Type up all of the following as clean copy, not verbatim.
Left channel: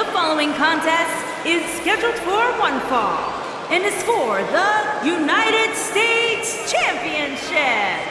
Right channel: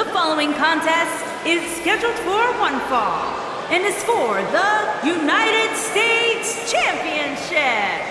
The following contest is scheduled for one fall and is for the United States Championship.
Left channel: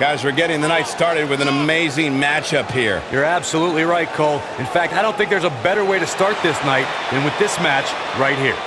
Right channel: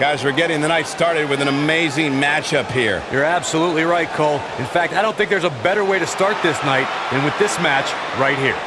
Guys, we're getting the night started with an amazing matchup here. You're absolutely right, Cole. In fact, I don't think there's a better way to start this night than with this match right here.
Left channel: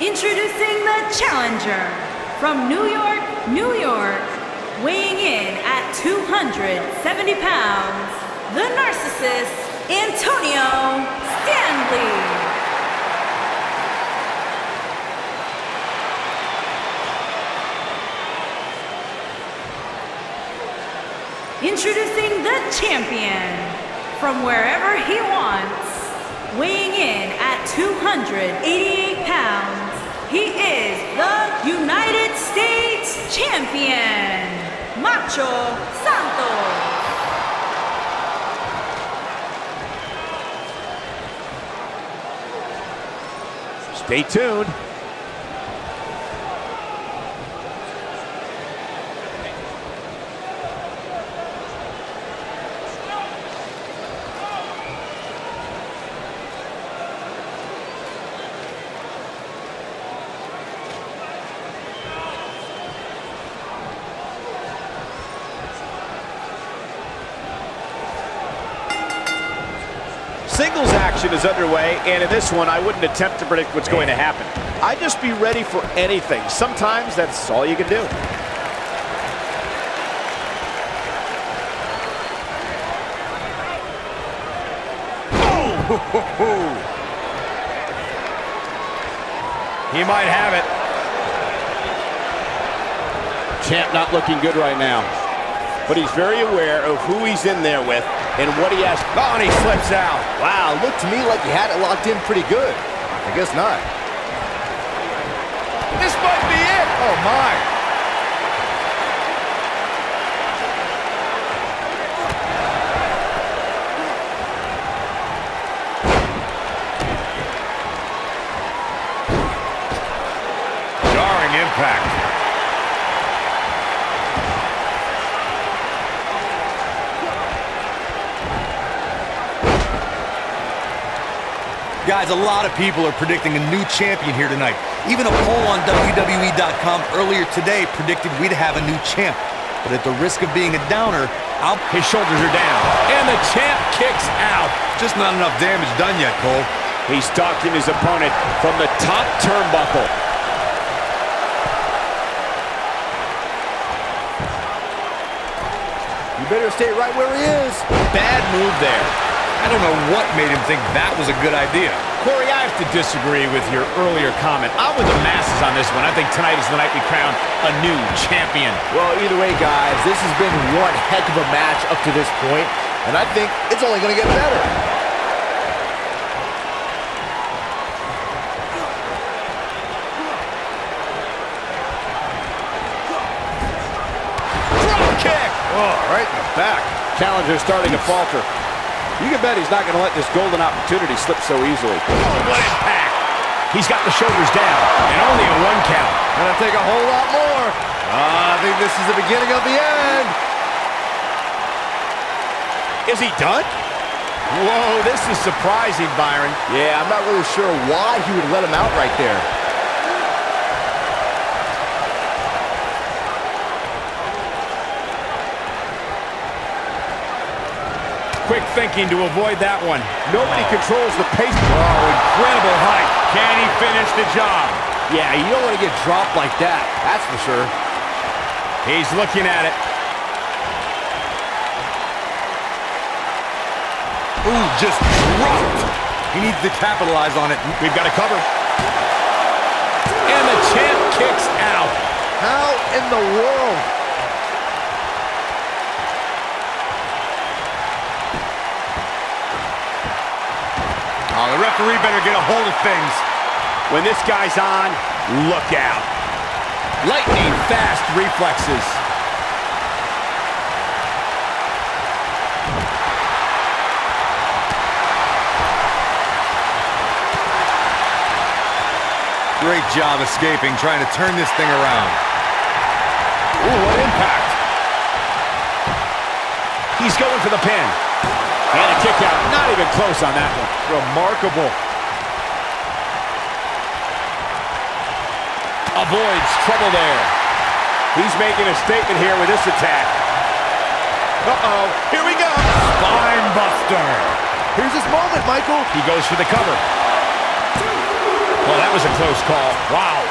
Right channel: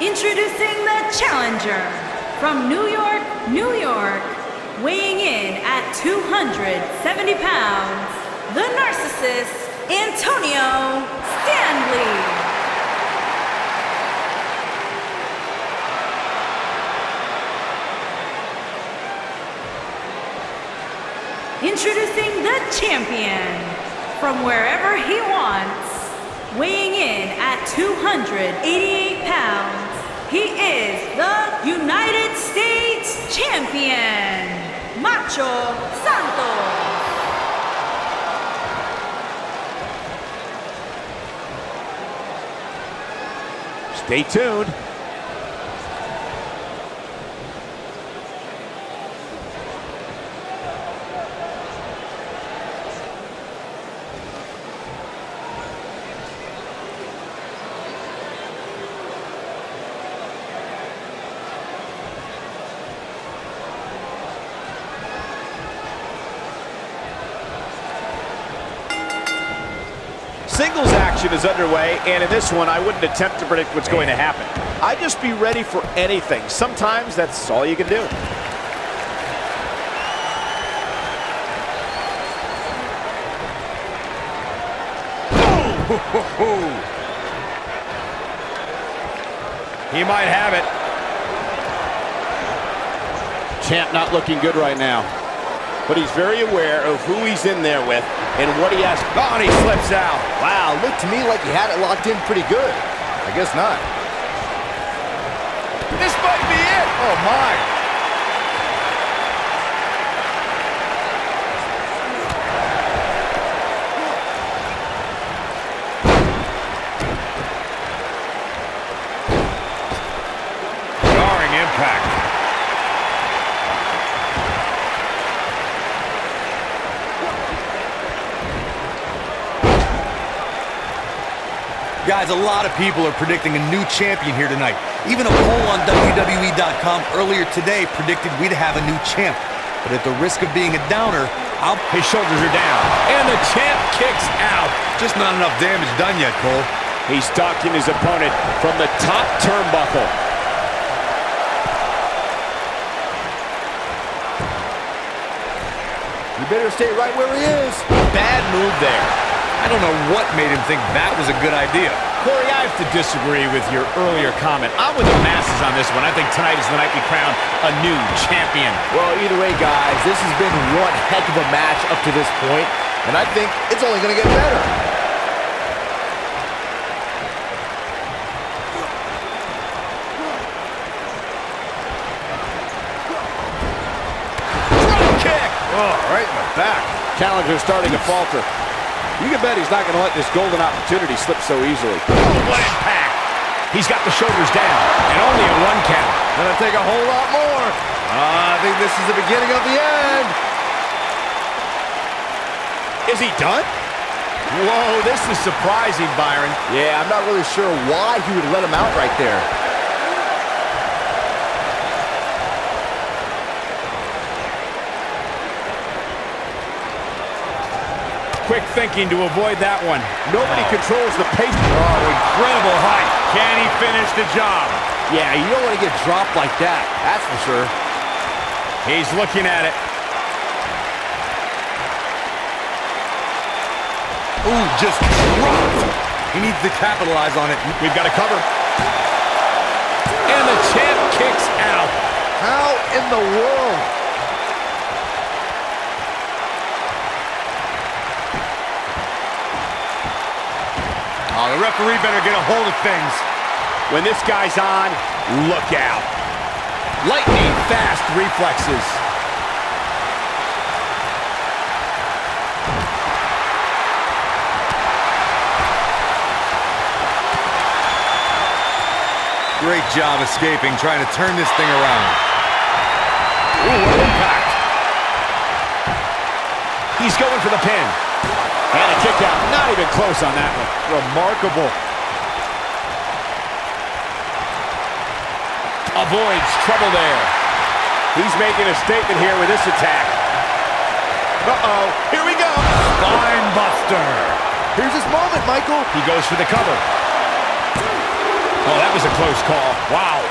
Introducing the challenger from New York, New York, weighing in at 270 pounds, the narcissist, Antonio Stanley. Introducing the champion from wherever he wants, weighing in at 288 pounds, he is the United States Champion, Macho Santos. Stay tuned. Singles action is underway, and in this one, I wouldn't attempt to predict what's going to happen. I'd just be ready for anything. Sometimes that's all you can do. Oh! He might have it. Champ not looking good right now, but he's very aware of who he's in there with and what he has. Oh, and he slips out. Wow, looked to me like he had it locked in pretty good. I guess not. This might be it. Oh, my. impact. Guys, a lot of people are predicting a new champion here tonight. Even a poll on WWE.com earlier today predicted we'd have a new champ. But at the risk of being a downer, His shoulders are down, and the champ kicks out. just not enough damage done yet, Cole. He's stalking his opponent from the top turnbuckle. You better stay right where he is. Bad move there. I don't know what made him think that was a good idea. Corey, I have to disagree with your earlier comment. I'm with the masses on this one. I think tonight is the night we crown a new champion. Well, either way, guys, this has been one heck of a match up to this point, and I think it's only going to get better. Drop kick! Oh, right in the back. Challenger's starting to falter. You can bet he's not going to let this golden opportunity slip so easily. Oh, what impact! He's got the shoulders down, and only a 1 count. Gonna take a whole lot more. I think this is the beginning of the end. Is he done? Whoa, this is surprising, Byron. Yeah, I'm not really sure why he would let him out right there. Quick thinking to avoid that one. Nobody controls the pace. Oh, incredible height. Can he finish the job? Yeah, you don't want to get dropped like that, that's for sure. He's looking at it. Ooh, just dropped. He needs to capitalize on it. We've got to cover. And the champ kicks out. How in the world? Oh, the referee better get a hold of things. When this guy's on, look out. Lightning fast reflexes. Great job escaping, trying to turn this thing around. Ooh, what impact. He's going for the pin. And a kick out. Not even close on that one. Remarkable. Avoids trouble there. He's making a statement here with this attack. Uh-oh, here we go. Spine buster. Here's his moment, Michael. He goes for the cover. Well, that was a close call. Wow.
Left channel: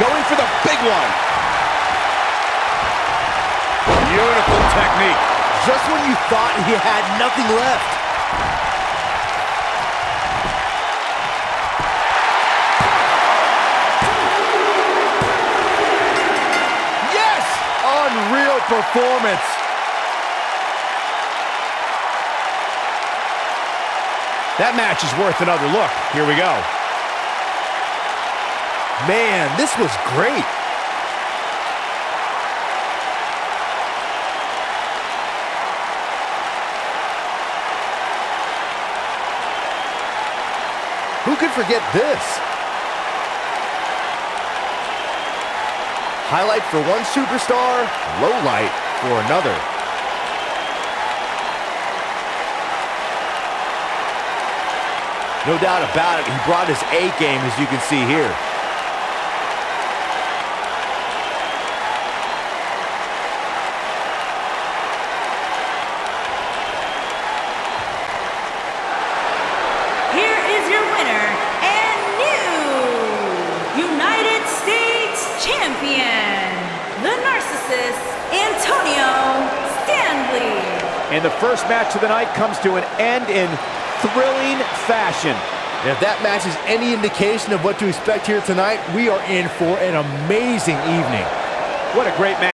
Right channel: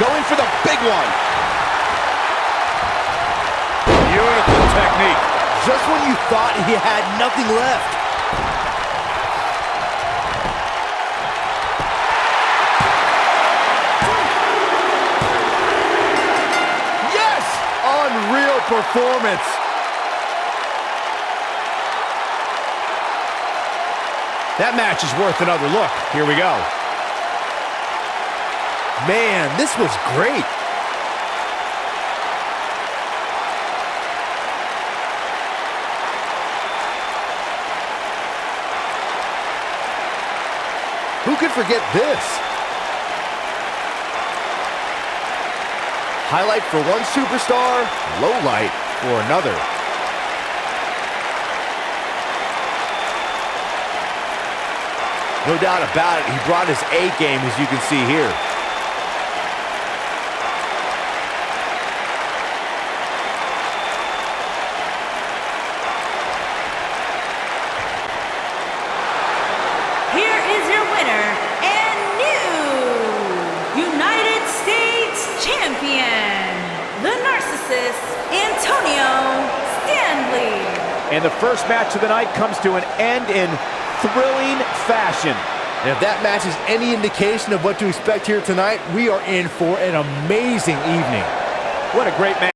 Going for the big one. Beautiful technique. Just when you thought he had nothing left. Yes! Unreal performance. That match is worth another look. Here we go. Man, this was great. Who could forget this? Highlight for one superstar, low light for another. No doubt about it, he brought his A game, as you can see here. Here is your winner and new United States Champion, the Narcissist, Antonio Stanley. And the first match of the night comes to an end in thrilling fashion. And if that match is any indication of what to expect here tonight, we are in for an amazing evening. What a great match.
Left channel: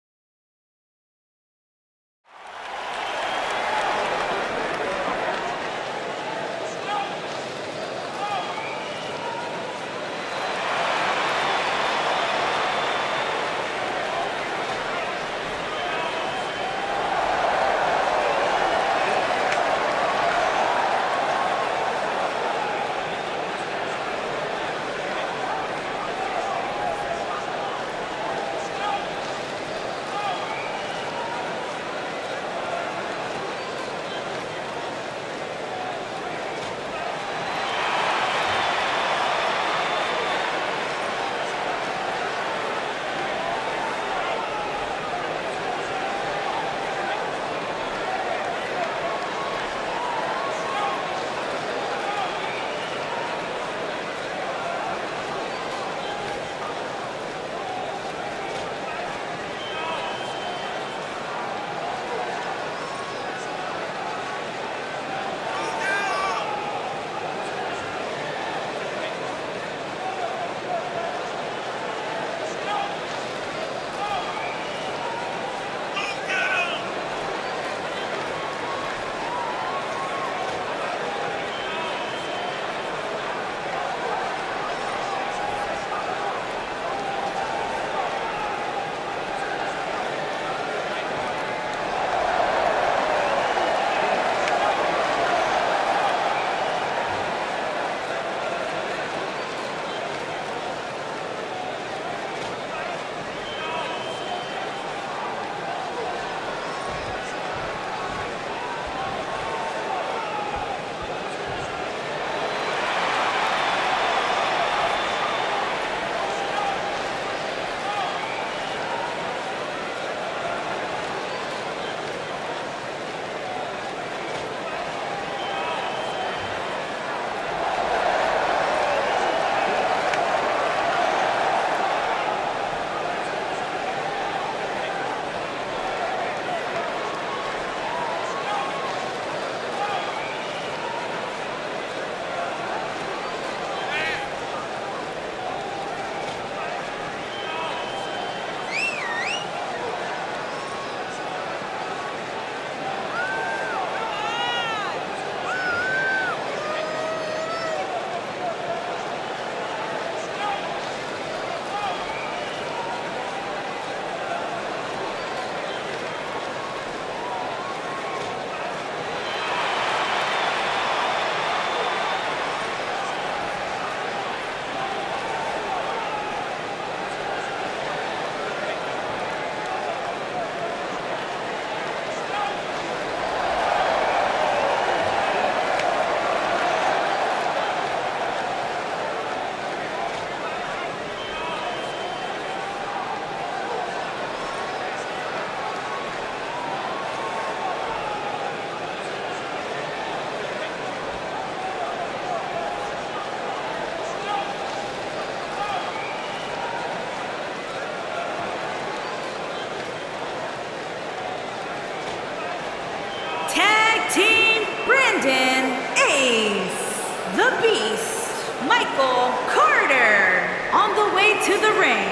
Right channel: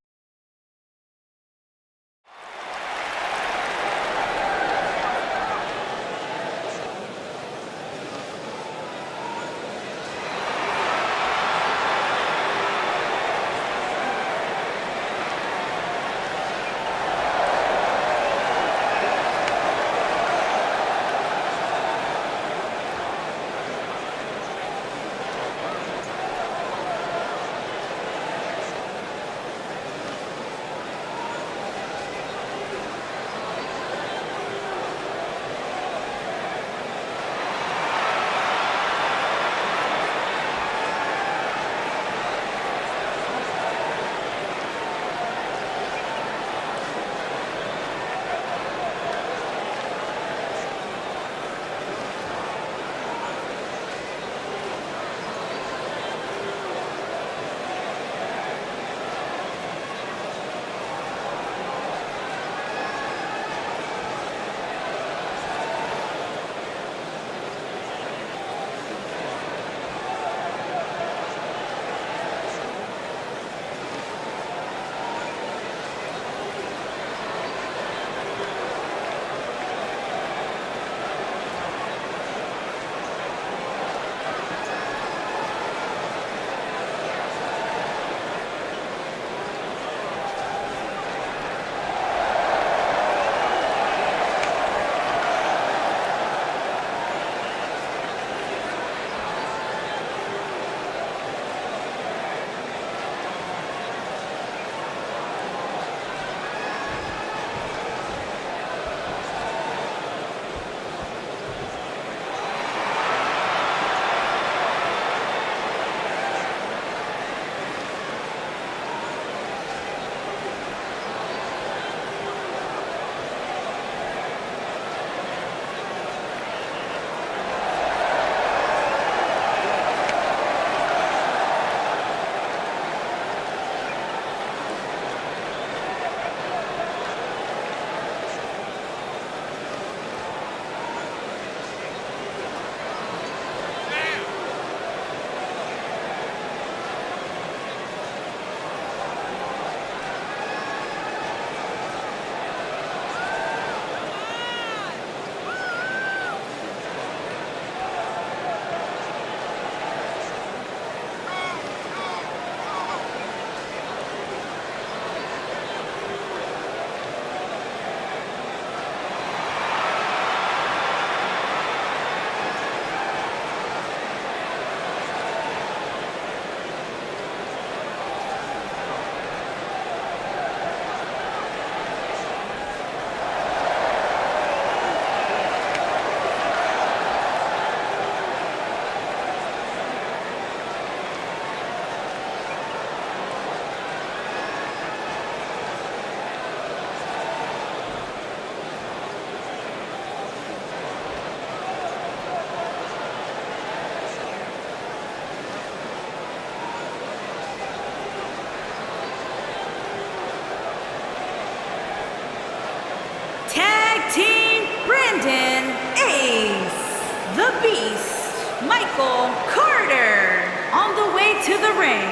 Beast, Michael Carter, on the way to the ring.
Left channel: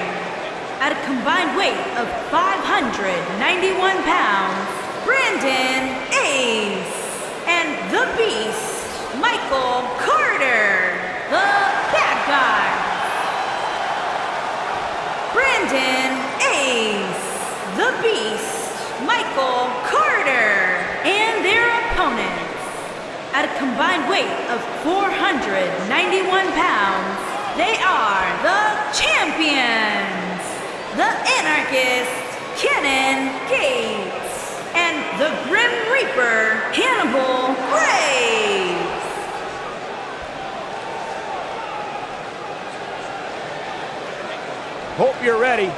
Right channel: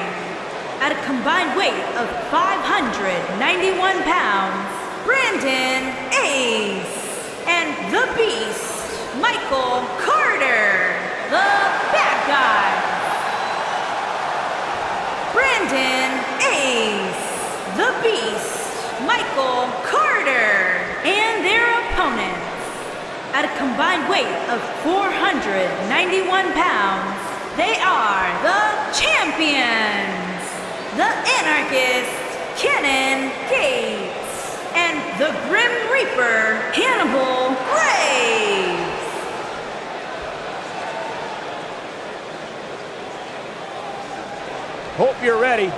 At a combined weight of 591 pounds, Brandon Ace, and the Beast, Michael Carter, the bad guy. Brandon Ace, the Beast, Michael Carter, and their opponents. At a combined weight of 491 pounds, they are the champions, the Anarchist, Cannon Gates, and the Grim Reaper, Hannibal Graves. Hope you're ready.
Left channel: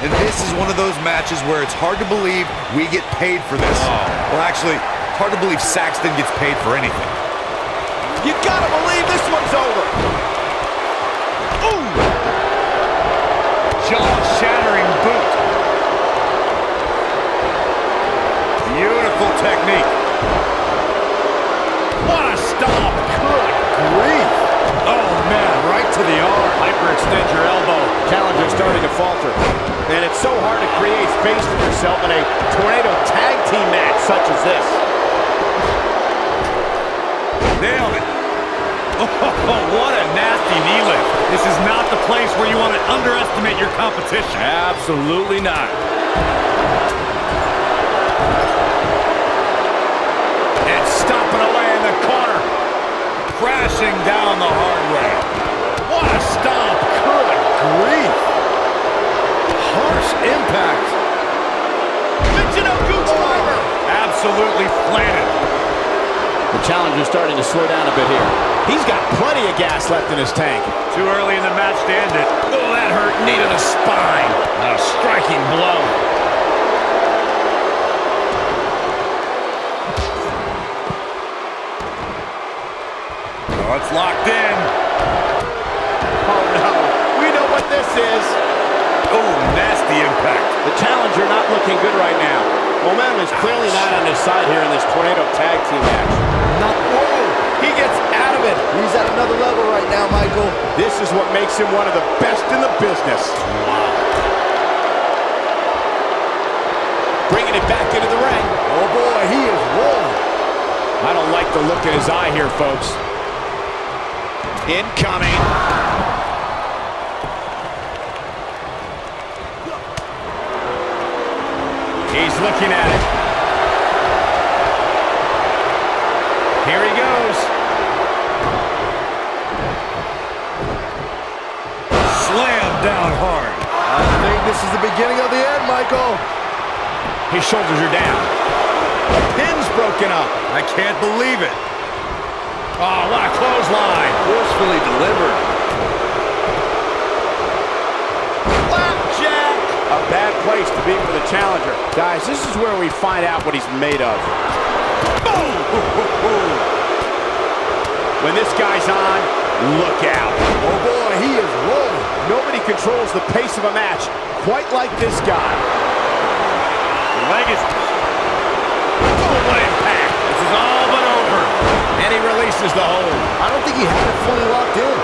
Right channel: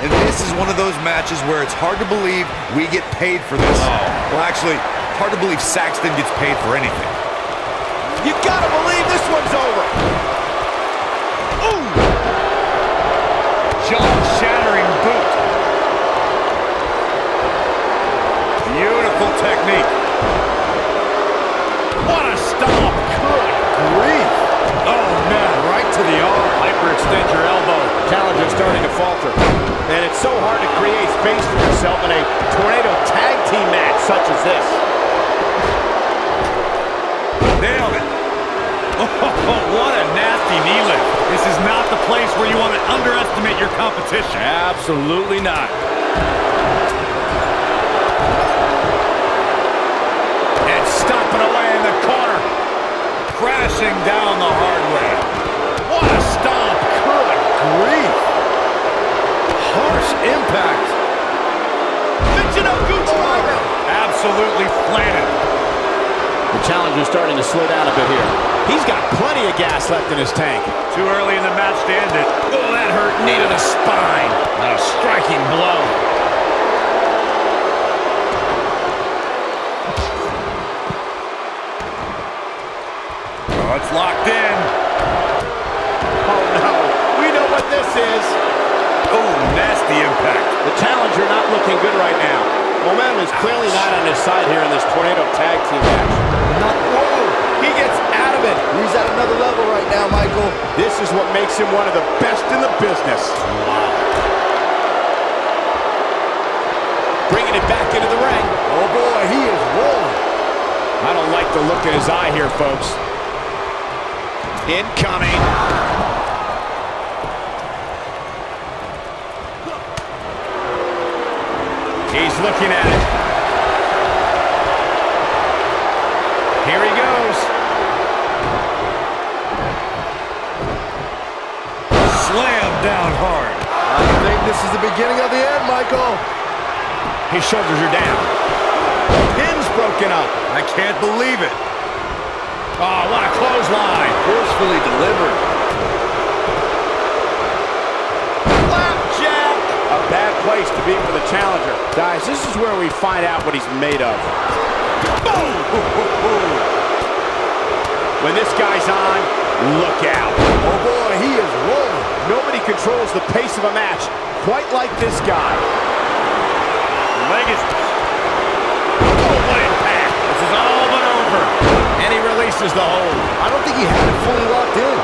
And this is one of those matches where it's hard to believe we get paid for this. Oh. Well, actually, it's hard to believe Saxton gets paid for anything. You gotta believe this one's over. Ooh! Jaw-shattering boot. Beautiful technique. What a stomp. Good grief. Oh, man, right to the arm. Hyperextend your elbow. Challenger's starting to falter. And it's so hard to create space for yourself in a tornado tag team match such as this. Nailed it. Oh, what a nasty knee lift. This is not the place where you want to underestimate your competition. Absolutely not. And stomping away in the corner. Crashing down the hard way. What a stomp. Good grief. Harsh impact. Michinoku driver. Absolutely planted. The challenger's starting to slow down a bit here. He's got plenty of gas left in his tank. Too early in the match to end it. Oh, that hurt. Knee to the spine. A striking blow. Oh, it's locked in. Oh, no. We know what this is. Oh, nasty impact. The challenger not looking good right now. Momentum is clearly not on his side here in this tornado tag team match. Whoa! He gets out of it. He's at another level right now, Michael. This is what makes him one of the best in the business. Wow. Bringing it back into the ring. Oh, boy, he is rolling. I don't like the look in his eye here, folks. Incoming. He's looking at it. Here he goes. Slam down hard. I think this is the beginning of the end, Michael. His shoulders are down. Pin's broken up. I can't believe it. Oh, what a clothesline. Forcefully delivered. Flapjack. A bad place to be for the challenger. Guys, this is where we find out what he's made of. Boom. When this guy's on, look out. Oh, boy, he is rolling. Nobody controls the pace of a match quite like this guy. Leg is... Oh, what impact. This is all but over. And he releases the hold. I don't think he had it fully locked in.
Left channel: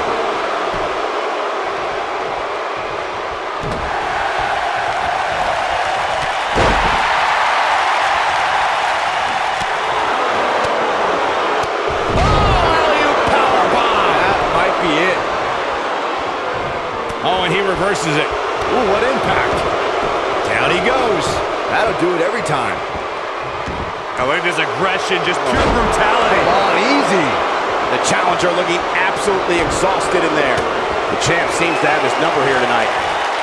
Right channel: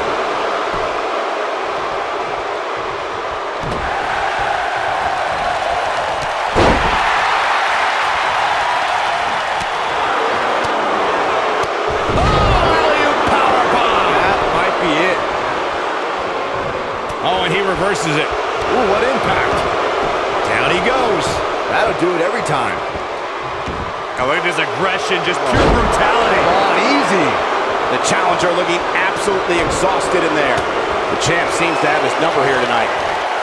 Oh, and he reverses it. Ooh, what impact. Down he goes. That'll do it every time. Oh, look at his aggression, just pure brutality. Come on, easy. The challenger looking absolutely exhausted in there. The champ seems to have his number here tonight.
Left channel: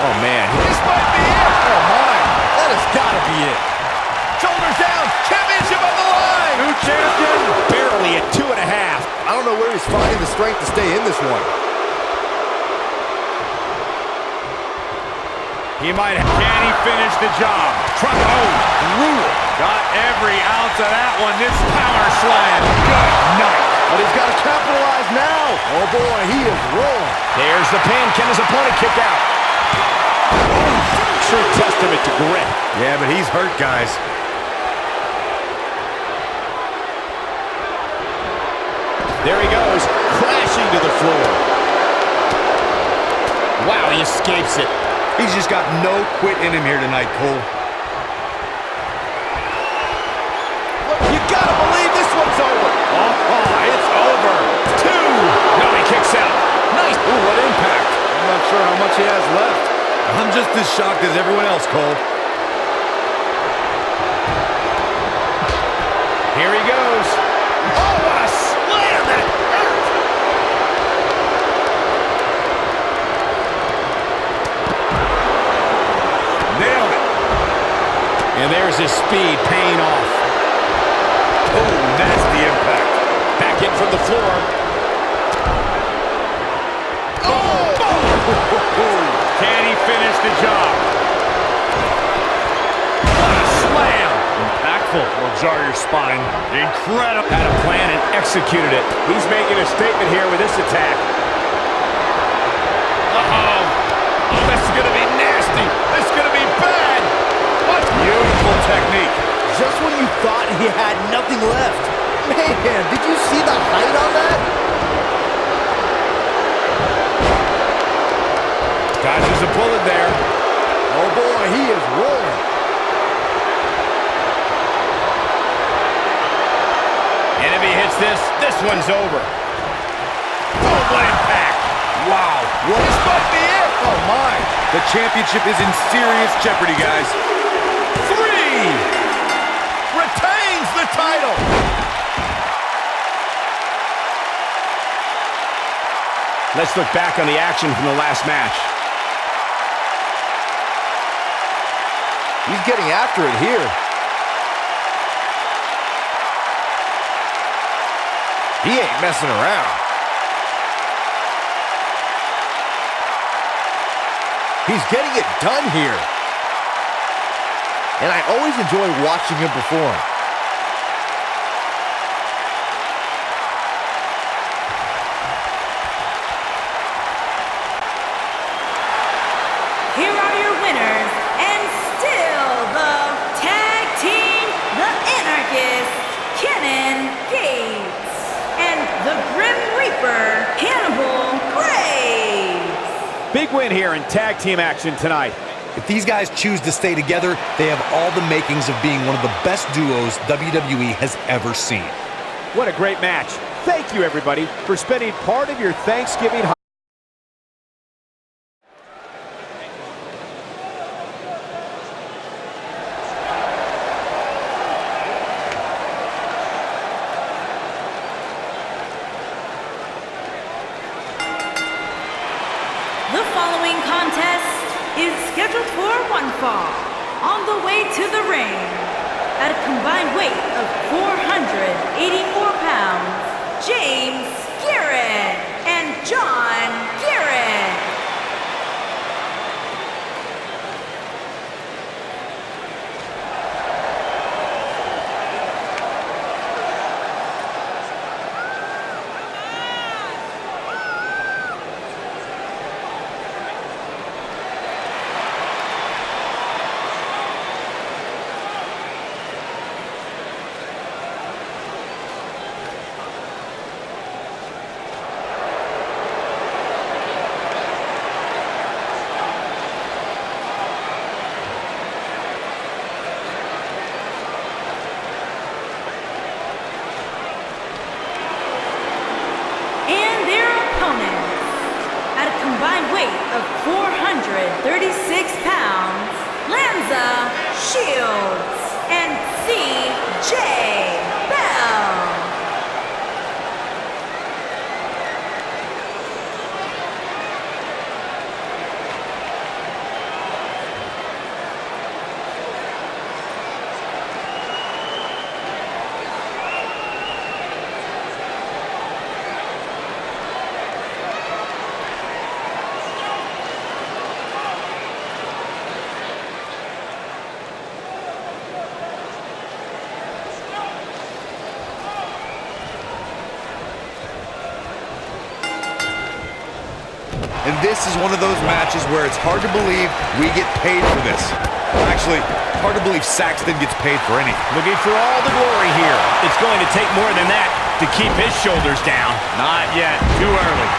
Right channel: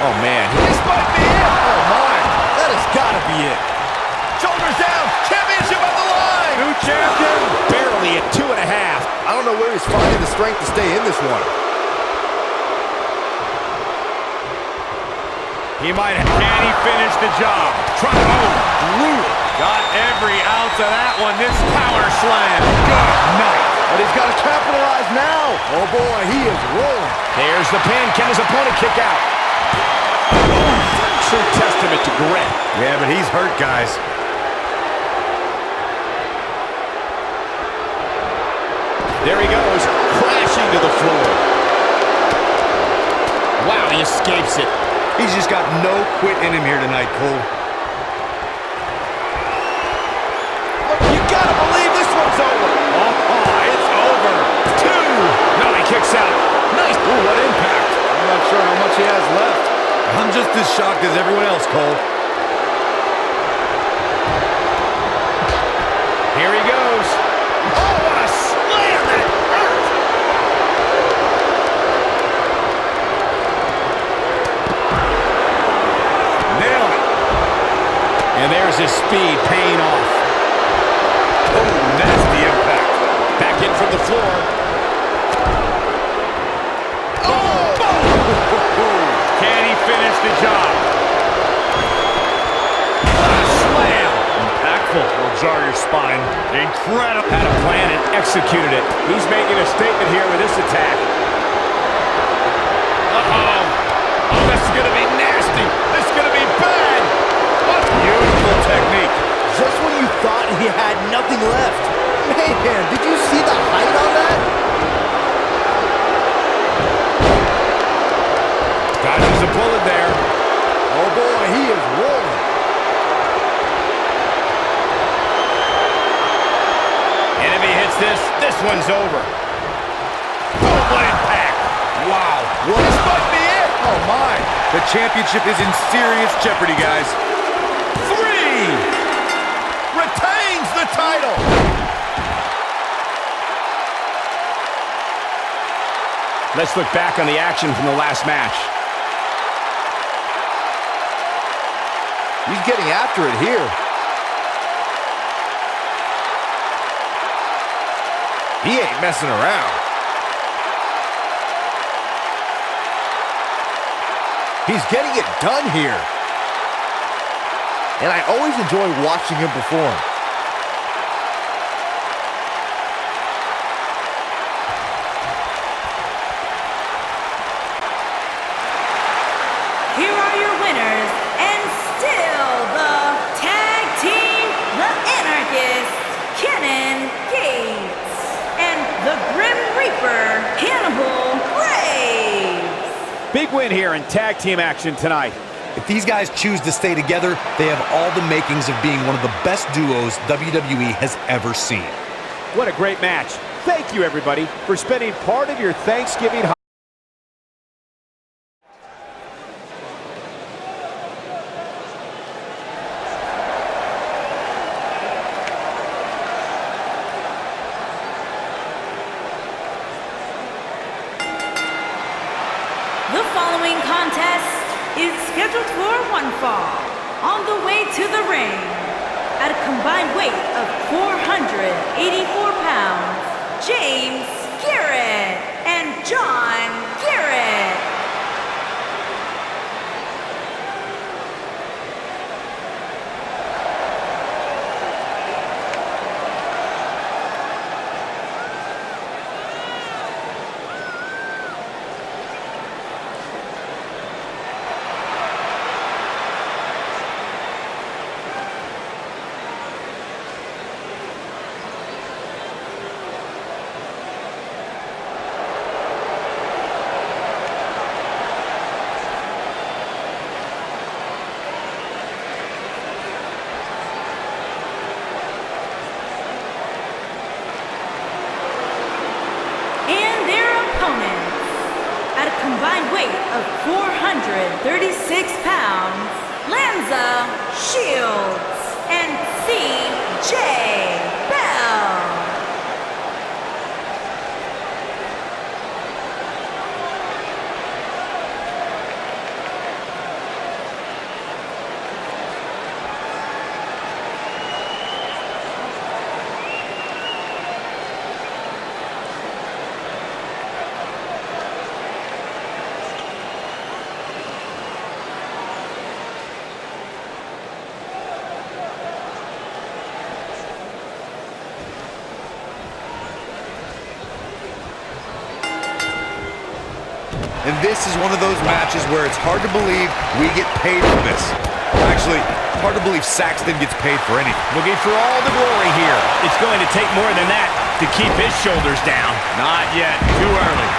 Oh, man. This might be it. Oh, my. That has got to be it. Shoulders down. Championship on the line. New champion. Barely at 2.5. I don't know where he's finding the strength to stay in this one. He might. Can he finish the job? Oh, brutal. Got every ounce of that one. This power slam. Good night. But he's got to capitalize now. Oh, boy, he is rolling. There's the pin. Can his opponent kick out? Oh, true testament to grit. Yeah, but he's hurt, guys. There he goes, crashing to the floor. Wow, he escapes it. He's just got no quit in him here tonight, Cole. Look, you gotta believe this one's over. Oh, it's over. 2. No, he kicks out. Nice. Ooh, what impact. I'm not sure how much he has left. I'm just as shocked as everyone else, Cole. Here he goes. Oh, what a slam. That hurt. Nailed it. And there's his speed paying off. Oh, nasty impact. Back in from the floor. Can he finish the job? What a slam. Impactful. Will jar your spine. Incredible. Had a plan and executed it. He's making a statement here with this attack. Uh-oh. Oh, this is going to be nasty. This is going to be bad. What beautiful technique. Just when you thought he had nothing left. Man, did you see the height on that? Dodges a bullet there. Oh, boy, he is rolling. And if he hits this, this one's over. Oh, what impact. Wow. What This is might be it. Oh, my. The championship is in serious jeopardy, guys. 3. Retains the title. Let's look back on the action from the last match. He's getting after it here. He ain't messing around. He's getting it done here. And I always enjoy watching him perform. Here are your winners, and still the tag team, the Anarchist, Kenan Gates, and the Grim Reaper, Hannibal Graves. Big win here in tag team action tonight. If these guys choose to stay together, they have all the makings of being one of the best duos WWE has ever seen. What a great match. Thank you, everybody, for spending part of your Thanksgiving holiday. The following contest is scheduled for one fall. On the way to the ring, at a combined weight of 484 pounds, James Garrett and John Garrett. And their opponents, at a combined weight of 436 pounds, Lanza Shields and C.J. Bell. And this is one of those matches where it's hard to believe we get paid for this. Actually, it's hard to believe Saxton gets paid for anything. Looking for all the glory here. It's going to take more than that to keep his shoulders down. Not yet. Too early.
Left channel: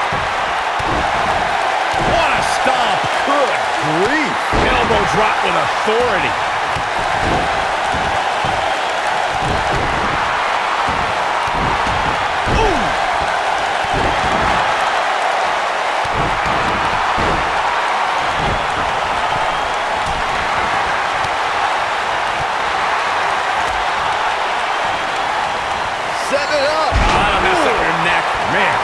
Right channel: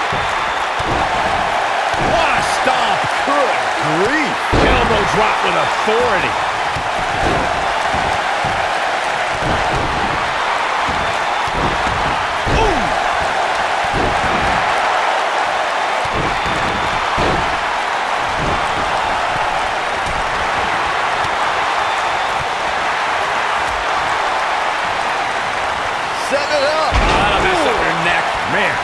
What a stomp. Good grief. Elbow drop with authority. Set it up. Oh, that'll mess up your neck. Man.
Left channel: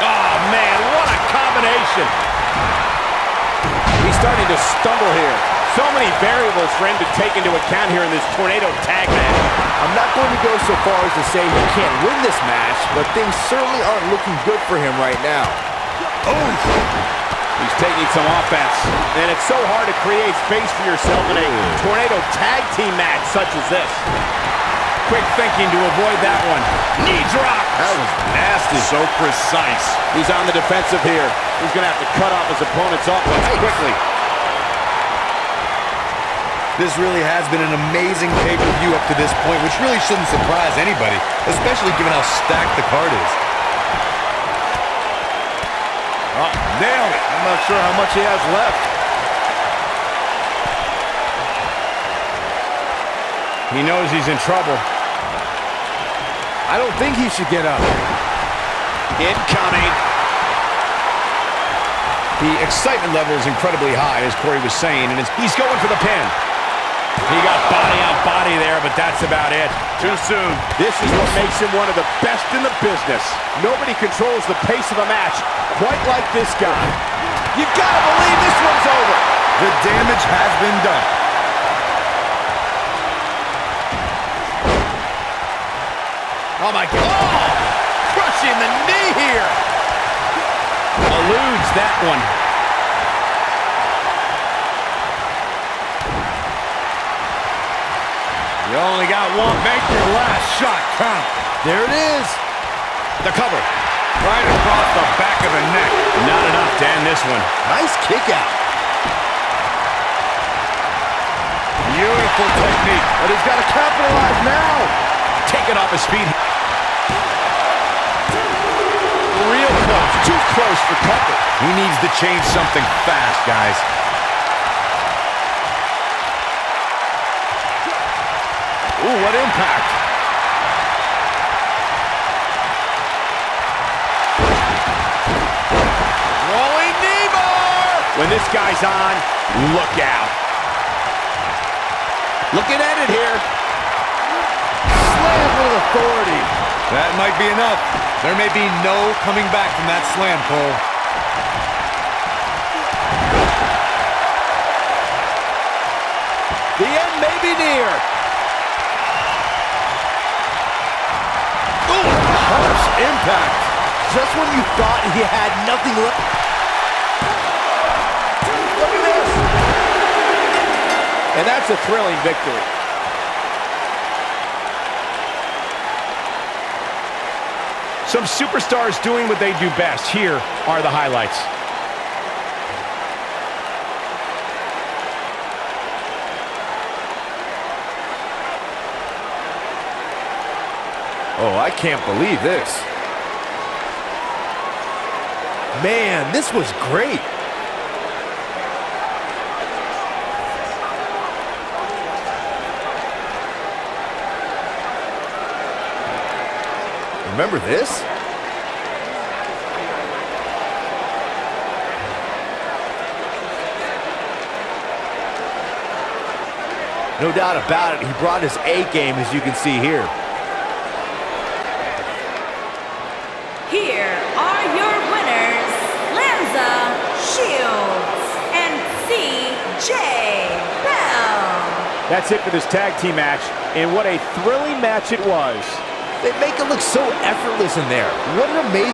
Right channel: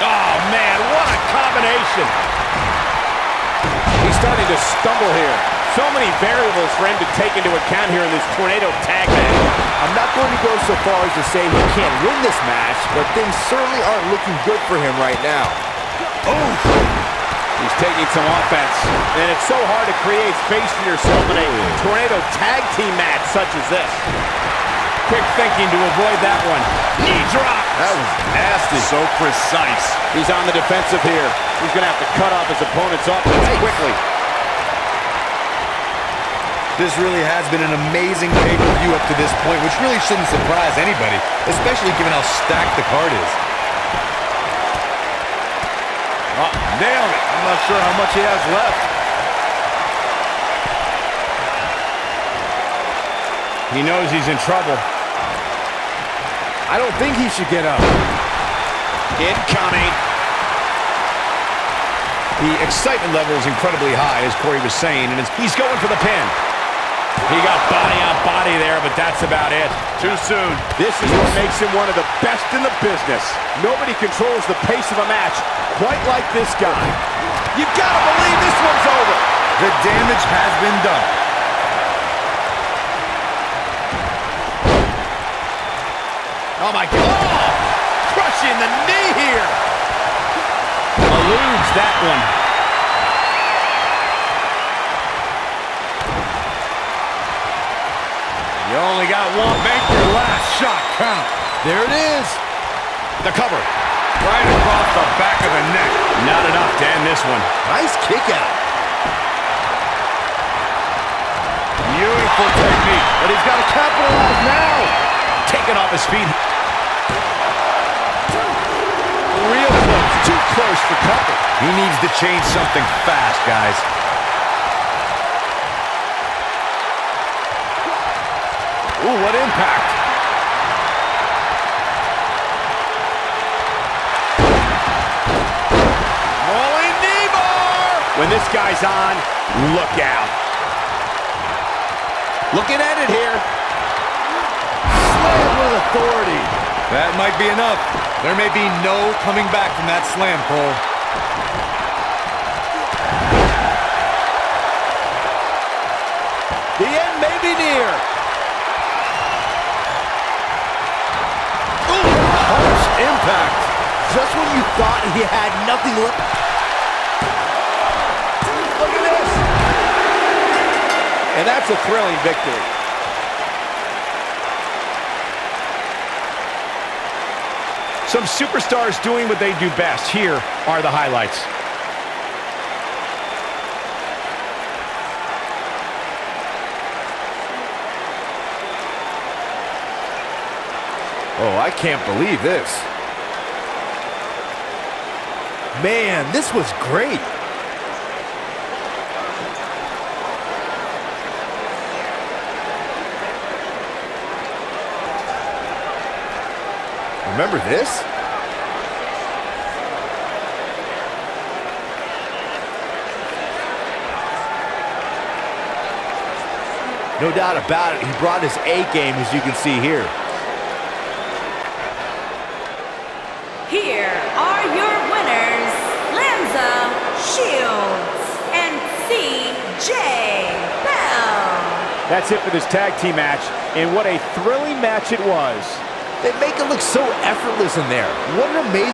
Oh, man, what a combination. He's starting to stumble here. So many variables for him to take into account here in this tornado tag match. I'm not going to go so far as to say he can't win this match, but things certainly aren't looking good for him right now. Oh! He's taking some offense. And it's so hard to create space for yourself in a tornado tag team match such as this. Quick thinking to avoid that one. Knee drop. That was nasty. So precise. He's on the defensive here. He's going to have to cut off his opponent's offense quickly. This really has been an amazing pay-per-view up to this point, which really shouldn't surprise anybody, especially given how stacked the card is. Oh, nailed it. I'm not sure how much he has left. He knows he's in trouble. I don't think he should get up. Incoming. The excitement level is incredibly high, as Corey was saying, and he's going for the pin. He got body on body there, but that's about it. Too soon. This is what makes him one of the best in the business. Nobody controls the pace of a match quite like this guy. You've got to believe this one's over. The damage has been done. Oh, my God. Oh! Crushing the knee here. Eludes that one. You only got one. Make your last shot count. There it is. The cover. Right across the back of the neck. Not enough to end this one. Nice kick out. Beautiful technique. But he's got to capitalize now. Taken off his feet. Real close. Too close for comfort. He needs to change something fast, guys. Ooh, what impact. Rolling knee bar. When this guy's on, look out. Looking at it here. Slam with authority. That might be enough. There may be no coming back from that slam, Cole. The end may be near. Ooh, harsh impact. Just when you thought he had nothing left. Look at this. And that's a thrilling victory. Some superstars doing what they do best. Here are the highlights. Oh, I can't believe this. Man, this was great. Remember this? No doubt about it, he brought his A game, as you can see here. Here are your winners, Lanza Shields and C.J. Bell. That's it for this tag team match, and what a thrilling match it was. They make it look so effortless in there. What an amazing...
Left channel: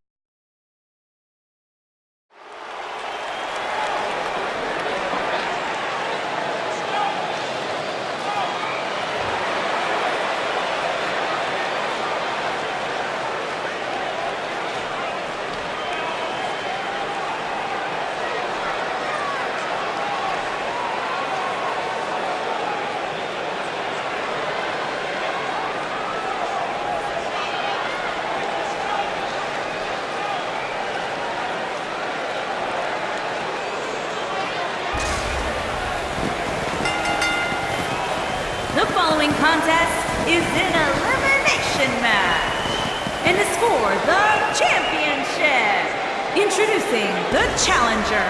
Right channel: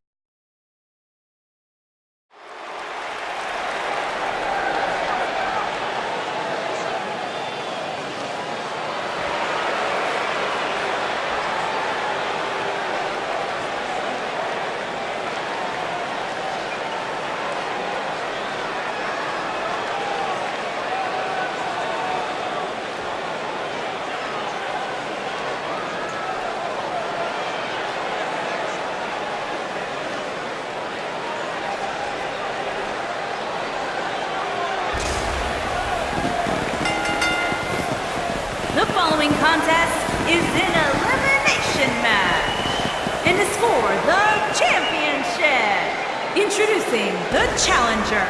following contest is an elimination match and is for the championship. Introducing the challenger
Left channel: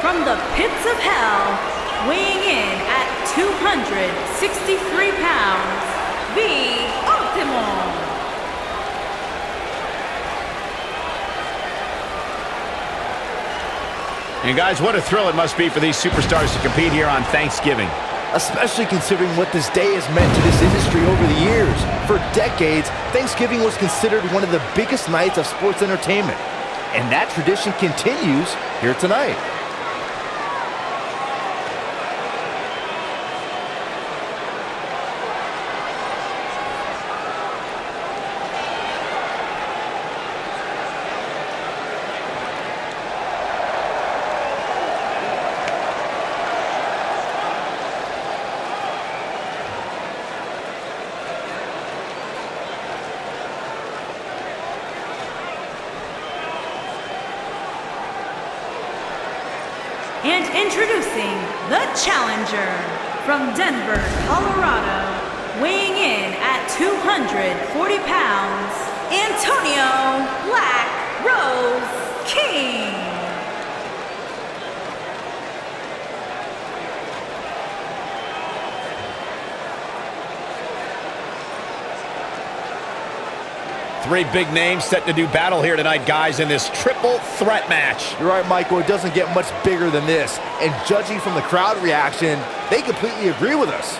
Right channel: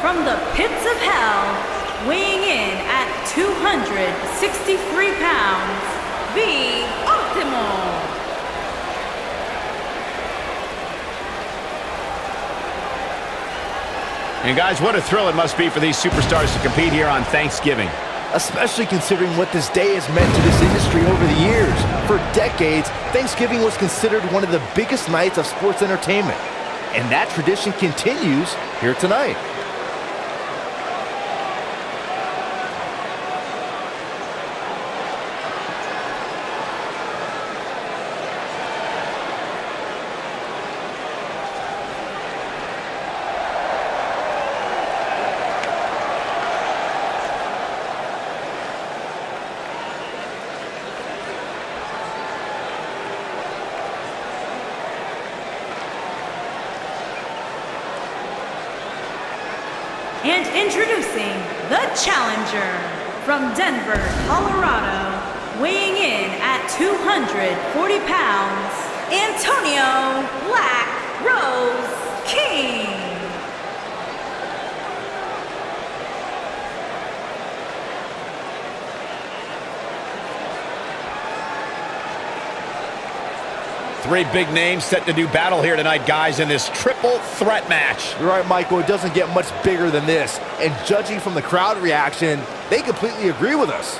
from the pits of hell, weighing in at 263 pounds, the Ultimo. And guys, what a thrill it must be for these superstars to compete here on Thanksgiving. Especially considering what this day has meant to this industry over the years. For decades, Thanksgiving was considered one of the biggest nights of sports entertainment. And that tradition continues here tonight. And introducing the challenger from Denver, Colorado, weighing in at 240 pounds, Antonio Black Rose King. Three big names set to do battle here tonight, guys, in this triple threat match. You're right, Michael. It doesn't get much bigger than this. And judging from the crowd reaction, they completely agree with us.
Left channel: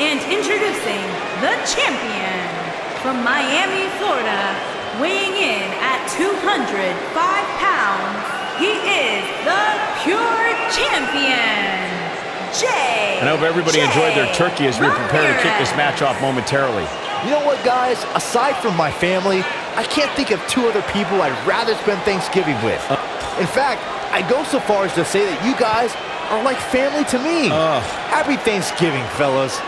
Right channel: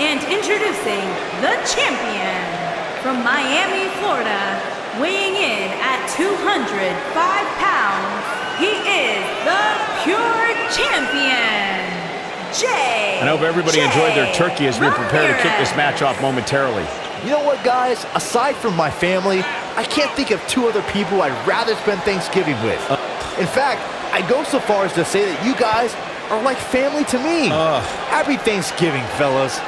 And introducing the champion from Miami, Florida, weighing in at 205 pounds, he is the pure champion, Jay. I hope everybody enjoyed their turkey as we prepare to kick this match off momentarily. You know what, guys? Aside from my family, I can't think of two other people I'd rather spend Thanksgiving with. In fact, I go so far as to say that you guys are like family to me. Happy Thanksgiving, fellas.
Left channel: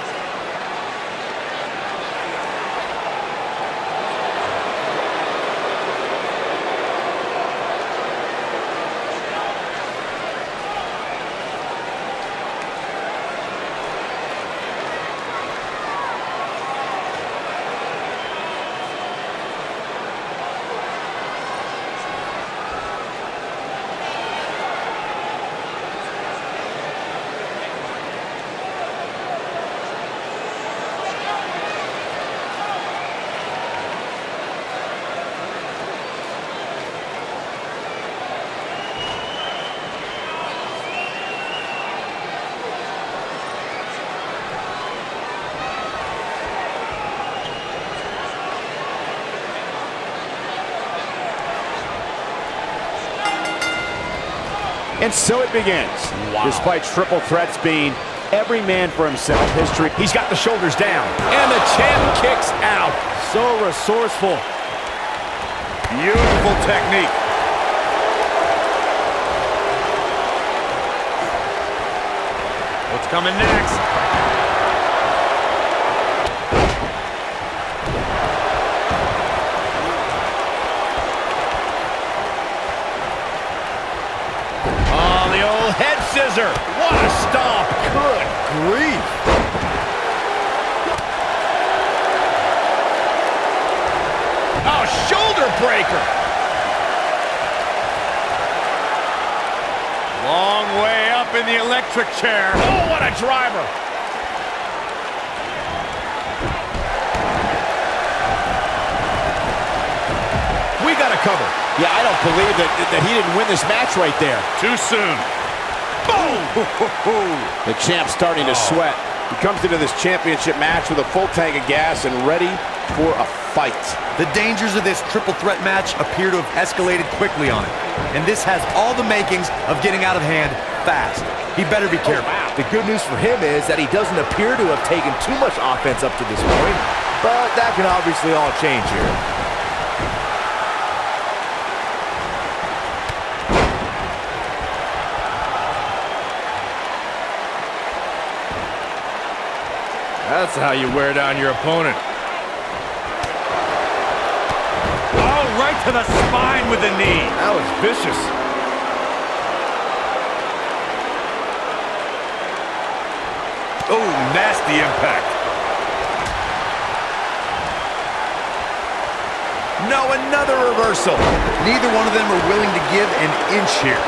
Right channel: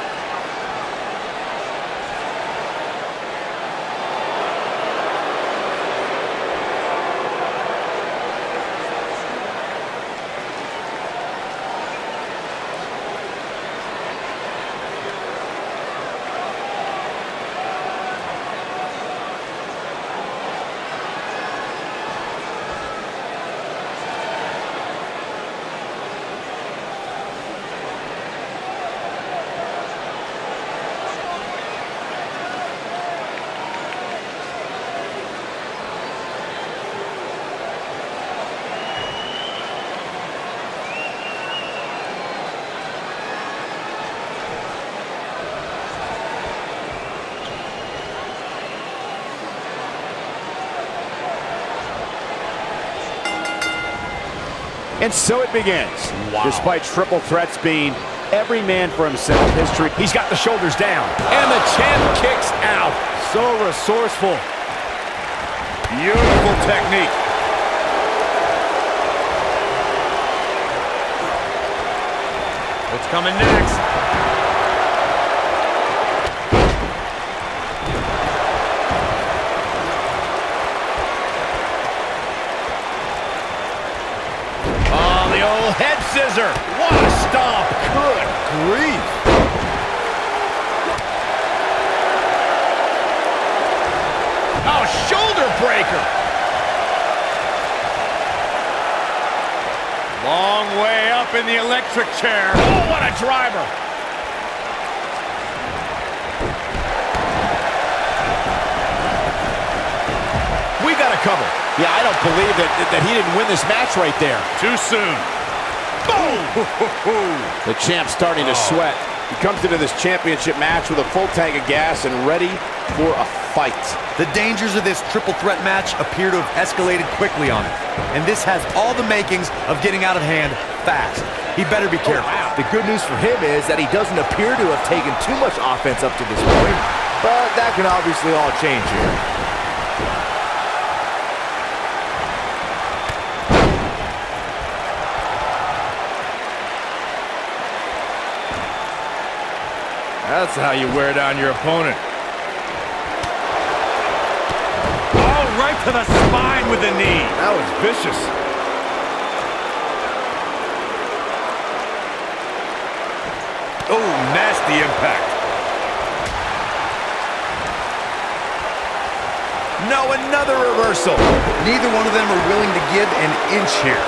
And so it begins. Wow. Despite triple threats being every man for himself, history. He's got the shoulders down, and the champ kicks out. So resourceful. Beautiful technique. What's coming next? Oh, the old head scissor. What a stomp. Good grief. Oh, shoulder breaker. Long way up in the electric chair. Oh, what a driver. We got a cover. Yeah, I don't believe that he didn't win this match right there. Too soon. Boom! The champ's starting to sweat. He comes into this championship match with a full tank of gas and ready for a fight. The dangers of this triple threat match appear to have escalated quickly on him. And this has all the makings of getting out of hand fast. He better be careful. Wow. The good news for him is that he doesn't appear to have taken too much offense up to this point, but that can obviously all change here. That's how you wear down your opponent. Oh, right to the spine with the knee. That was vicious. Oh, nasty impact. No, another reversal. Neither one of them are willing to give an inch here.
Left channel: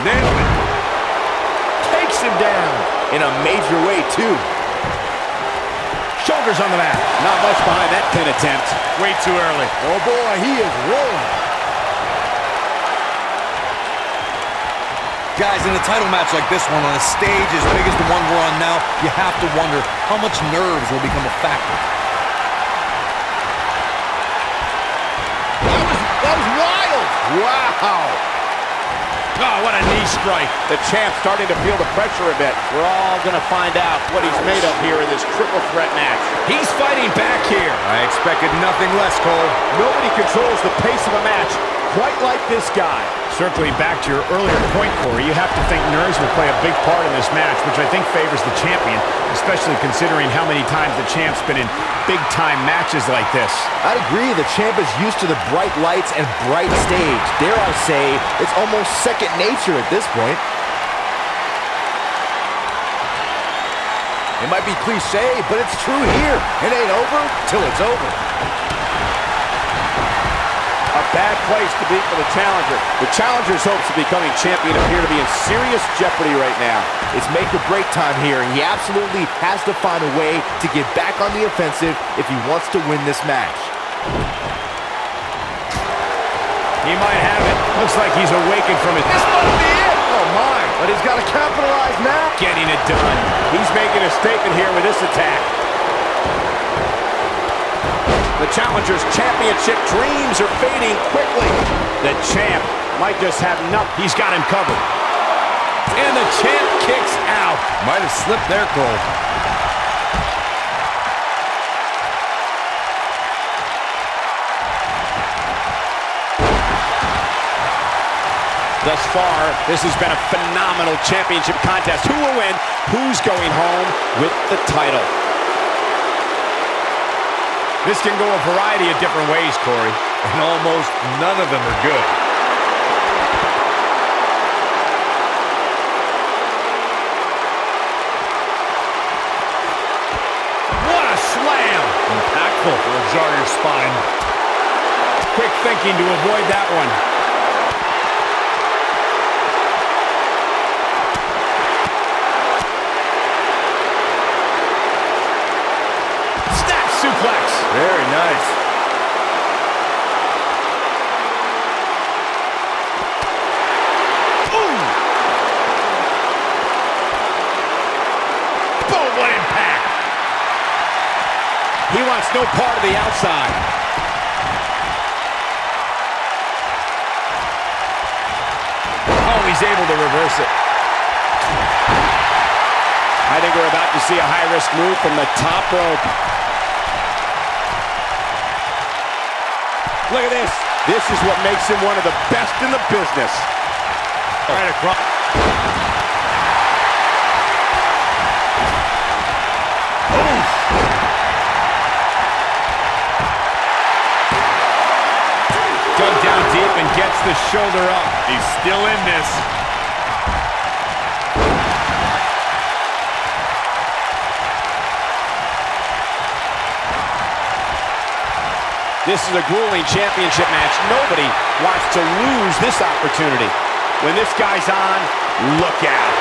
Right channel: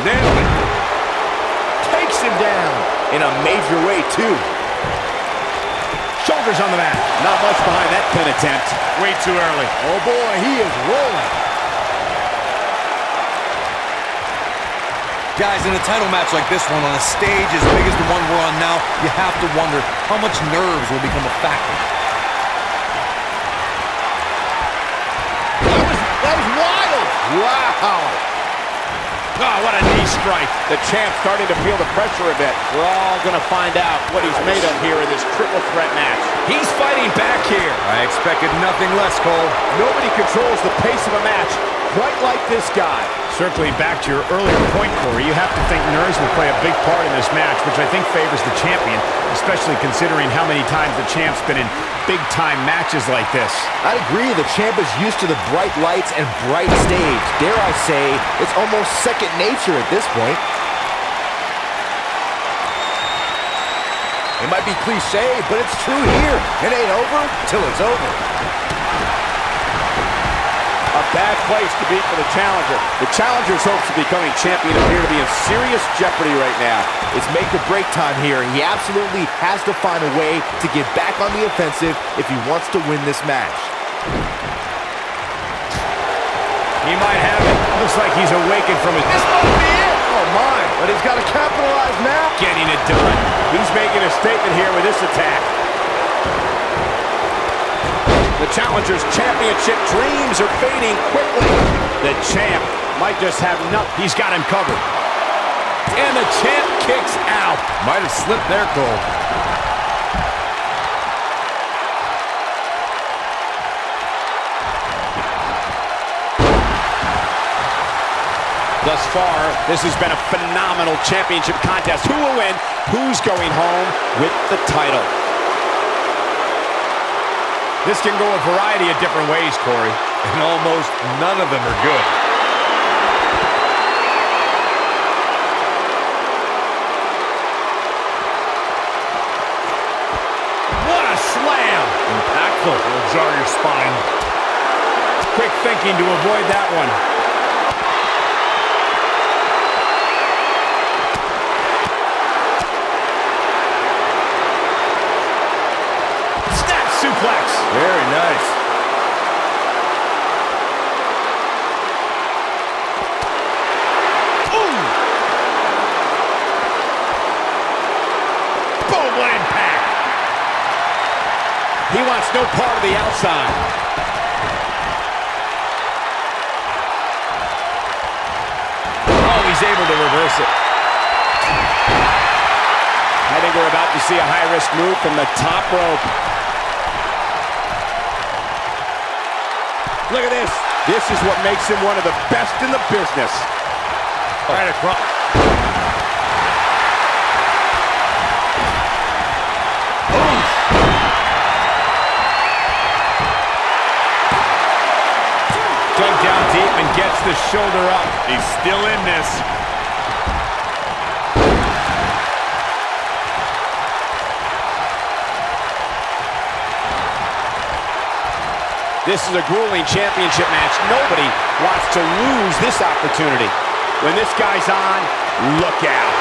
Nailed it. Takes him down in a major way, too. Shoulders on the mat. Not much behind that pin attempt. Way too early. Oh, boy, he is rolling. Guys, in a title match like this one, on a stage as big as the one we're on now, you have to wonder how much nerves will become a factor. That was wild. Wow. Oh, what a knee strike. The champ starting to feel the pressure a bit. We're all going to find out what he's made of here in this triple threat match. He's fighting back here. I expected nothing less, Cole. Nobody controls the pace of a match quite like this guy. Circling back to your earlier point, Corey, you have to think nerves will play a big part in this match, which I think favors the champion, especially considering how many times the champ's been in big-time matches like this. I'd agree, the champ is used to the bright lights and bright stage. Dare I say, it's almost second nature at this point. It might be cliche, but it's true here. It ain't over till it's over. A bad place to be for the challenger. The challenger's hopes of becoming champion appear to be in serious jeopardy right now. It's make or break time here. He absolutely has to find a way to get back on the offensive if he wants to win this match. He might have it. Looks like he's awakened from his... This might be it! Oh my, but he's got to capitalize now. Getting it done. He's making a statement here with this attack. The challenger's championship dreams are fading quickly. The champ might just have nothing. He's got him covered. And the champ kicks out. Might have slipped there, Cole. Thus far, this has been a phenomenal championship contest. Who will win? Who's going home with the title? This can go a variety of different ways, Corey. And almost none of them are good. What a slam! Impactful. Will jar your spine. Quick thinking to avoid that one. Suplex. Very nice. Ooh! Boom, what impact! He wants no part of the outside. Oh, he's able to reverse it. I think we're about to see a high-risk move from the top rope. Look at this. This is what makes him one of the best in the business. Right across. Dug down deep and gets the shoulder up. He's still in this. This is a grueling championship match. Nobody wants to lose this opportunity. When this guy's on, look out.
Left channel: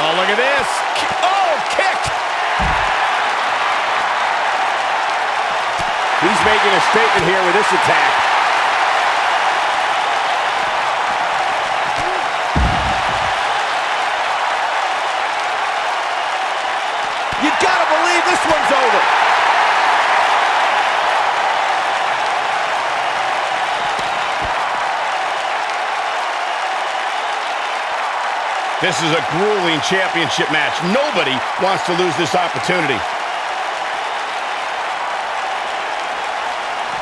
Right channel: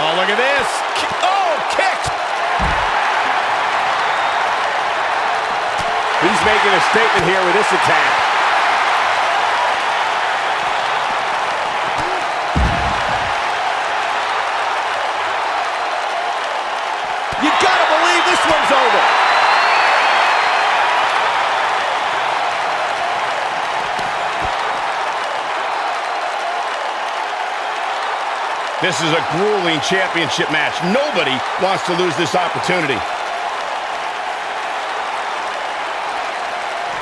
Oh, look at this. Oh, kick. He's making a statement here with this attack. You gotta believe this one's over. This is a grueling championship match. Nobody wants to lose this opportunity.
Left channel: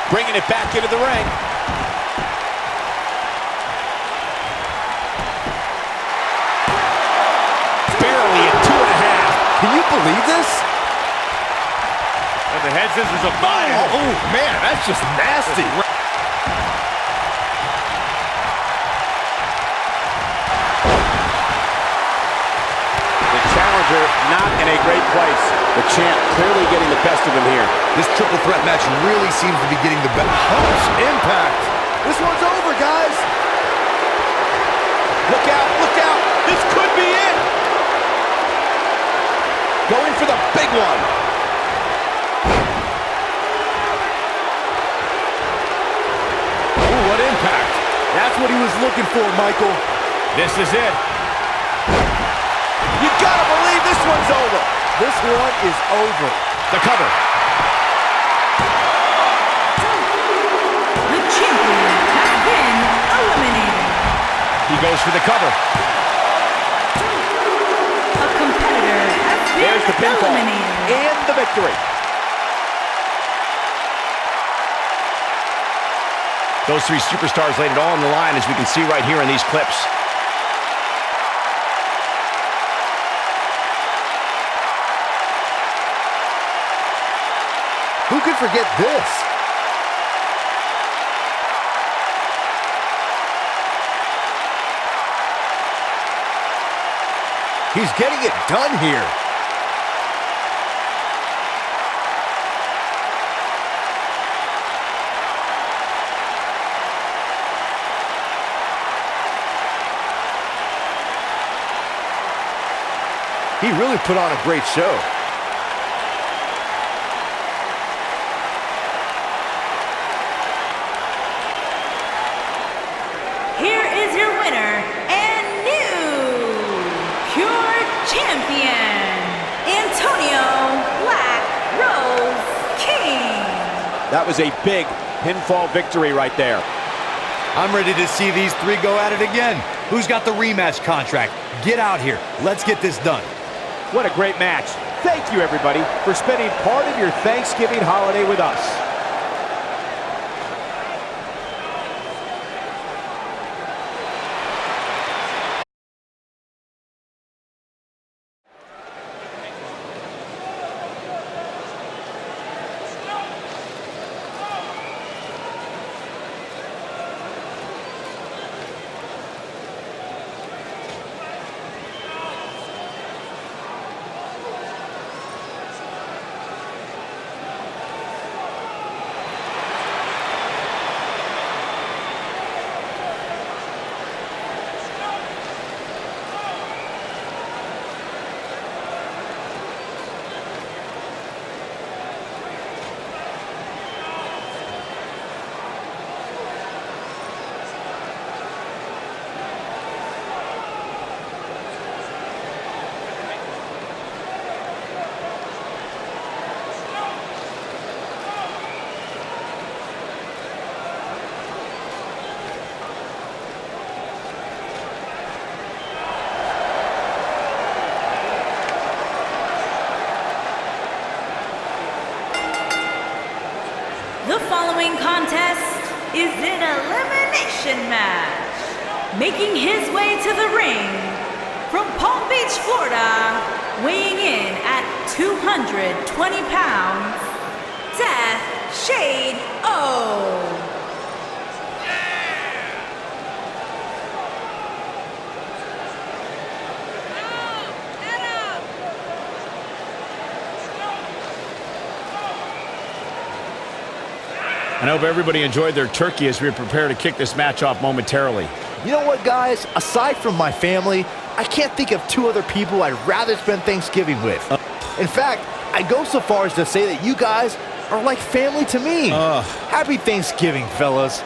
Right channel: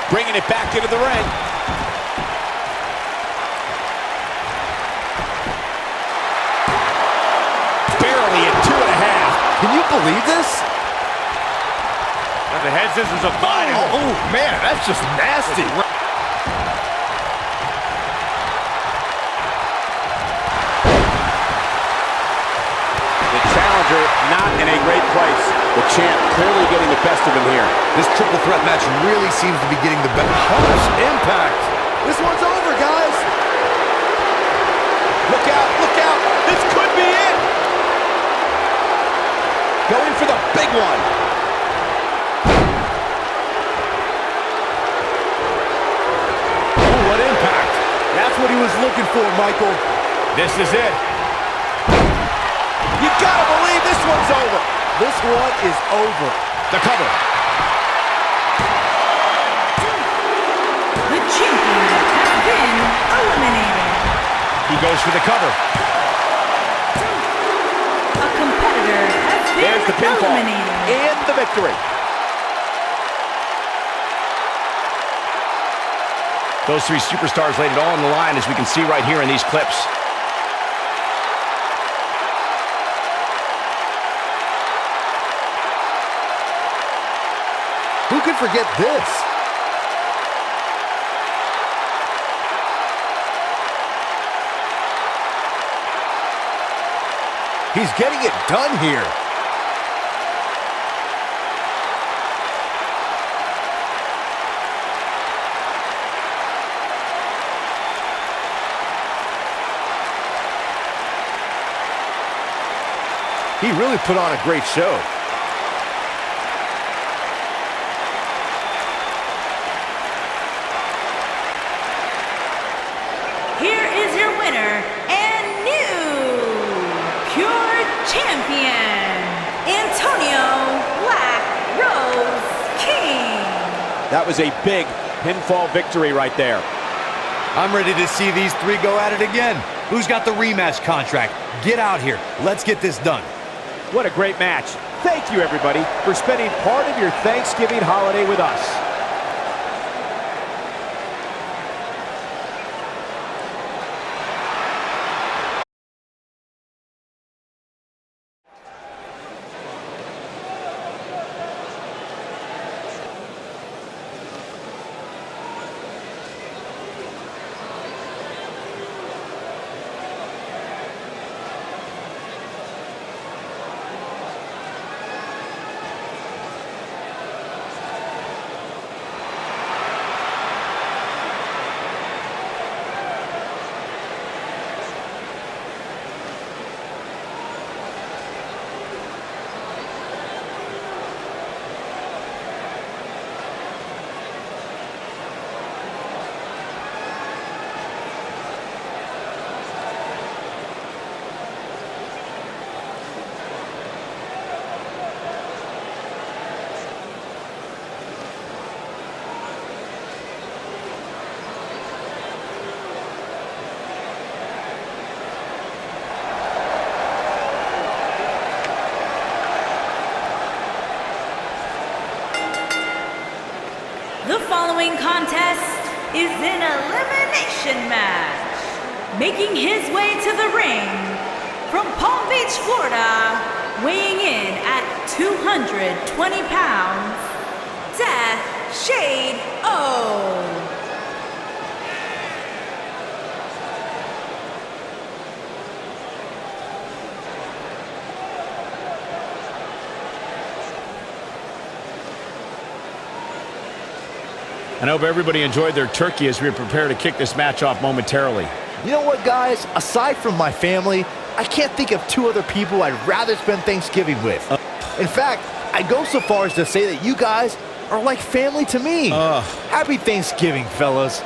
Bringing it back into the ring. Barely at 2.5. Can you believe this? The head scissors of fire. Oh, man, that's just nasty. The challenger not in a great place. The champ clearly getting the best of him here. This triple threat match really seems to be getting the best. Harsh impact. This one's over, guys. Look out, look out. This could be it. Going for the big one. Ooh, what impact. That's what he was looking for, Michael. This is it. You gotta believe this one's over. This one is over. The cover. The champion has been eliminated. He goes for the cover. A competitor has been There's the pinfall eliminated. and the victory. Those three superstars laid it all on the line, as we can see right here in these clips. Who could forget this? He's getting it done here. He really put on a great show. Here is your winner and new pure champion, Antonio Black Rose King. That was a big pinfall victory right there. I'm ready to see these three go at it again. Who's got the rematch contract? Get out here. Let's get this done. What a great match. Thank you, everybody, for spending part of your Thanksgiving holiday with us. The following contest is an elimination match. Making his way to the ring from Palm Beach, Florida, weighing in at 220 pounds, Death Shade O. I hope everybody enjoyed their turkey as we prepare to kick this match off momentarily. You know what, guys? Aside from my family, I can't think of two other people I'd rather spend Thanksgiving with. In fact, I'd go so far as to say that you guys are like family to me. Happy Thanksgiving, fellas.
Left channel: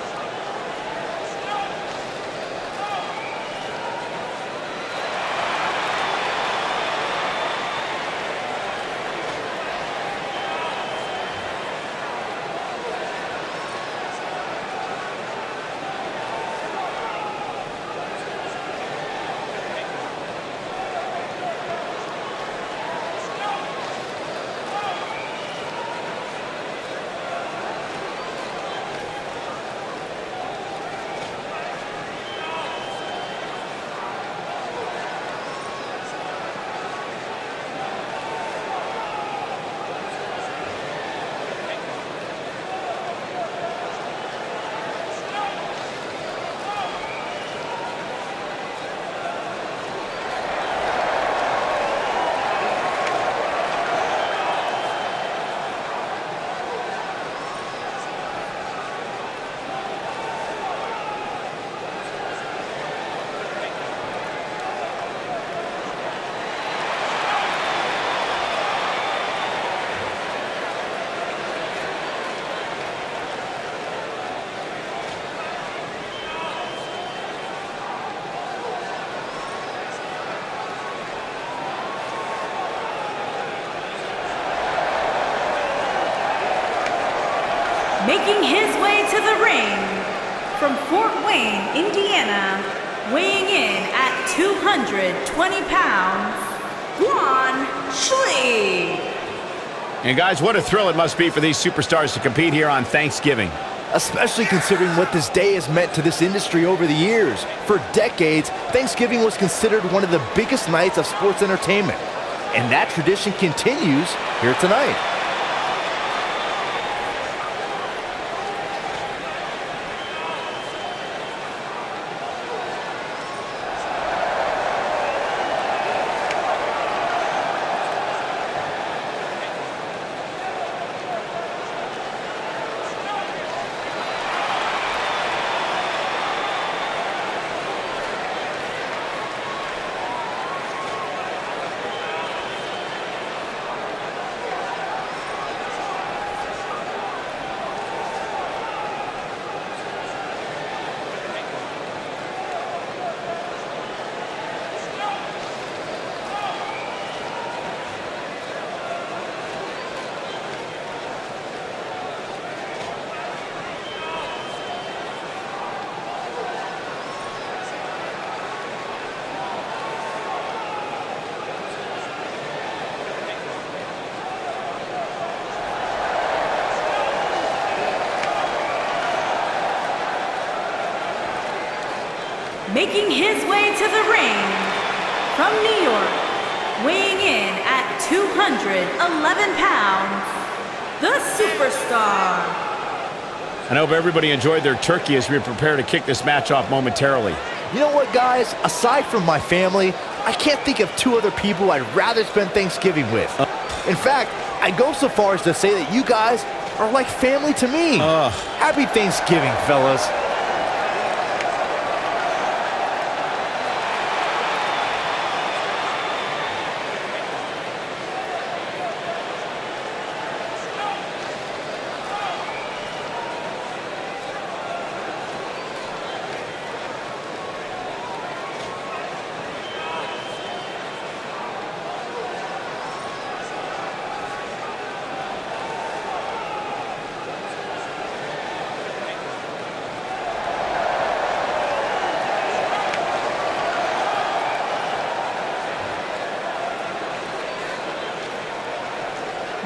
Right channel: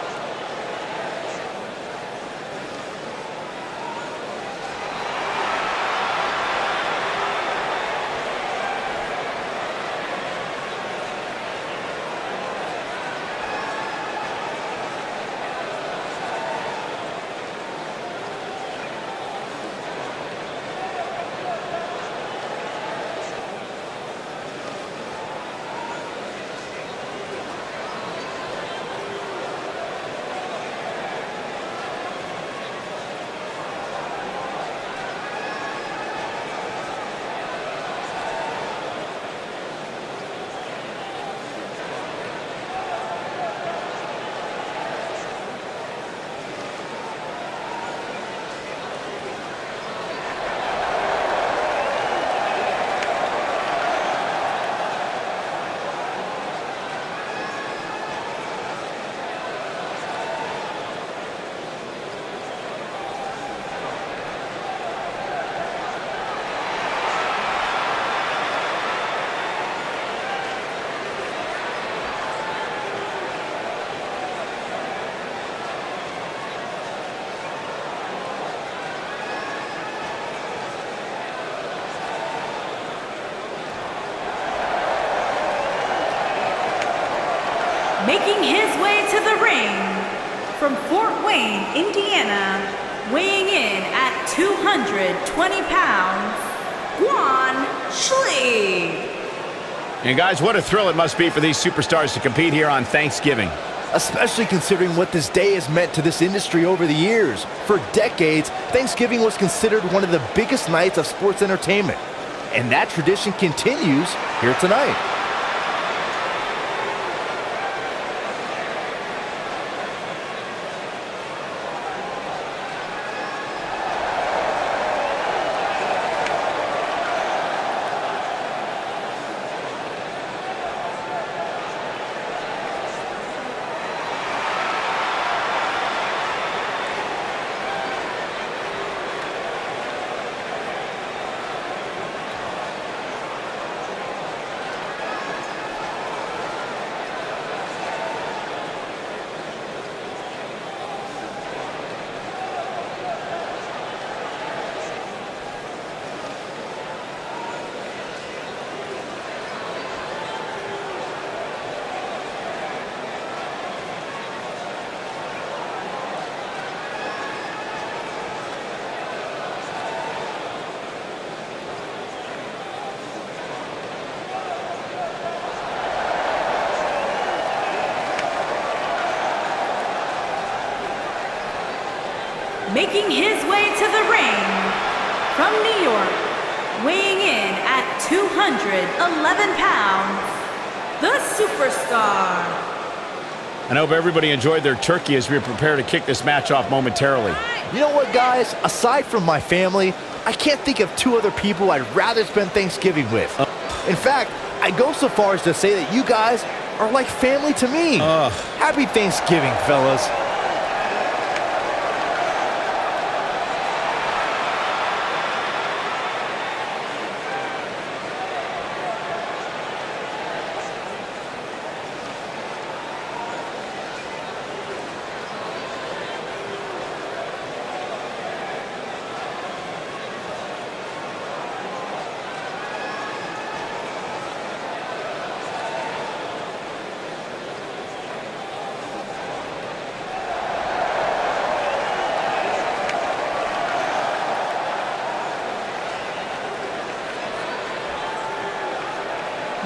Making his way to the ring from Fort Wayne, Indiana, weighing in at 220 pounds, Guan Schlie. And guys, what a thrill it must be for these superstars to compete here on Thanksgiving. Especially considering what this day has meant to this industry over the years. For decades, Thanksgiving was considered one of the biggest nights of sports entertainment. And that tradition continues here tonight. Making his way to the ring from New York, weighing in at 211 pounds, the superstar. I hope everybody enjoyed their turkey as we prepare to kick this match off momentarily. You know what, guys? Aside from my family, I can't think of two other people I'd rather spend Thanksgiving with. In fact, I'd go so far as to say that you guys are like family to me. Happy Thanksgiving, fellas.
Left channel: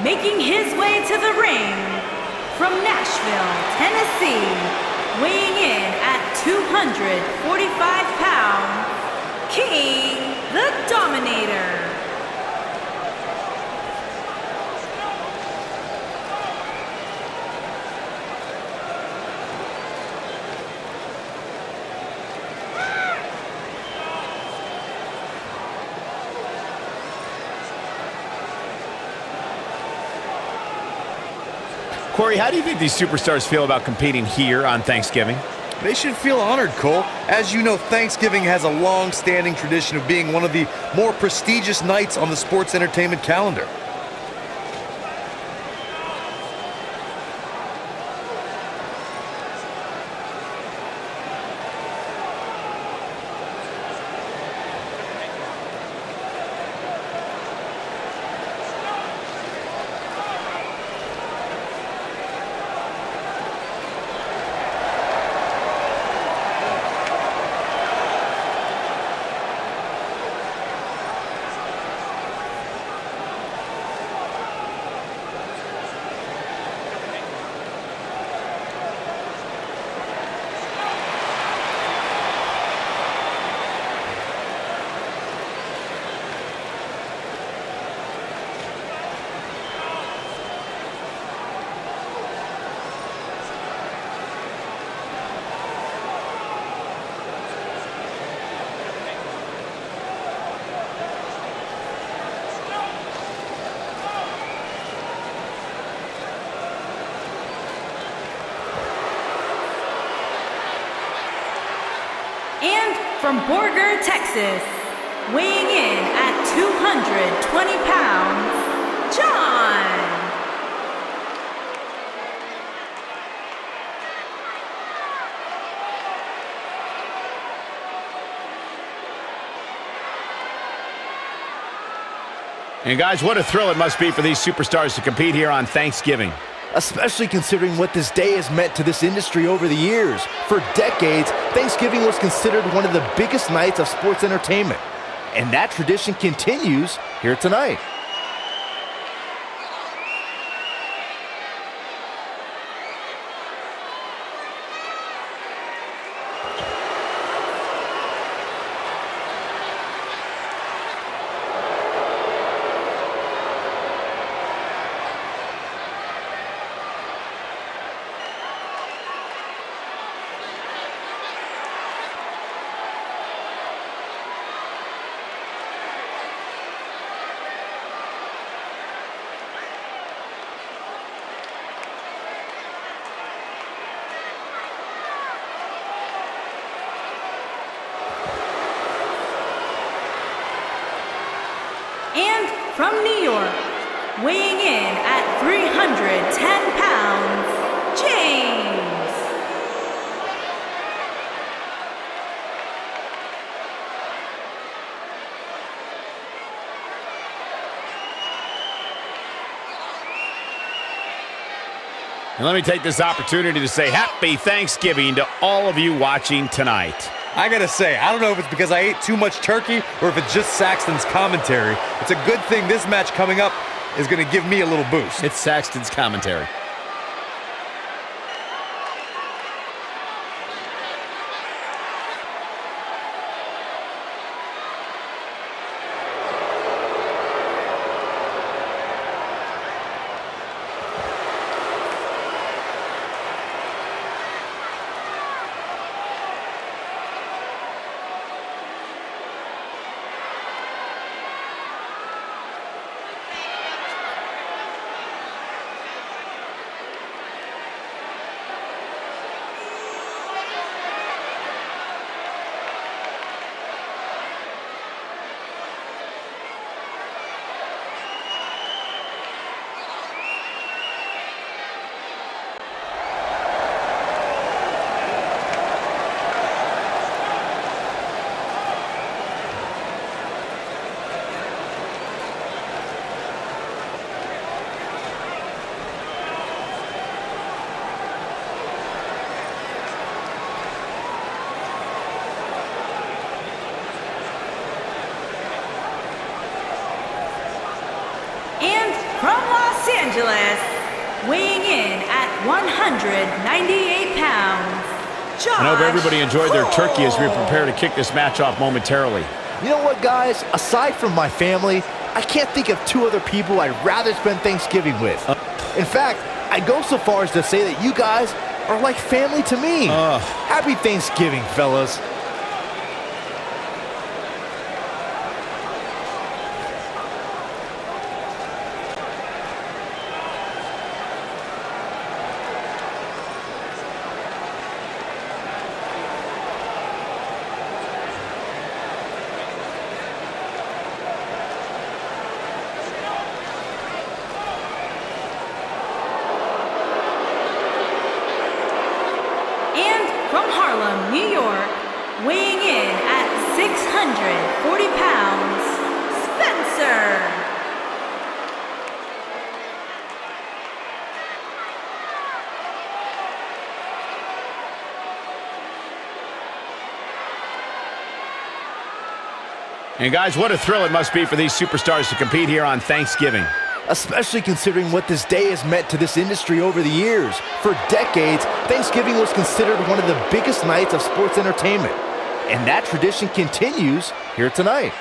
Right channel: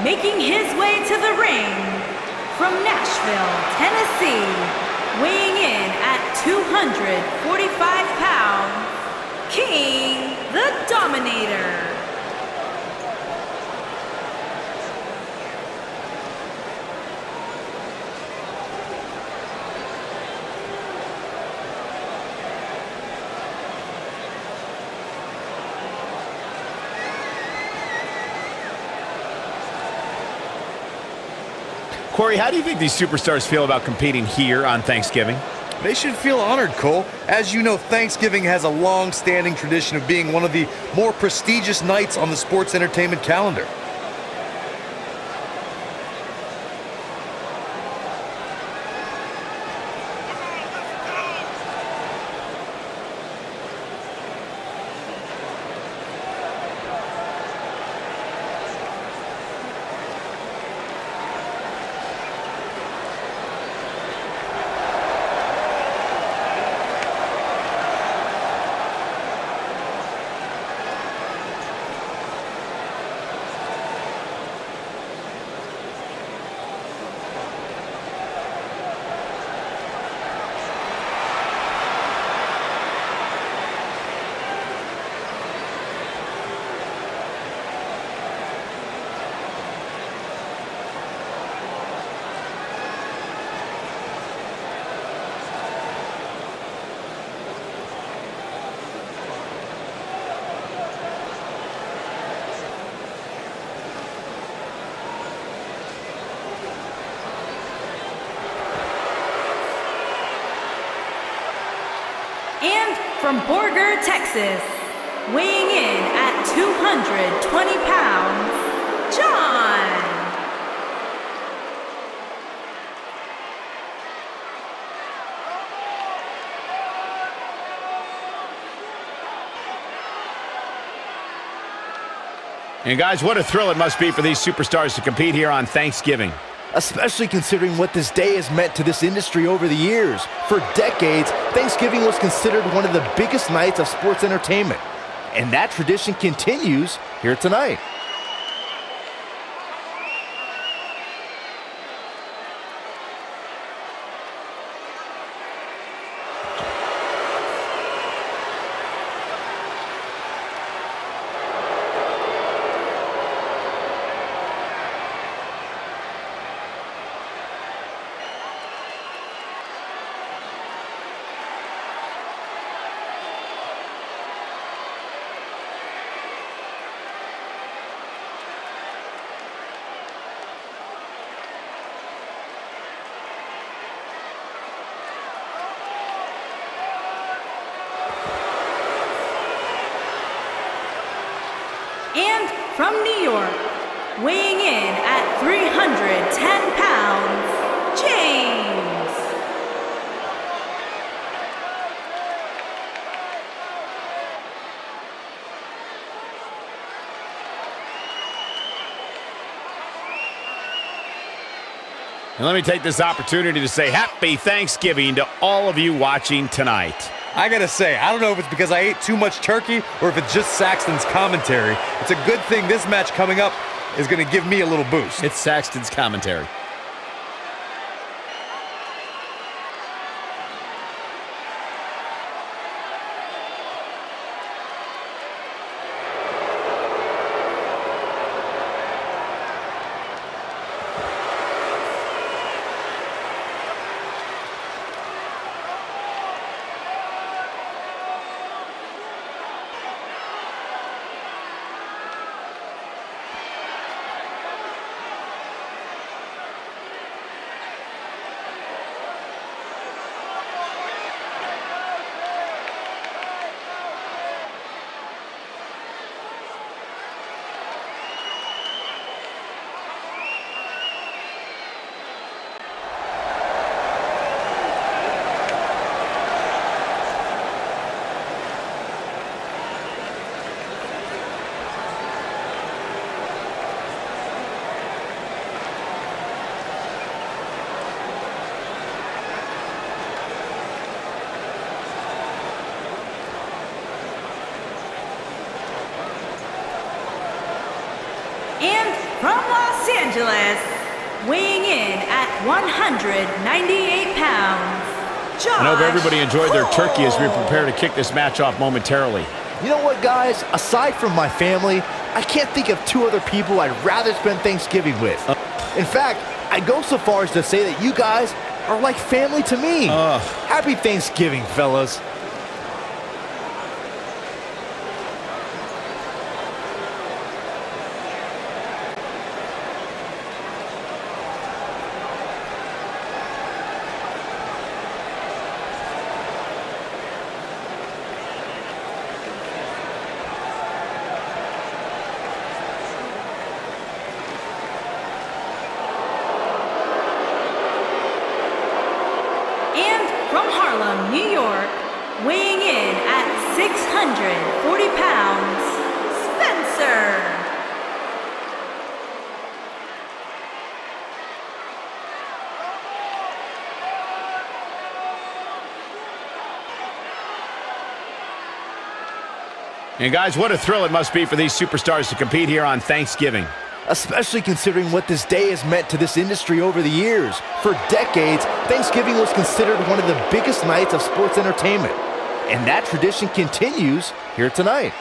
Making his way to the ring from Nashville, Tennessee, weighing in at 245 pounds, King the Dominator. Corey, how do you think these superstars feel about competing here on Thanksgiving? They should feel honored, Cole. As you know, Thanksgiving has a long-standing tradition of being one of the more prestigious nights on the sports entertainment calendar. And from Borger, Texas, weighing in at 220 pounds, John. And guys, what a thrill it must be for these superstars to compete here on Thanksgiving. Especially considering what this day has meant to this industry over the years. For decades, Thanksgiving was considered one of the biggest nights of sports entertainment. And that tradition continues here tonight. And from New York, weighing in at 310 pounds, James. And let me take this opportunity to say happy Thanksgiving to all of you watching tonight. I gotta say, I don't know if it's because I ate too much turkey or if it's just Saxton's commentary. It's a good thing this match coming up is gonna give me a little boost. It's Saxton's commentary. And from Los Angeles, weighing in at 198 pounds, Josh. I hope everybody enjoyed their turkey as we Cole. prepare to kick this match off momentarily. You know what, guys? Aside from my family, I can't think of two other people I'd rather spend Thanksgiving with. In fact, I'd go so far as to say that you guys are like family to me. Happy Thanksgiving, fellas. Harlem, New York, weighing in at 640 pounds, Spencer. And guys, what a thrill it must be for these superstars to compete here on Thanksgiving. Especially considering what this day has meant to this industry over the years. For decades, Thanksgiving was considered one of the biggest nights of sports entertainment. And that tradition continues here tonight.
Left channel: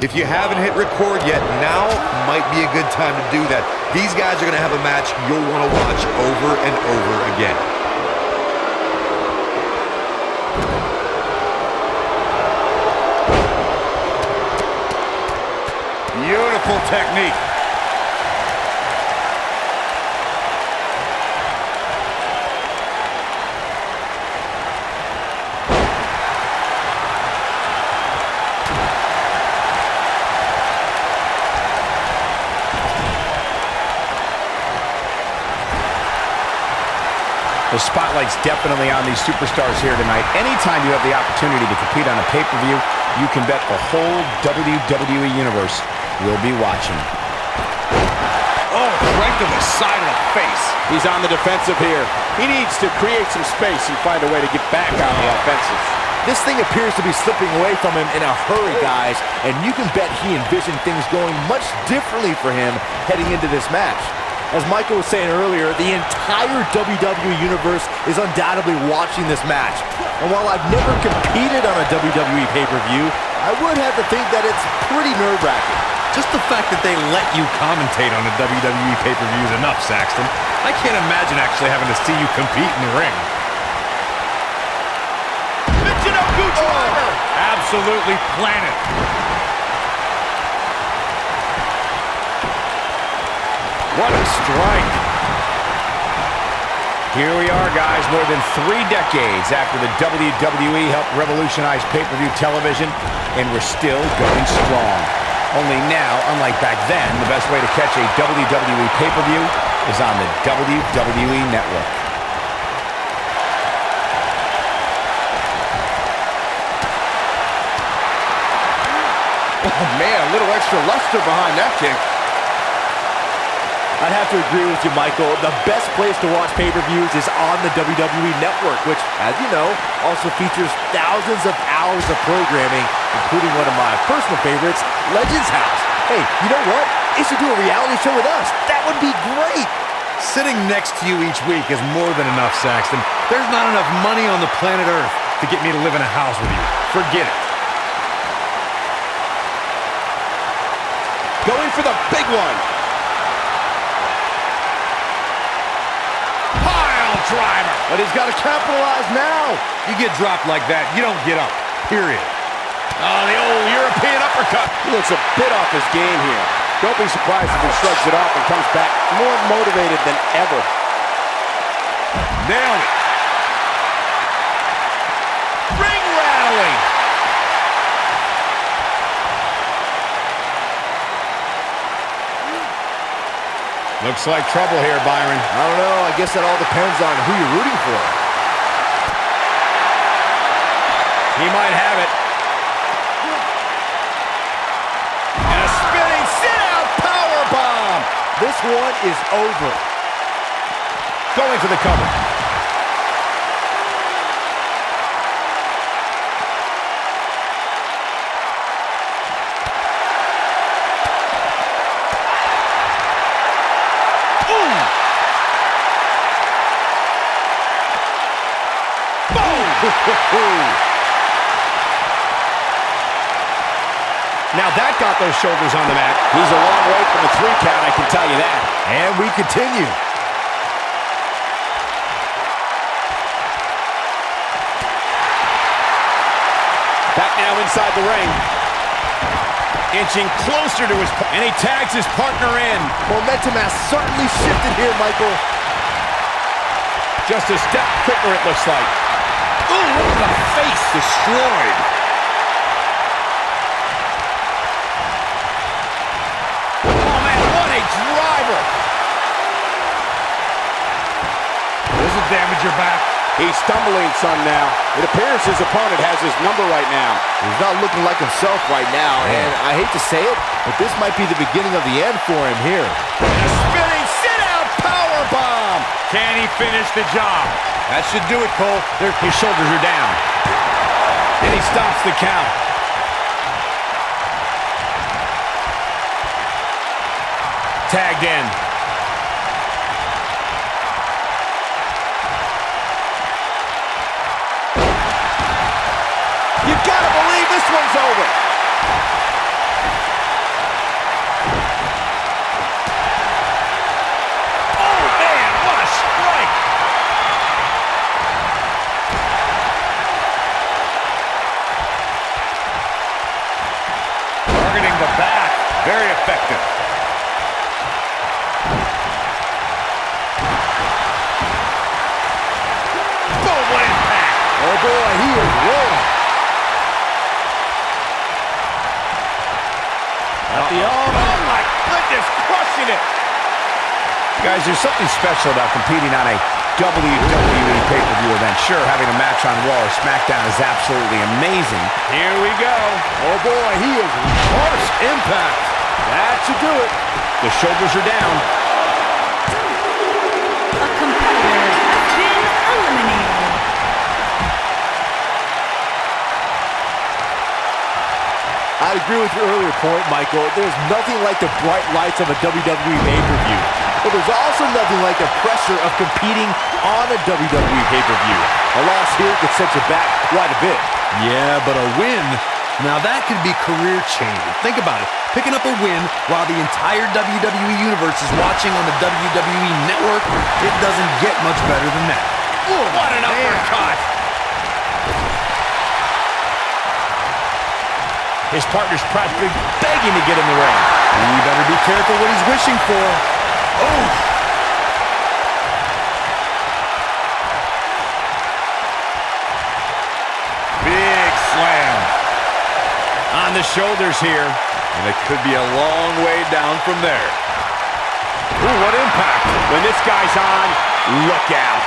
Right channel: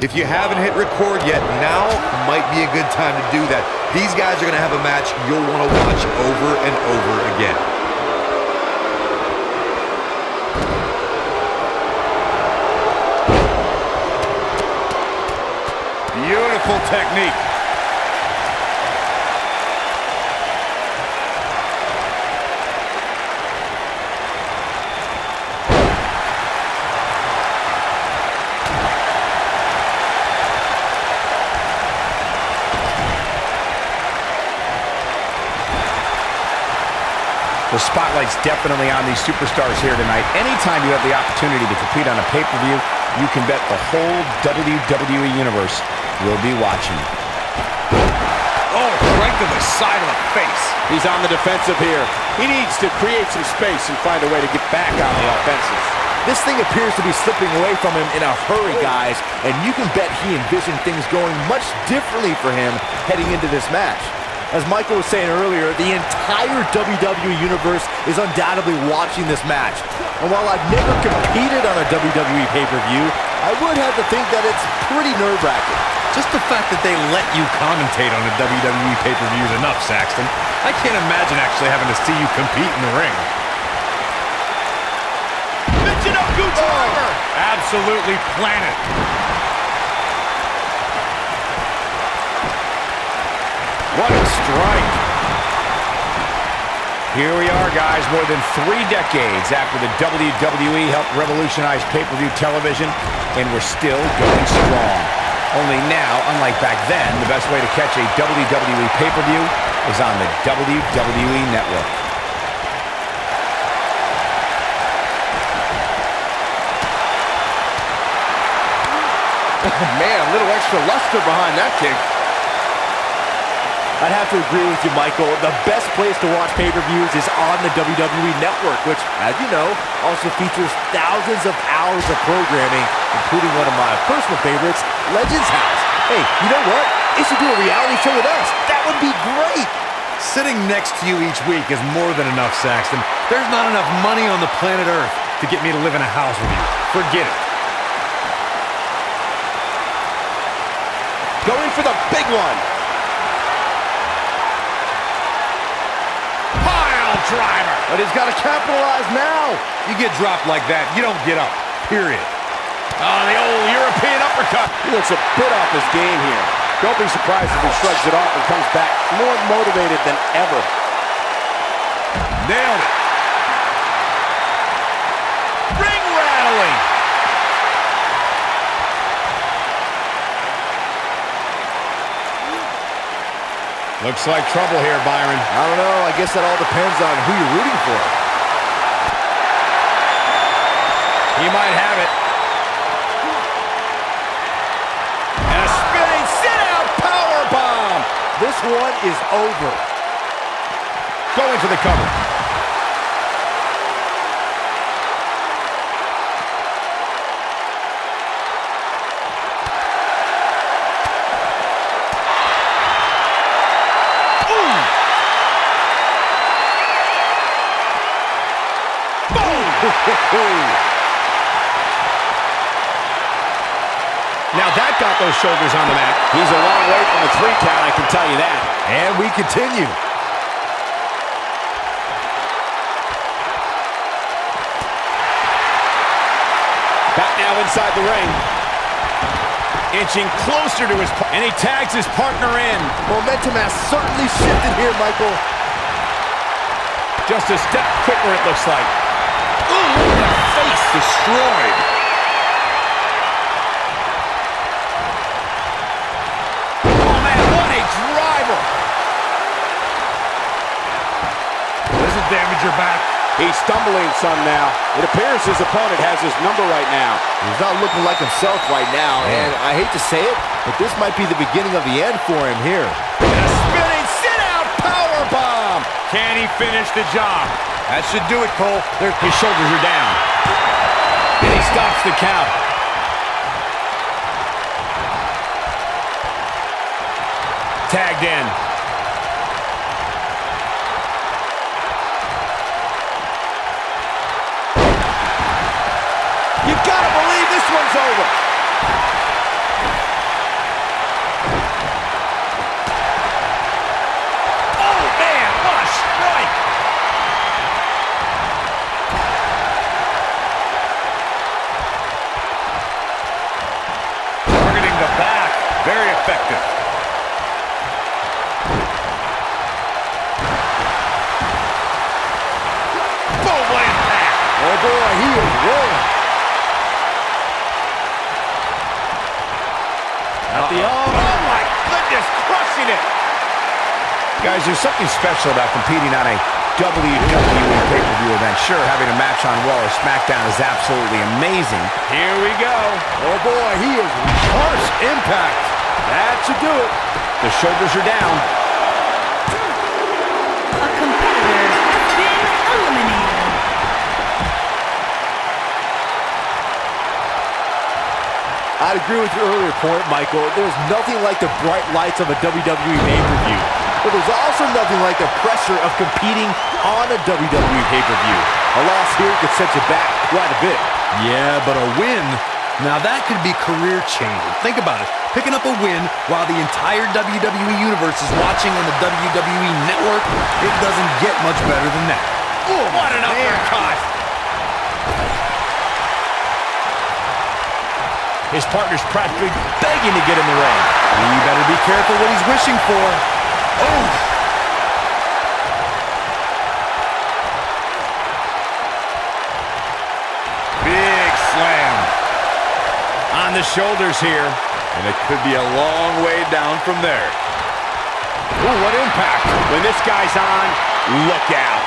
If you haven't hit record yet, now might be a good time to do that. These guys are going to have a match you'll want to watch over and over again. Beautiful technique. The spotlight's definitely on these superstars here tonight. Anytime you have the opportunity to compete on a pay-per-view, you can bet the whole WWE Universe will be watching. Oh, right to the side of the face. He's on the defensive here. He needs to create some space and find a way to get back on the offensive. This thing appears to be slipping away from him in a hurry, guys, and you can bet he envisioned things going much differently for him heading into this match. As Michael was saying earlier, the entire WWE Universe is undoubtedly watching this match. And while I've never competed on a WWE pay-per-view, I would have to think that it's pretty nerve-wracking. Just the fact that they let you commentate on a WWE pay-per-view is enough, Saxton. I can't imagine actually having to see you compete in the ring. Michinoku driver! Absolutely planted. What a strike. Here we are, guys, more than 3 decades after the WWE helped revolutionize pay-per-view television, and we're still going strong. Only now, unlike back then, the best way to catch a WWE pay-per-view is on the WWE Network. Oh, man, a little extra luster behind that kick. I'd have to agree with you, Michael. The best place to watch pay-per-views is on the WWE Network, which, as you know, also features thousands of hours of programming, including one of my personal favorites, Legends House. Hey, you know what? They should do a reality show with us. That would be great. Sitting next to you each week is more than enough, Saxton. There's not enough money on the planet Earth to get me to live in a house with you. Forget it. Going for the big one. Driver. But he's got to capitalize now. You get dropped like that, you don't get up. Period. Oh, the old European uppercut. He looks a bit off his game here. Don't be surprised if he shrugs it off and comes back more motivated than ever. Nailed it. Ring rattling. Looks like trouble here, Byron. I don't know. I guess that all depends on who you're rooting for. He might have it. And a spinning sit-out powerbomb. This one is over. Going for the cover. Now that got those shoulders on the mat. He's a long way from a 3 count, I can tell you that. And we continue. Back now inside the ring. Inching closer to his and he tags his partner in. Momentum has certainly shifted here, Michael. Just a step quicker, it looks like. Ooh, look at the face. Destroyed. Oh, man, what a driver. This will damage your back. He's stumbling some now. It appears his opponent has his number right now. He's not looking like himself right now, and I hate to say it, but this might be the beginning of the end for him here. And a spinning sit-out powerbomb. Can he finish the job? That should do it, Cole. His shoulders are down. And he stops the count. Tagged in. You gotta believe this one's over. Oh, man, what a strike. Targeting the back. Very effective. Boom, what impact. Oh boy, he is rolling. Oh, my goodness, crushing it. Guys, there's something special about competing on a WWE pay-per-view event. Sure, having a match on Raw or SmackDown is absolutely amazing. Here we go. Oh boy, he is Harsh impact. That should do it. The shoulders are down. A competitor has been eliminated. I'd agree with your earlier point, Michael. There's nothing like the bright lights of a WWE pay-per-view. But there's also nothing like the pressure of competing on a WWE pay-per-view. A loss here could set you back quite a bit. Yeah, but a win, now that could be career-changing. Think about it. Picking up a win while the entire WWE Universe is watching on the WWE Network, it doesn't get much better than that. Oh, what an uppercut. His partner's practically begging to get in the ring. He better be careful what he's wishing for. Oh! Big slam. On the shoulders here. And it could be a long way down from there. Ooh, what impact. When this guy's on, look out.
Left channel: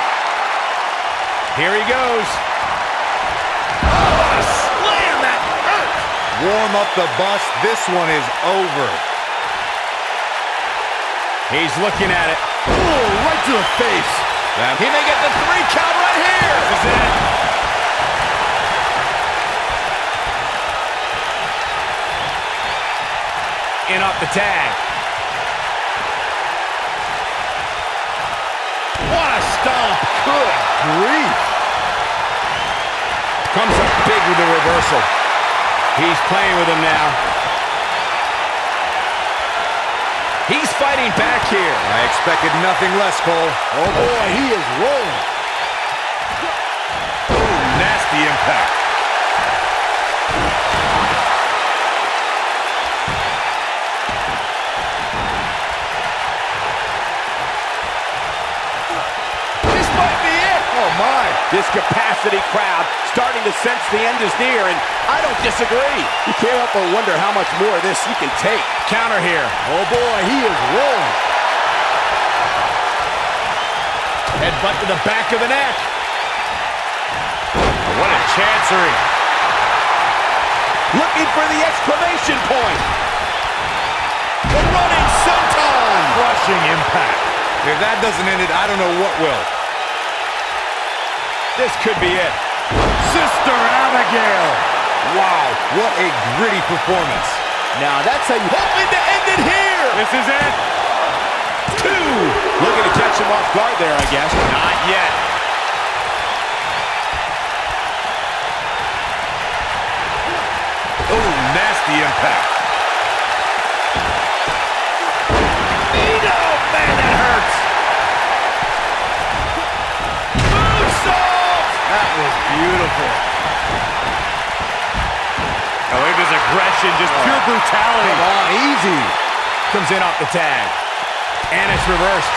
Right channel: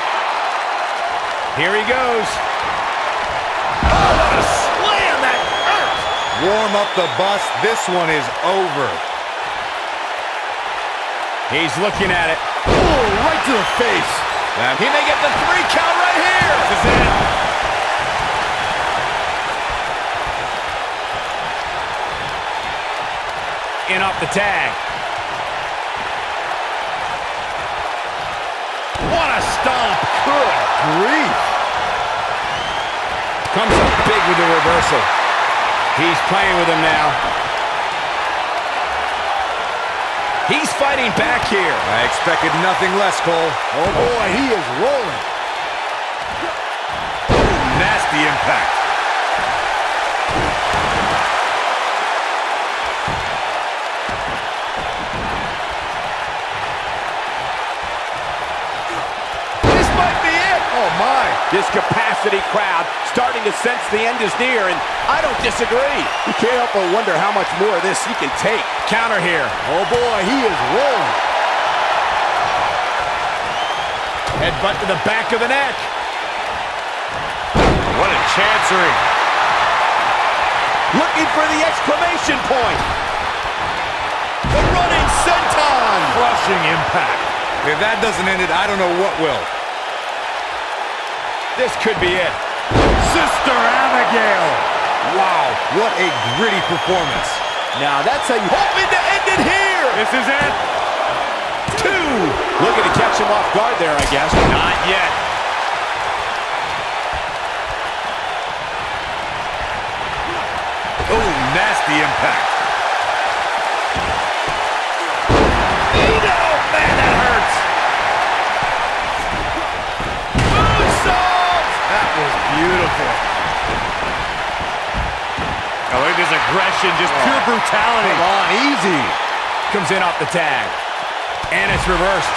Here he goes. Oh, what a slam. That hurt. Warm up the bus. This one is over. He's looking at it. Oh, right to the face. He may get the 3 count right here. This is it. In off the tag. What a stomp. Good grief. Comes up big with the reversal. He's playing with him now. He's fighting back here. I expected nothing less, Cole. Oh boy, he is rolling. Nasty impact. This might be it. Oh my. This capacity crowd starting to sense the end is near, and I don't disagree. You can't help but wonder how much more of this he can take. Counter here. Oh boy, he is rolling. Headbutt to the back of the neck. What a chancery. Looking for the exclamation point. The running senton. Crushing impact. If that doesn't end it, I don't know what will. This could be it. Sister Abigail. Wow, what a gritty performance. Now that's how you... Hoping to end it here. This is it. 2. Looking to catch him off guard there, I guess. Not yet. Oh, nasty impact. Oh, man, that hurts. Moonsault. That was beautiful. Oh, look at this aggression, just pure brutality. Come on, easy. Comes in off the tag. And it's reversed.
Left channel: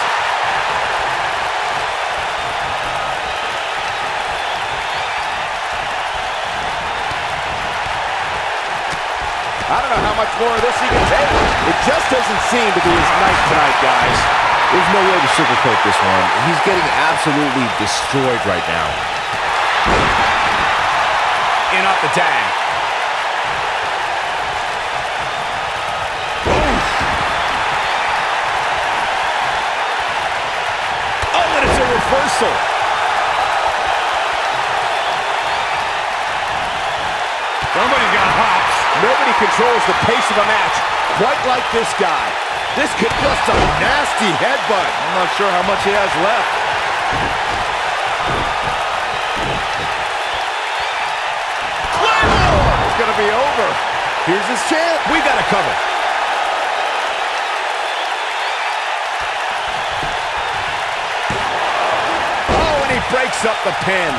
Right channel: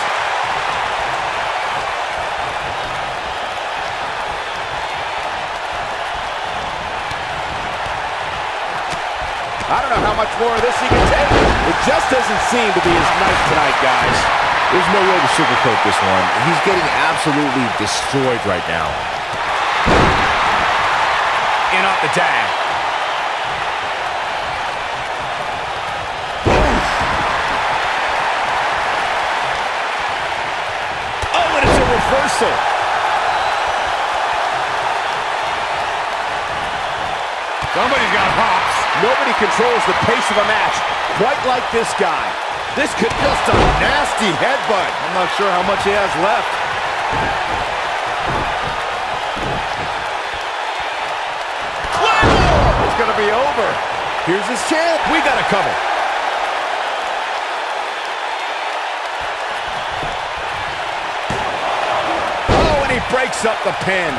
I don't know how much more of this he can take. It just doesn't seem to be his night tonight, guys. There's no way to sugarcoat this one. He's getting absolutely destroyed right now. In off the tag. Oh, and it's a reversal. Somebody's got hops. Nobody controls the pace of a match quite like this guy. This could just a nasty headbutt. I'm not sure how much he has left. Claymore! It's going to be over. Here's his chance. We got to cover. Oh, and he breaks up the pin.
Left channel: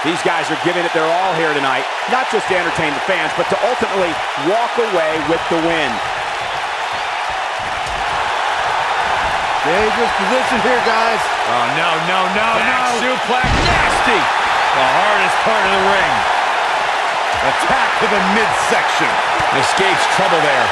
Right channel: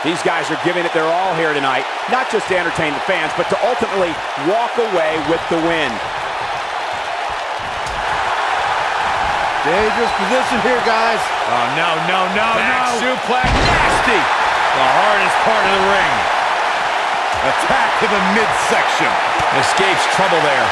These guys are giving it their all here tonight, not just to entertain the fans, but to ultimately walk away with the win. Dangerous position here, guys. Oh, no. Back suplex. Nasty. The hardest part of the ring. Attack to the midsection. Escapes trouble there.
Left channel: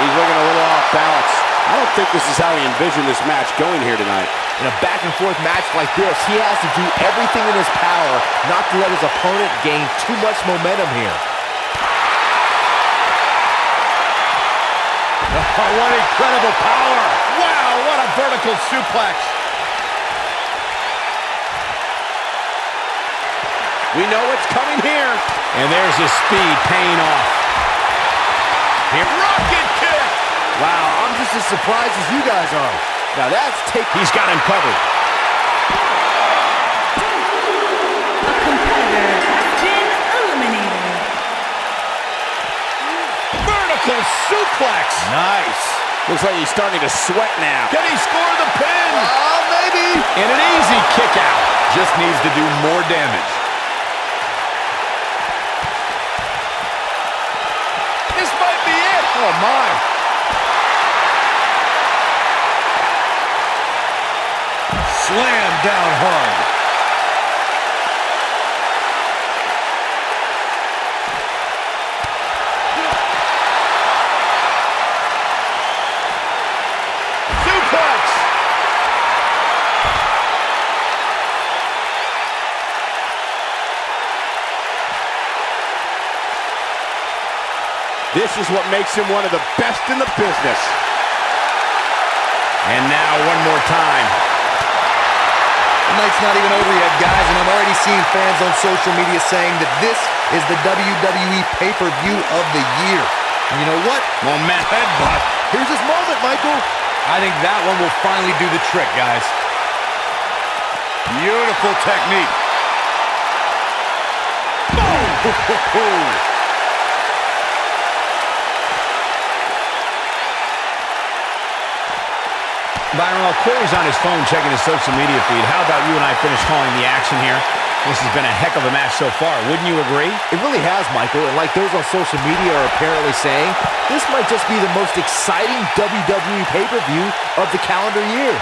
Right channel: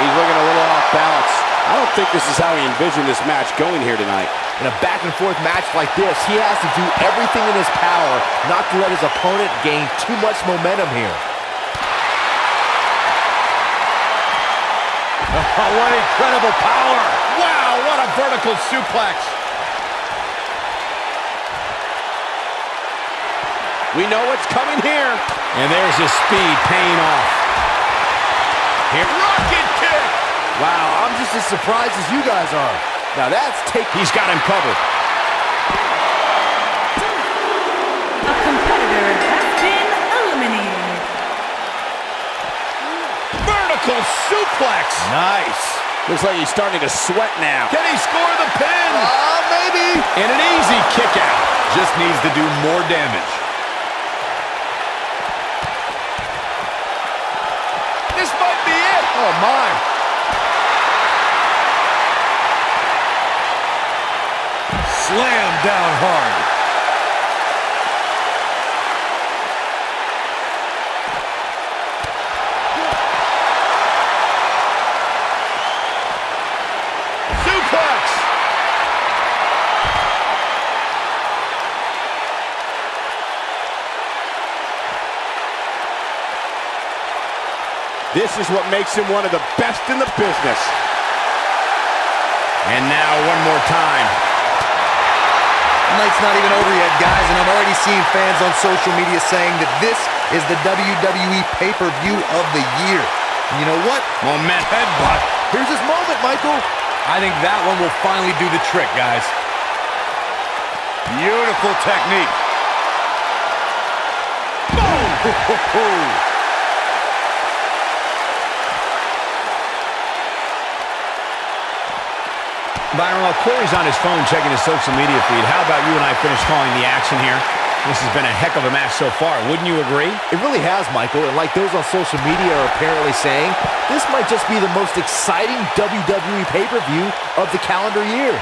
He's looking a little off balance. I don't think this is how he envisioned this match going here tonight. In a back-and-forth match like this, he has to do everything in his power not to let his opponent gain too much momentum here. Oh, what incredible power. Wow, what a vertical suplex. We know what's coming here. And there's his speed paying off. Here, rocket kick. Wow, I'm just as surprised as you guys are. Now that's He's got him covered. A competitor has been eliminated. Vertical suplex. Nice. Looks like he's starting to sweat now. Can he score the pin? maybe. And an easy kick out. Just needs to do more damage. This might be it. Oh, my. Slam down hard. Suplex. This is what makes him one of the best in the business. And now one more time. The night's not even over yet, guys, and I'm already seeing fans on social media saying that this is the WWE pay-per-view of the year. And you know what? Momentum headbutt. Here's his moment, Michael. I think that one will finally do the trick, guys. Beautiful technique. Boom! Byron, while Corey's on his phone checking his social media feed, how about you and I finish calling the action here? This has been a heck of a match so far. Wouldn't you agree? It really has, Michael, and like those on social media are apparently saying, this might just be the most exciting WWE pay-per-view of the calendar year.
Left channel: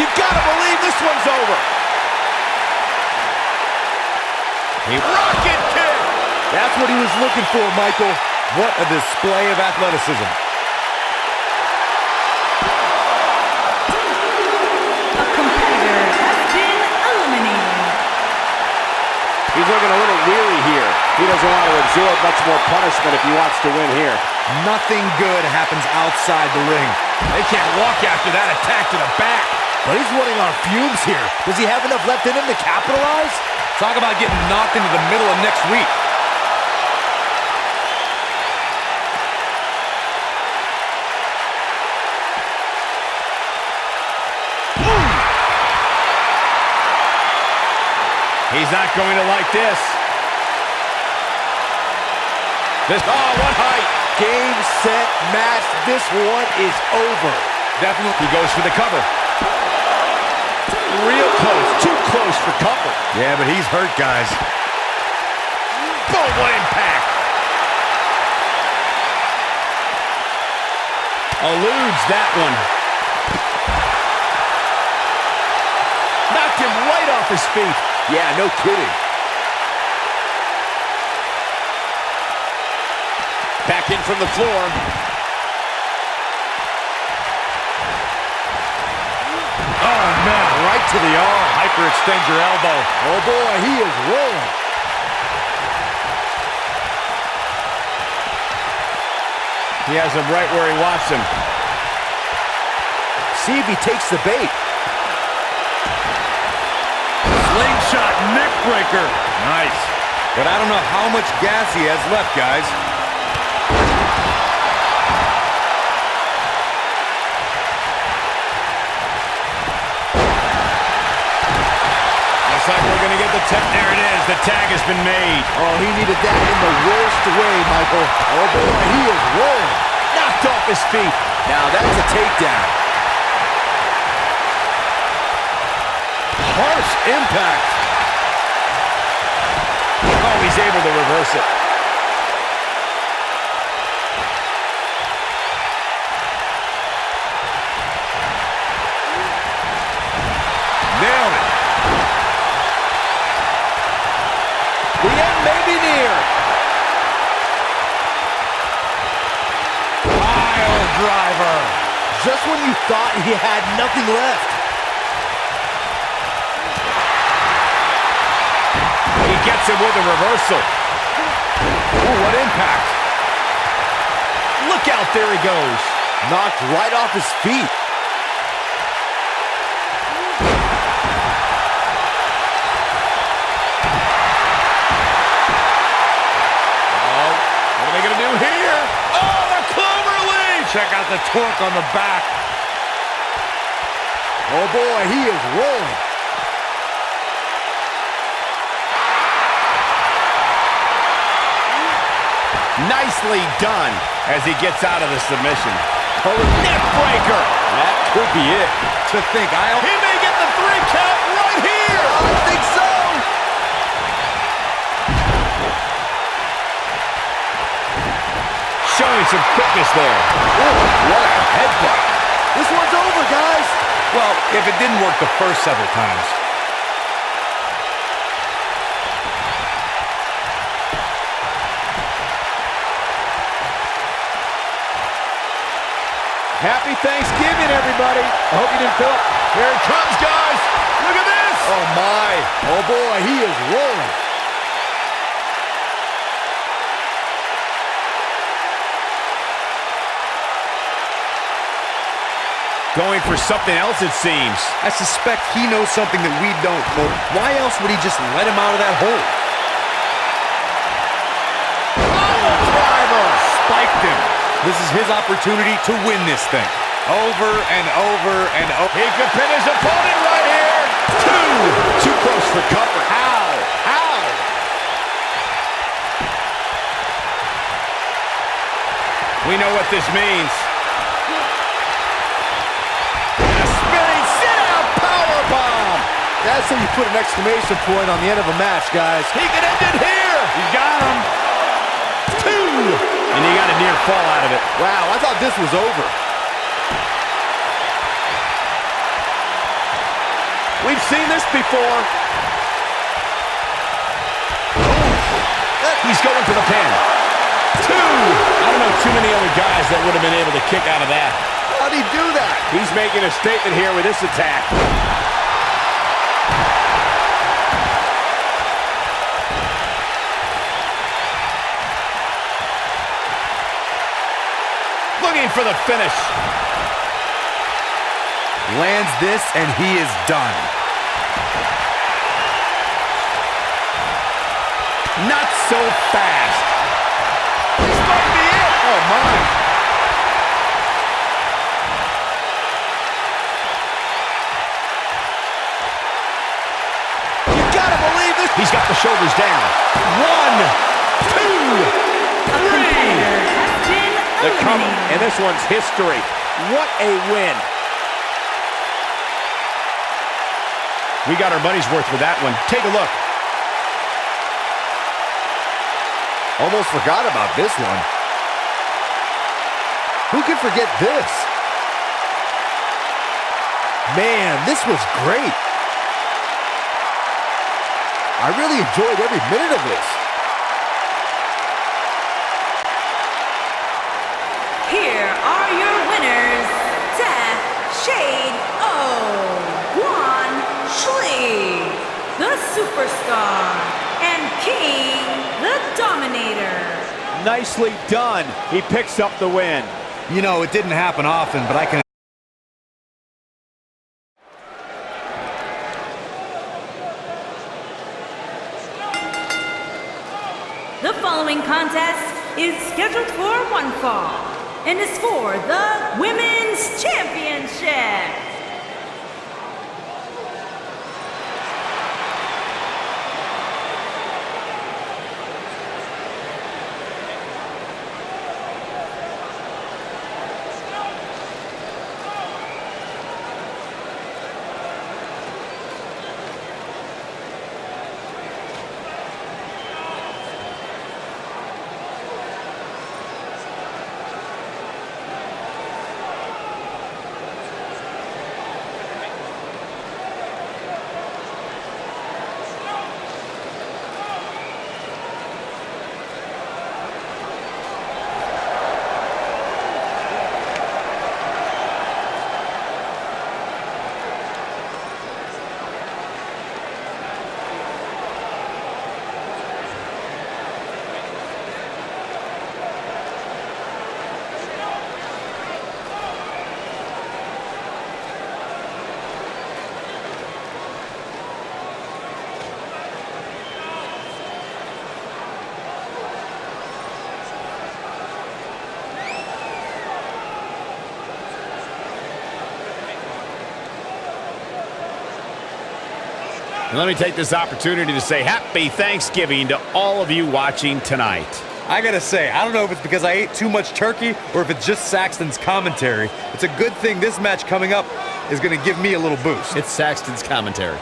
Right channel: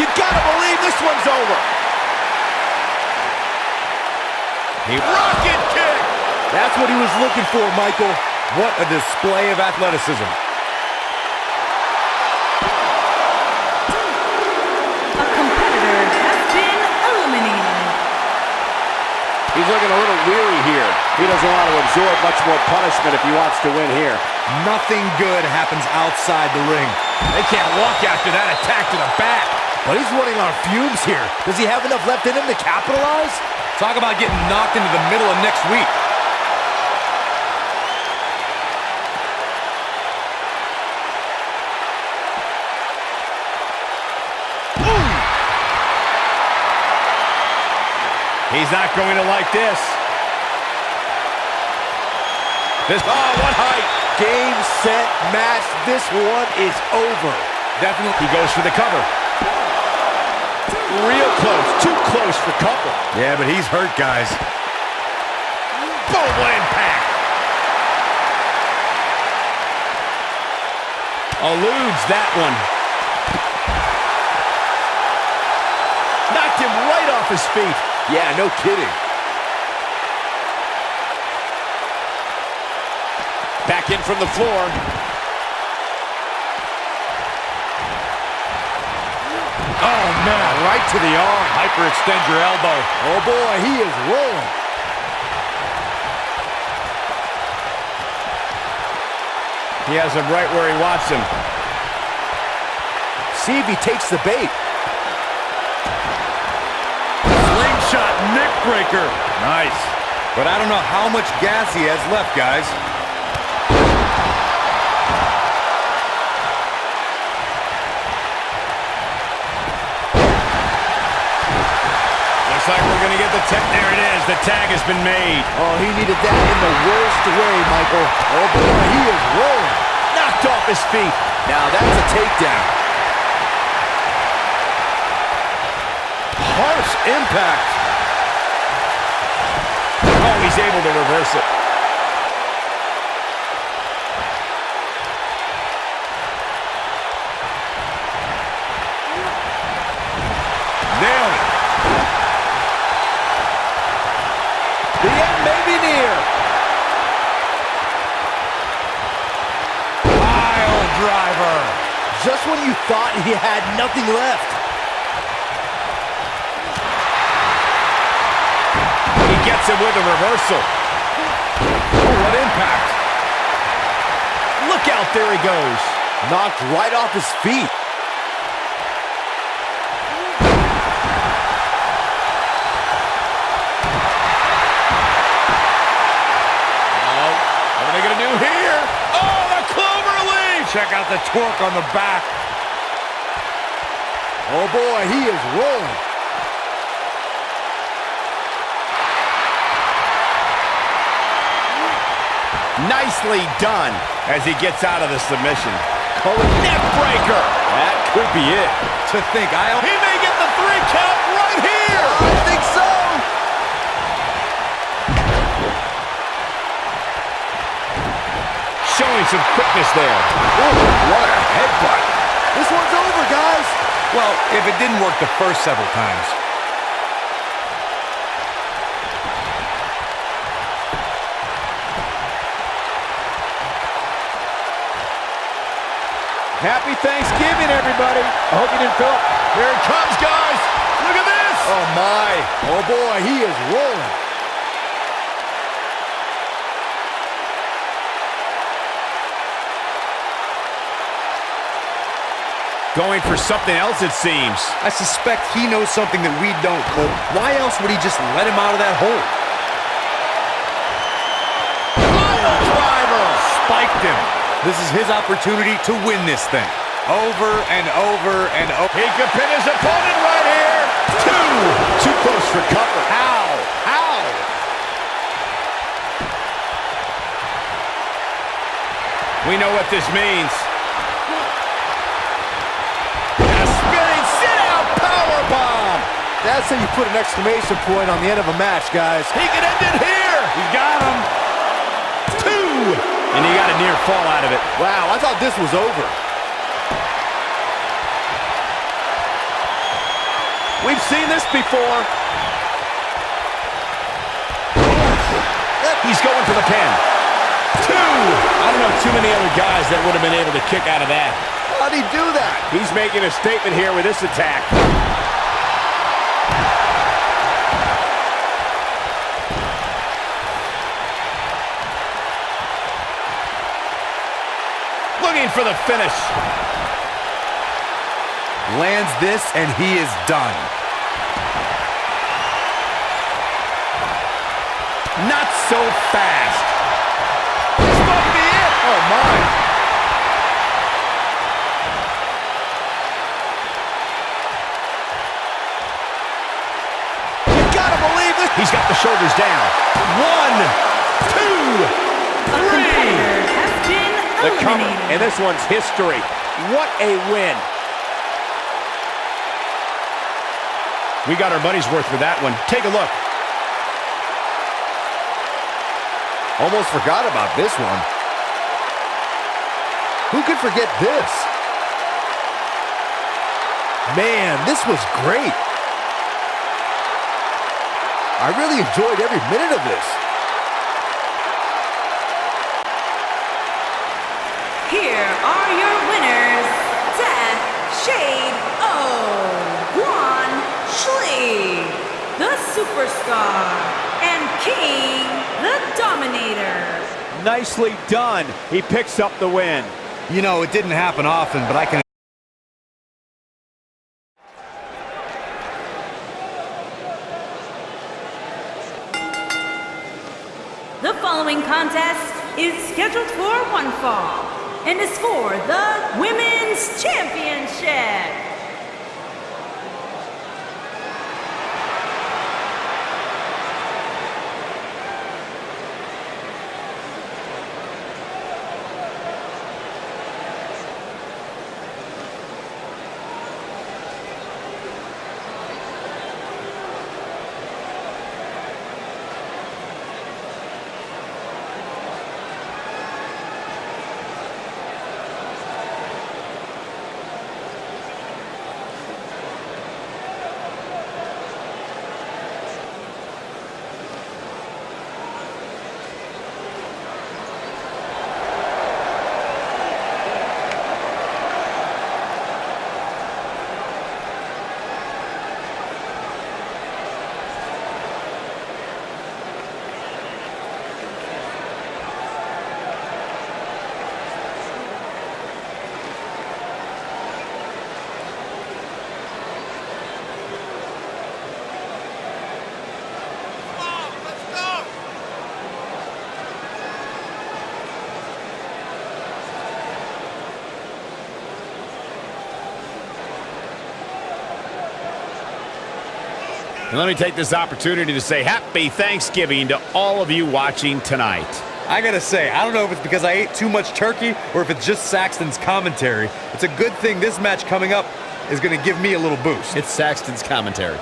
You gotta believe this one's over. Rocket kick! That's what he was looking for, Michael. What a display of athleticism. A competitor has been eliminated. He's looking a little weary here. He doesn't want to absorb much more punishment if he wants to win here. Nothing good happens outside the ring. They can't walk after that attack to the back. But he's running on fumes here. Does he have enough left in him to capitalize? Talk about getting knocked into the middle of next week. He's not going to like this. Oh, what height. Game, set, match. This one is over. Definitely. He goes for the cover. Real close. Too close for comfort. Yeah, but he's hurt, guys. Boom, what impact. Eludes that one. Knocked him right off his feet. Yeah, no kidding. Back in from the floor. Oh, man, right to the arm. Hyperextend your elbow. Oh, boy, he is rolling. He has him right where he wants him. See if he takes the bait. Slingshot neck breaker. Nice. But I don't know how much gas he has left, guys. Looks like we're going to get the tag. There it is. The tag has been made. Oh, he needed that in the worst way, Michael. Oh, boy, he is rolling. Knocked off his feet. Now that's a takedown. Harsh impact. Oh, he's able to reverse it. Nailed it. The end may be near. Pile driver. Just when you thought he had nothing left. He gets him with a reversal. Oh, what impact. Look out, there he goes. Knocked right off his feet. What are they going to do here? Oh, the clover leaf! Check out the torque on the back. Oh, boy, he is rolling. Nicely done as he gets out of the submission. Neck breaker. That could be it. To think, He may get the 3 count right here. I think so. Showing some quickness there. What a headbutt. This one's over, guys. well, if it didn't work the first several times. Happy Thanksgiving, everybody. I hope you didn't fill up. Here it comes, guys. Look at this. Oh, my. Oh, boy, he is rolling. Going for something else, it seems. I suspect he knows something that we don't, Cole. Why else would he just let him out of that hole? Pile driver. Spiked him. This is his opportunity to win this thing. Over and over and over. He could pin his opponent right here. 2. Too close for comfort. How? How? We know what this means. And a spinning sit-out powerbomb. That's how you put an exclamation point on the end of a match, guys. He could end it here. He's got him. 2. And he got a near fall out of it. Wow, I thought this was over. We've seen this before. He's going for the pin. 2. I don't know too many other guys that would have been able to kick out of that. How'd he do that? He's making a statement here with this attack. Looking for the finish. Lands this, and he is done. Not so fast. This might be it. Oh, my. You gotta believe this. He's got the shoulders down. 1, 2, 3. The cover, eliminated. and this one's history. What a win. We got our money's worth with that one. Take a look. Almost forgot about this one. Who could forget this? Man, this was great. I really enjoyed every minute of this. Here are your winners, Death Shade Guan Shli, the Superstar, and King, the Dominator. Nicely done. He picks up the win. You know, it didn't happen often, but I can... The following contest is scheduled for one fall and is for the Women's Championship. And let me take this opportunity to say happy Thanksgiving to all of you watching tonight. I gotta say, I don't know if it's because I ate too much turkey or if it's just Saxton's commentary. It's a good thing this match coming up is gonna give me a little boost. It's Saxton's commentary.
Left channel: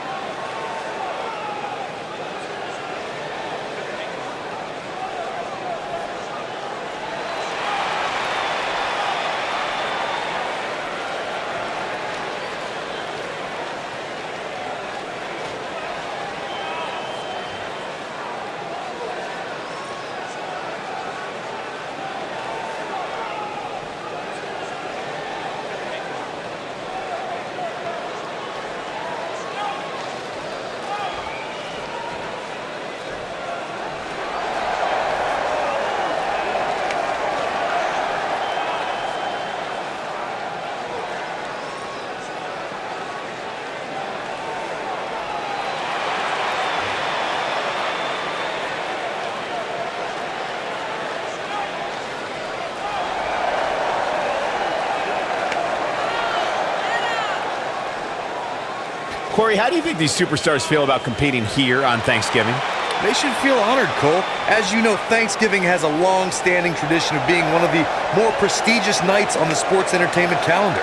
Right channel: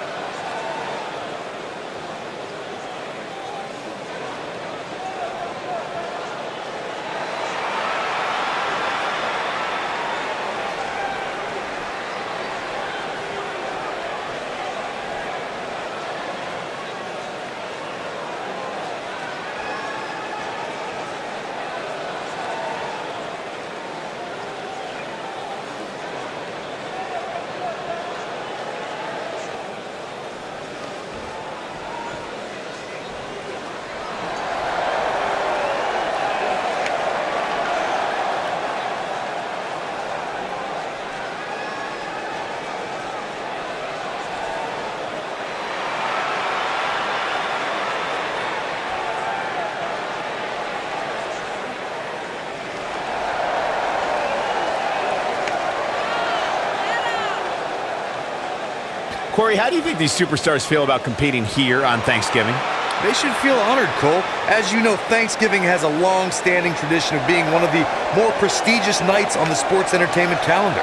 Corey, how do you think these superstars feel about competing here on Thanksgiving? They should feel honored, Cole. As you know, Thanksgiving has a long-standing tradition of being one of the more prestigious nights on the sports entertainment calendar.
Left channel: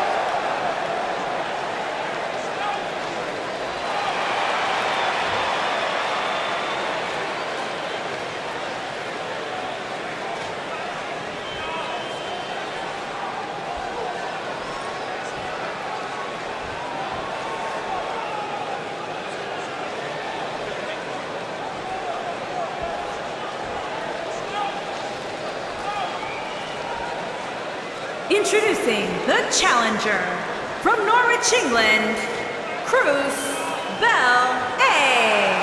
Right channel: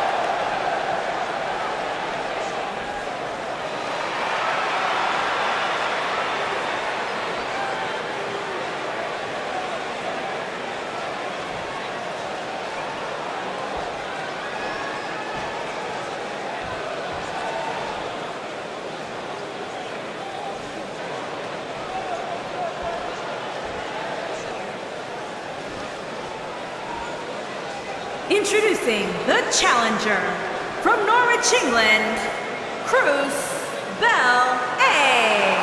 Introducing the challenger from Norwich, England, Cruz Bell A.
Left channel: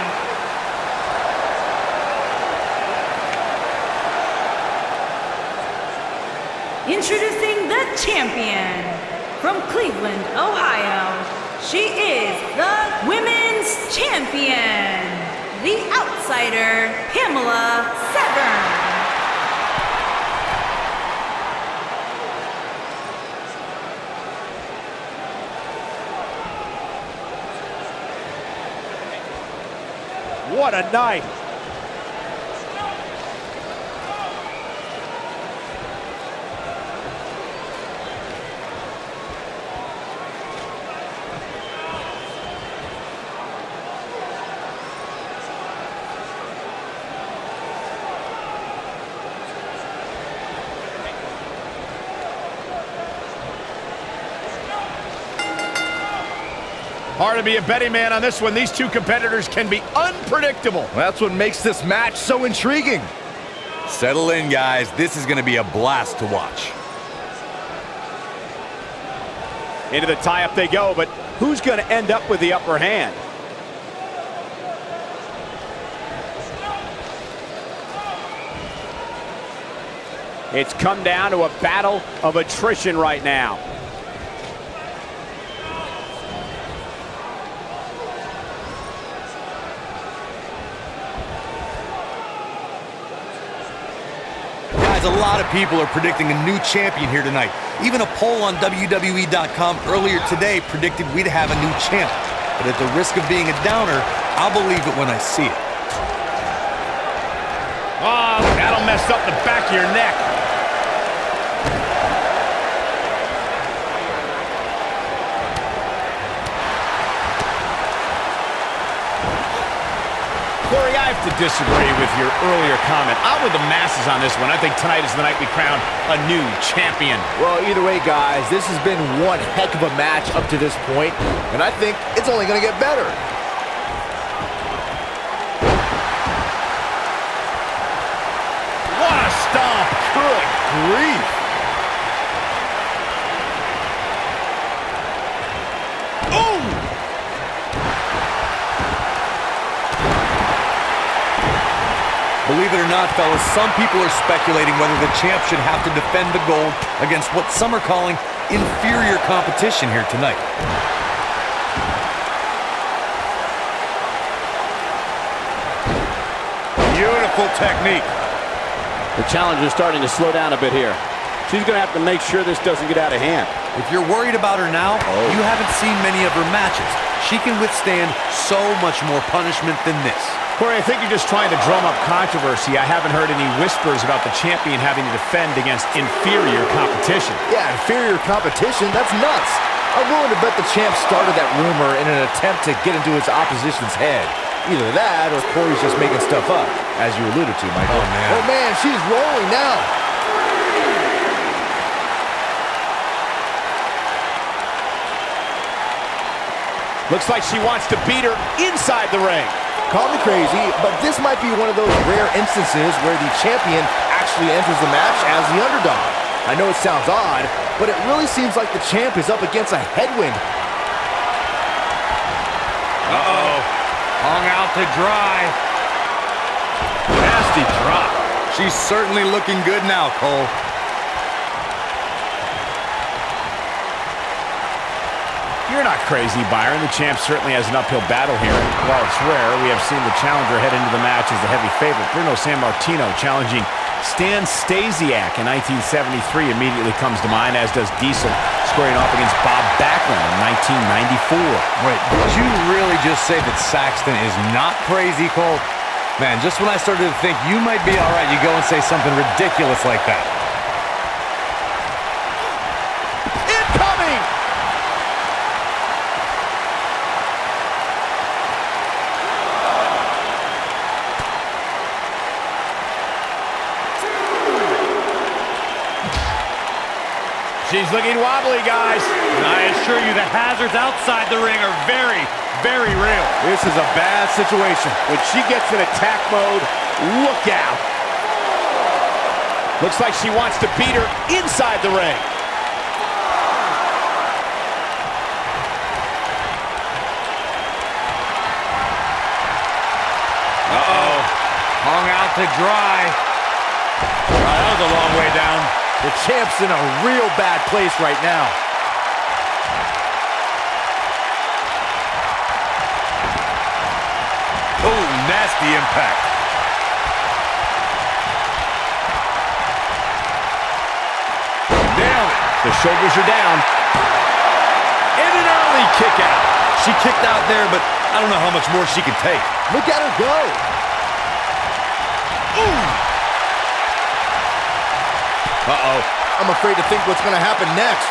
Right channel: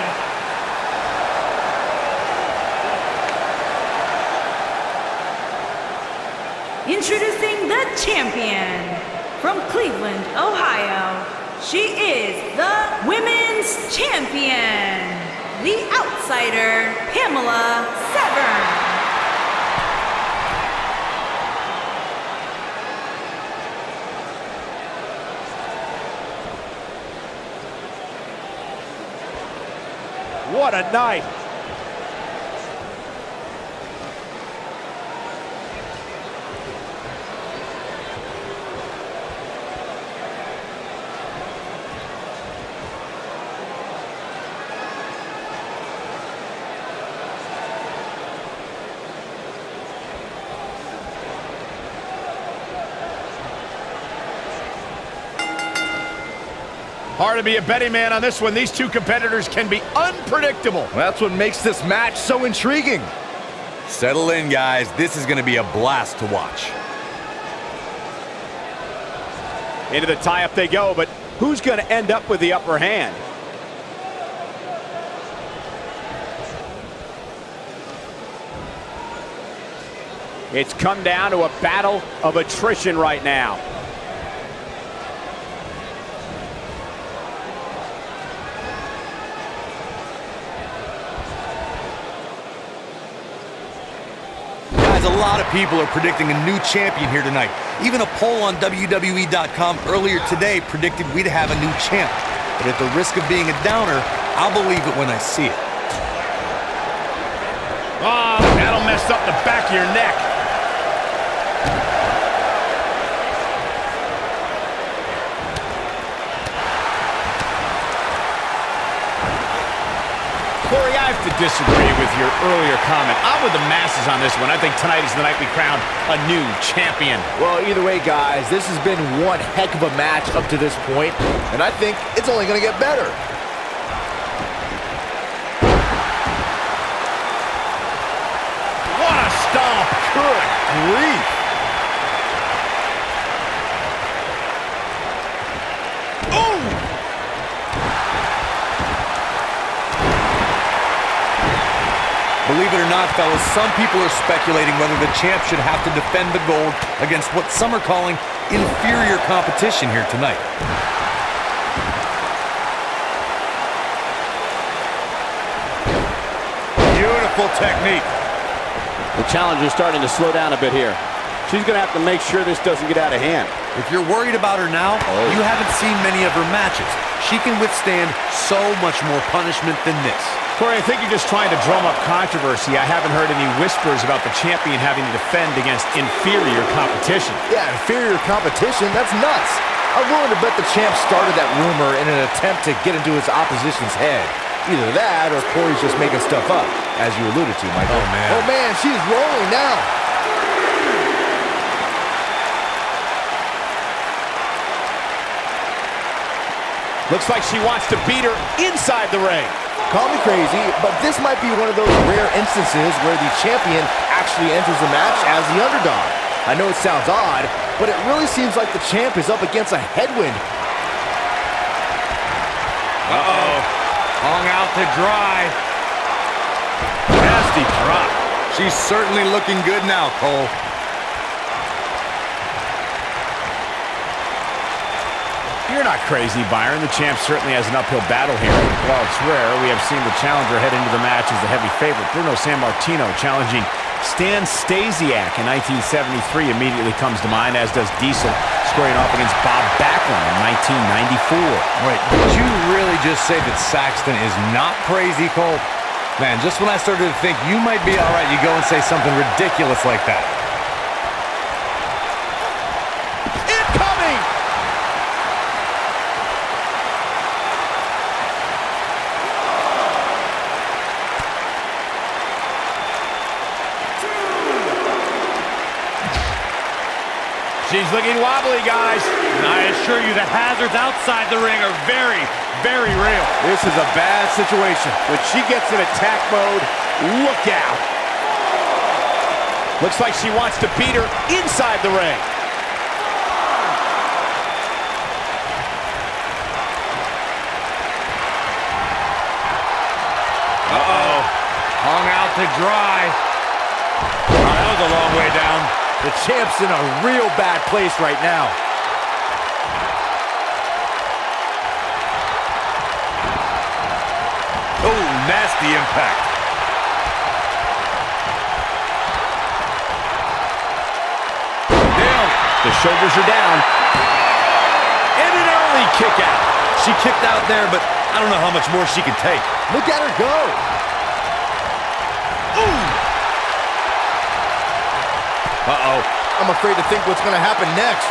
Introducing the champion from Cleveland, Ohio. She is the Women's Champion, the outsider, Pamela Severn. What a night. Hard to be a betting man on this one. These two competitors can be unpredictable. Well, that's what makes this match so intriguing. Settle in, guys. This is going to be a blast to watch. Into the tie-up they go, but who's going to end up with the upper hand? It's come down to a battle of attrition right now. Guys, a lot of people are predicting a new champion here tonight. Even a poll on WWE.com earlier today predicted we'd have a new champ. But at the risk of being a downer, I'll believe it when I see it. Oh, that'll mess up the back of your neck. Corey, I have to disagree with your earlier comment. I'm with the masses on this one. I think tonight is the night we crown a new champion. Well, either way, guys, this has been one heck of a match up to this point, and I think it's only going to get better. What a stomp. Good grief. Oh! Believe it or not, fellas, some people are speculating whether the champ should have to defend the gold against what some are calling inferior competition here tonight. Beautiful technique. The challenger's starting to slow down a bit here. She's going to have to make sure this doesn't get out of hand. If you're worried about her now, you haven't seen many of her matches. She can withstand so much more punishment than this. Corey, I think you're just trying to drum up controversy. I haven't heard any whispers about the champion having to defend against inferior competition. Yeah, inferior competition? That's nuts. I'm willing to bet the champ started that rumor in an attempt to get into his opposition's head. Either that or Corey's just making stuff up, as you alluded to, Michael. Oh, man. Oh, man, she's rolling now. Looks like she wants to beat her inside the ring. Call me crazy, but this might be one of those rare instances where the champion actually enters the match as the underdog. I know it sounds odd, but it really seems like the champ is up against a headwind. Uh-oh. Hung out to dry. Nasty drop. She's certainly looking good now, Cole. You're not crazy, Byron. The champ certainly has an uphill battle here. While it's rare, we have seen the challenger head into the match as the heavy favorite. Bruno Sammartino challenging Stan Stasiak in 1973 immediately comes to mind, as does Diesel squaring off against Bob Backlund in 1994. Wait, did you really just say that Saxton is not crazy, Cole? Man, just when I started to think you might be all right, you go and say something ridiculous like that. Incoming! She's looking wobbly, guys. And I assure you the hazards outside the ring are very, very real. This is a bad situation. When she gets in attack mode, look out. Looks like she wants to beat her inside the ring. Uh-oh. Hung out to dry. Oh, that was a long way down. The champ's in a real bad place right now. Oh, nasty impact. Nailed it. The shoulders are down. And an early kick out. She kicked out there, but I don't know how much more she can take. Look at her go. Ooh. Uh-oh. I'm afraid to think what's going to happen next.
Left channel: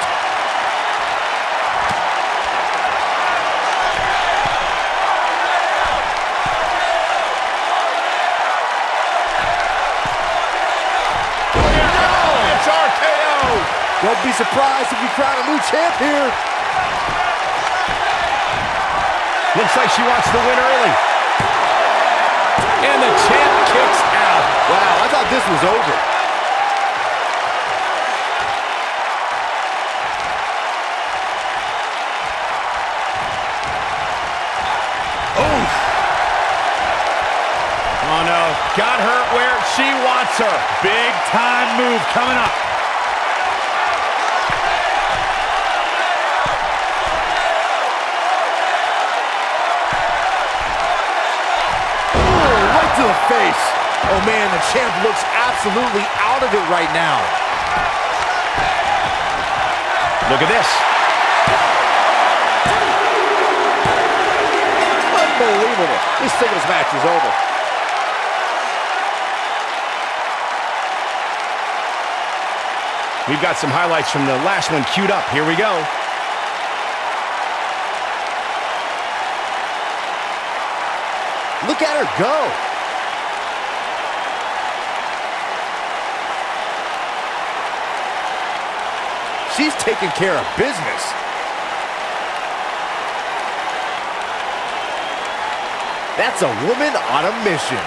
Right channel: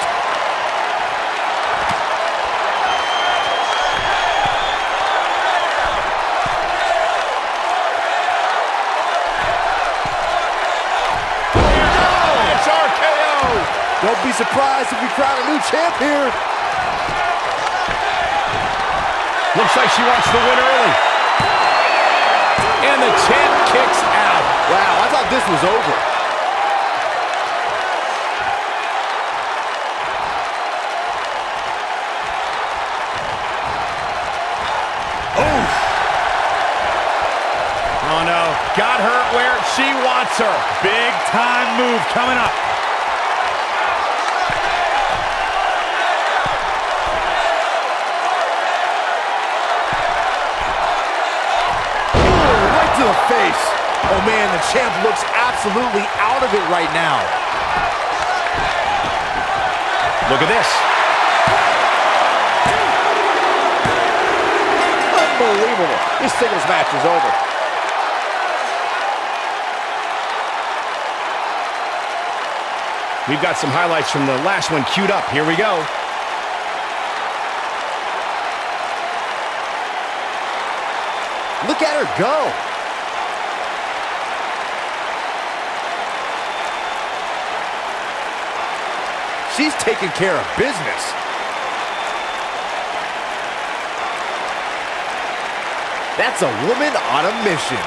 No! It's RKO! Don't be surprised if we crown a new champ here. Looks like she wants the win early. And the champ kicks out. Wow, I thought this was over. Oh no, got her where she wants her. Big time move coming up. Ooh, right to the face. Oh man, the champ looks absolutely out of it right now. Look at this. Unbelievable. This singles match is over. We've got some highlights from the last one queued up. Here we go. Look at her go. She's taking care of business. That's a woman on a mission.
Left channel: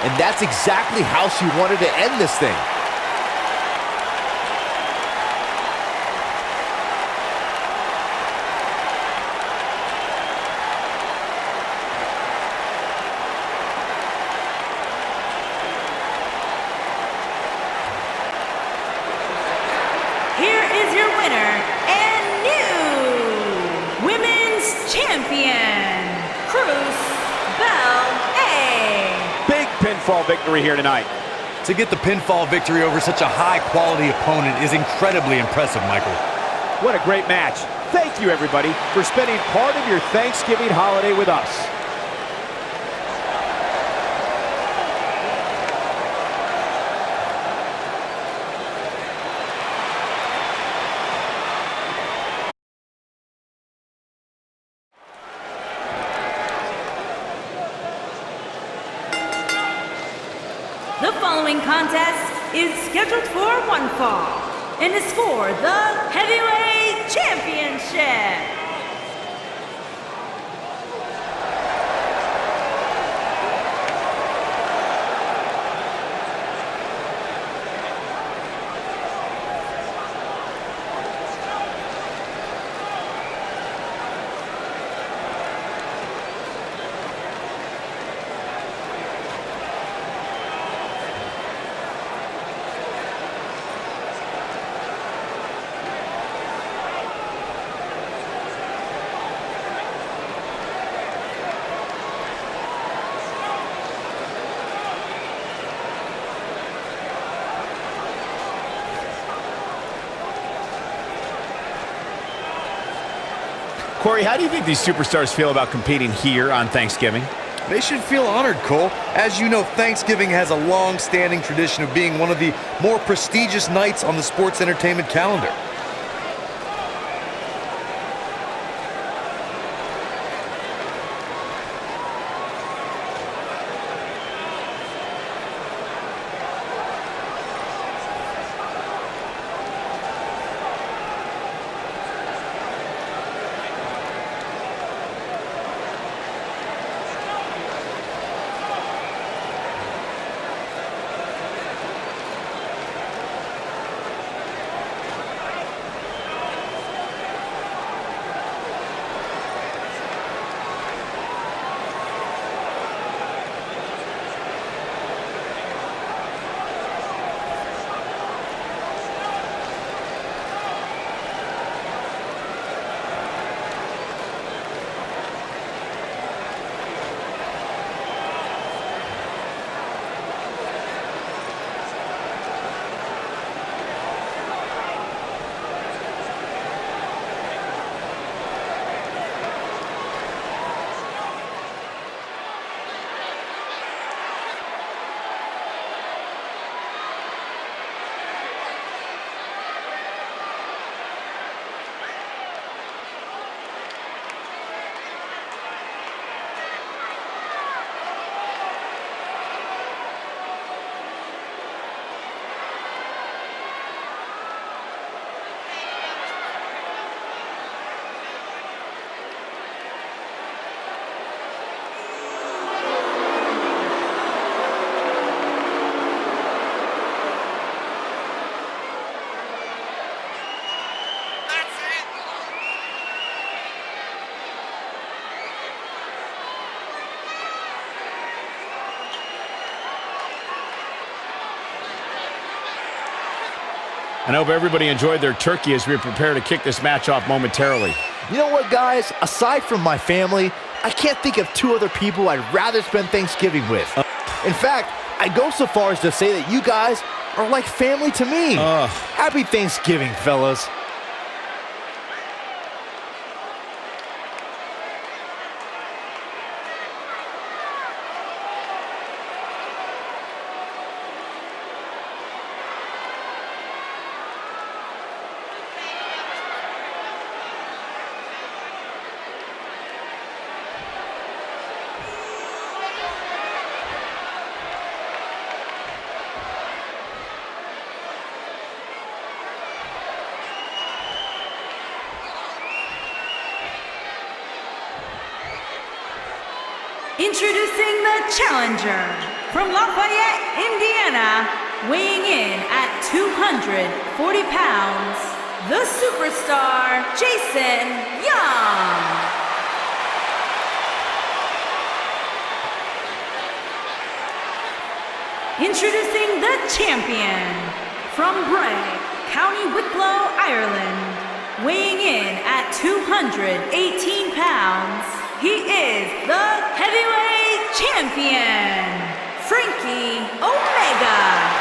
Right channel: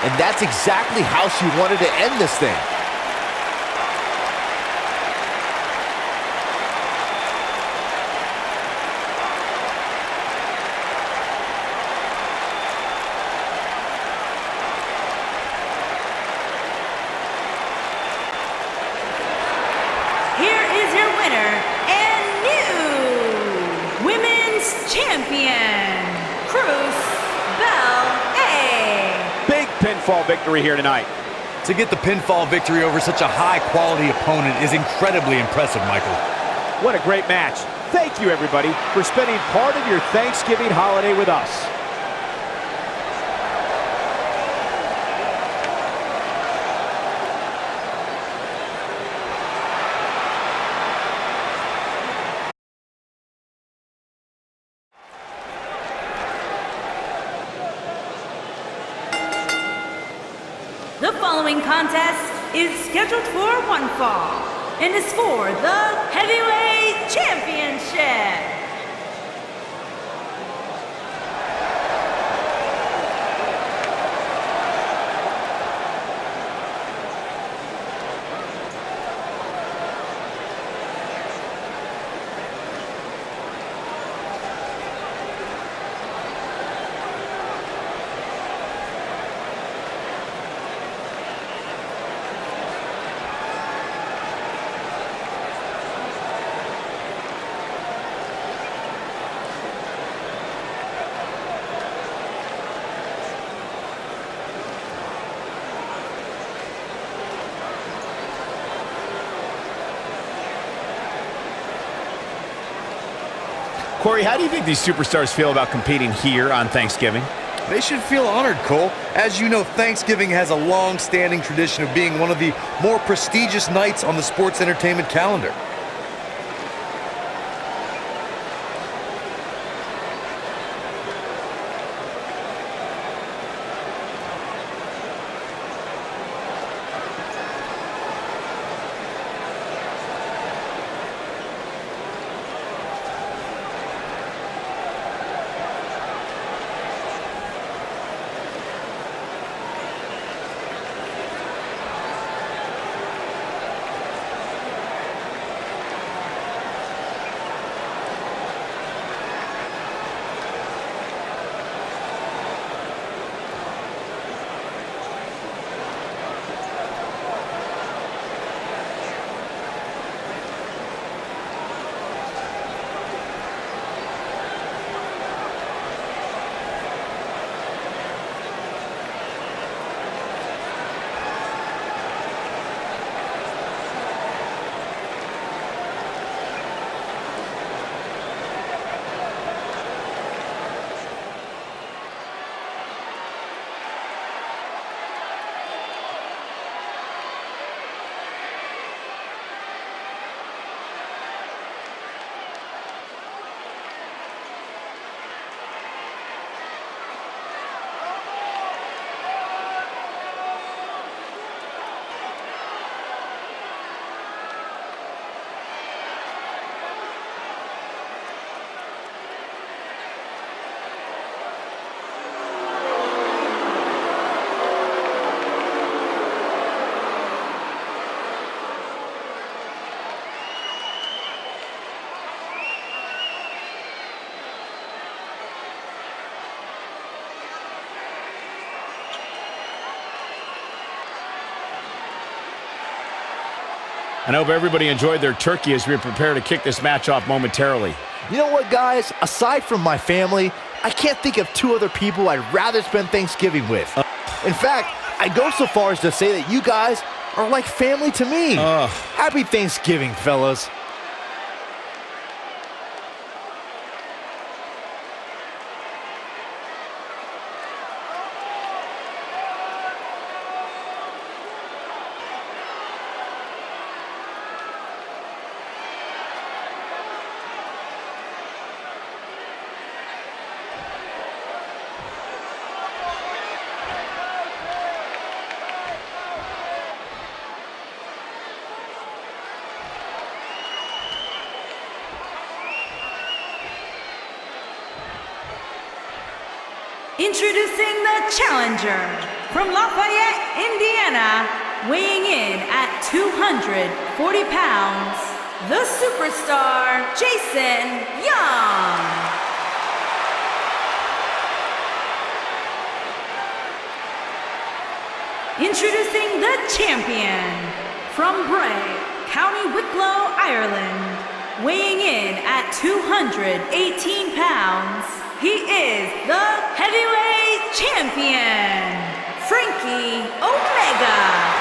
And that's exactly how she wanted to end this thing. Here is your winner and new Women's Champion, Bell A. Big pinfall victory here tonight. To get the pinfall victory over such a high-quality opponent is incredibly impressive, Michael. What a great match. Thank you, everybody, for spending part of your Thanksgiving holiday with us. The following contest is scheduled for one fall and is for the Heavyweight Championship. Corey, how do you think these superstars feel about competing here on Thanksgiving? They should feel honored, Cole. As you know, Thanksgiving has a long-standing tradition of being one of the more prestigious nights on the sports entertainment calendar. And I hope everybody enjoyed their turkey as we prepare to kick this match off momentarily. You know what, guys? Aside from my family, I can't think of two other people I'd rather spend Thanksgiving with. In fact, I go so far as to say that you guys are like family to me. Happy Thanksgiving, fellas. Introducing the challenger from Lafayette, Indiana, weighing in at 240 pounds, the superstar, Jason Young. Introducing the champion from Bray, County Wicklow, Ireland, weighing in at 218 pounds, he is the heavyweight champion, Frankie Omega.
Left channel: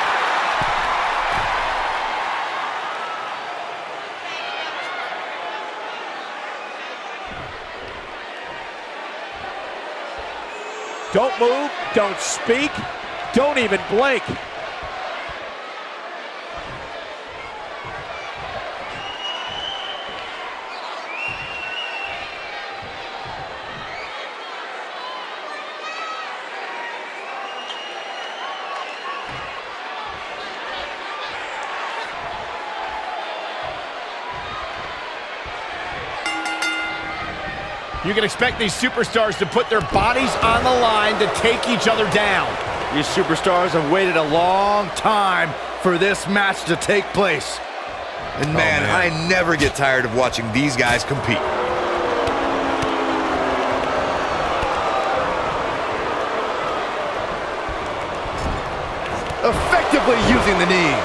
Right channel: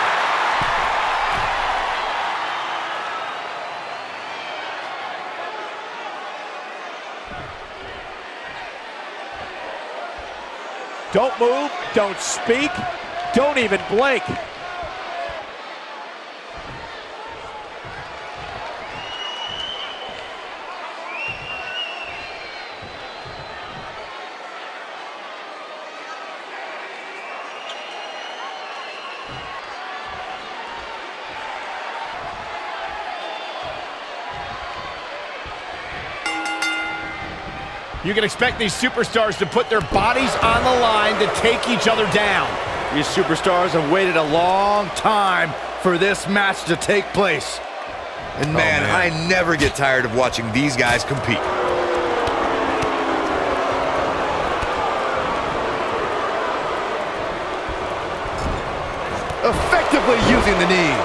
Don't move, don't speak, don't even blink. You can expect these superstars to put their bodies on the line to take each other down. These superstars have waited a long time for this match to take place. And man, I never get tired of watching these guys compete. Effectively using the knee.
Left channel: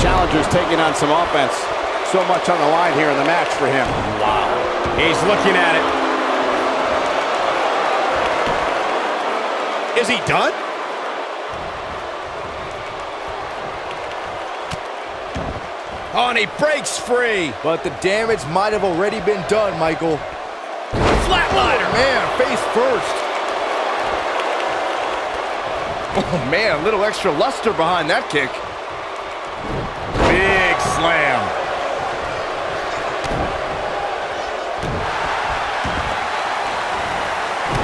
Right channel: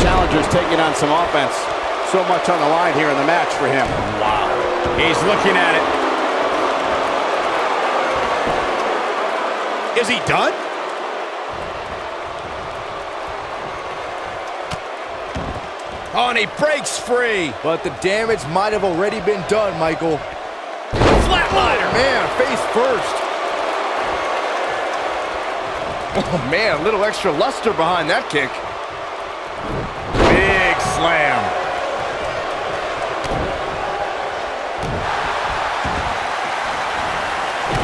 Challenger's taking on some offense. So much on the line here in the match for him. Wow. He's looking at it. Is he done? Oh, and he breaks free. But the damage might have already been done, Michael. Flatliner. Oh, man, face first. Oh, man, a little extra luster behind that kick. Big slam.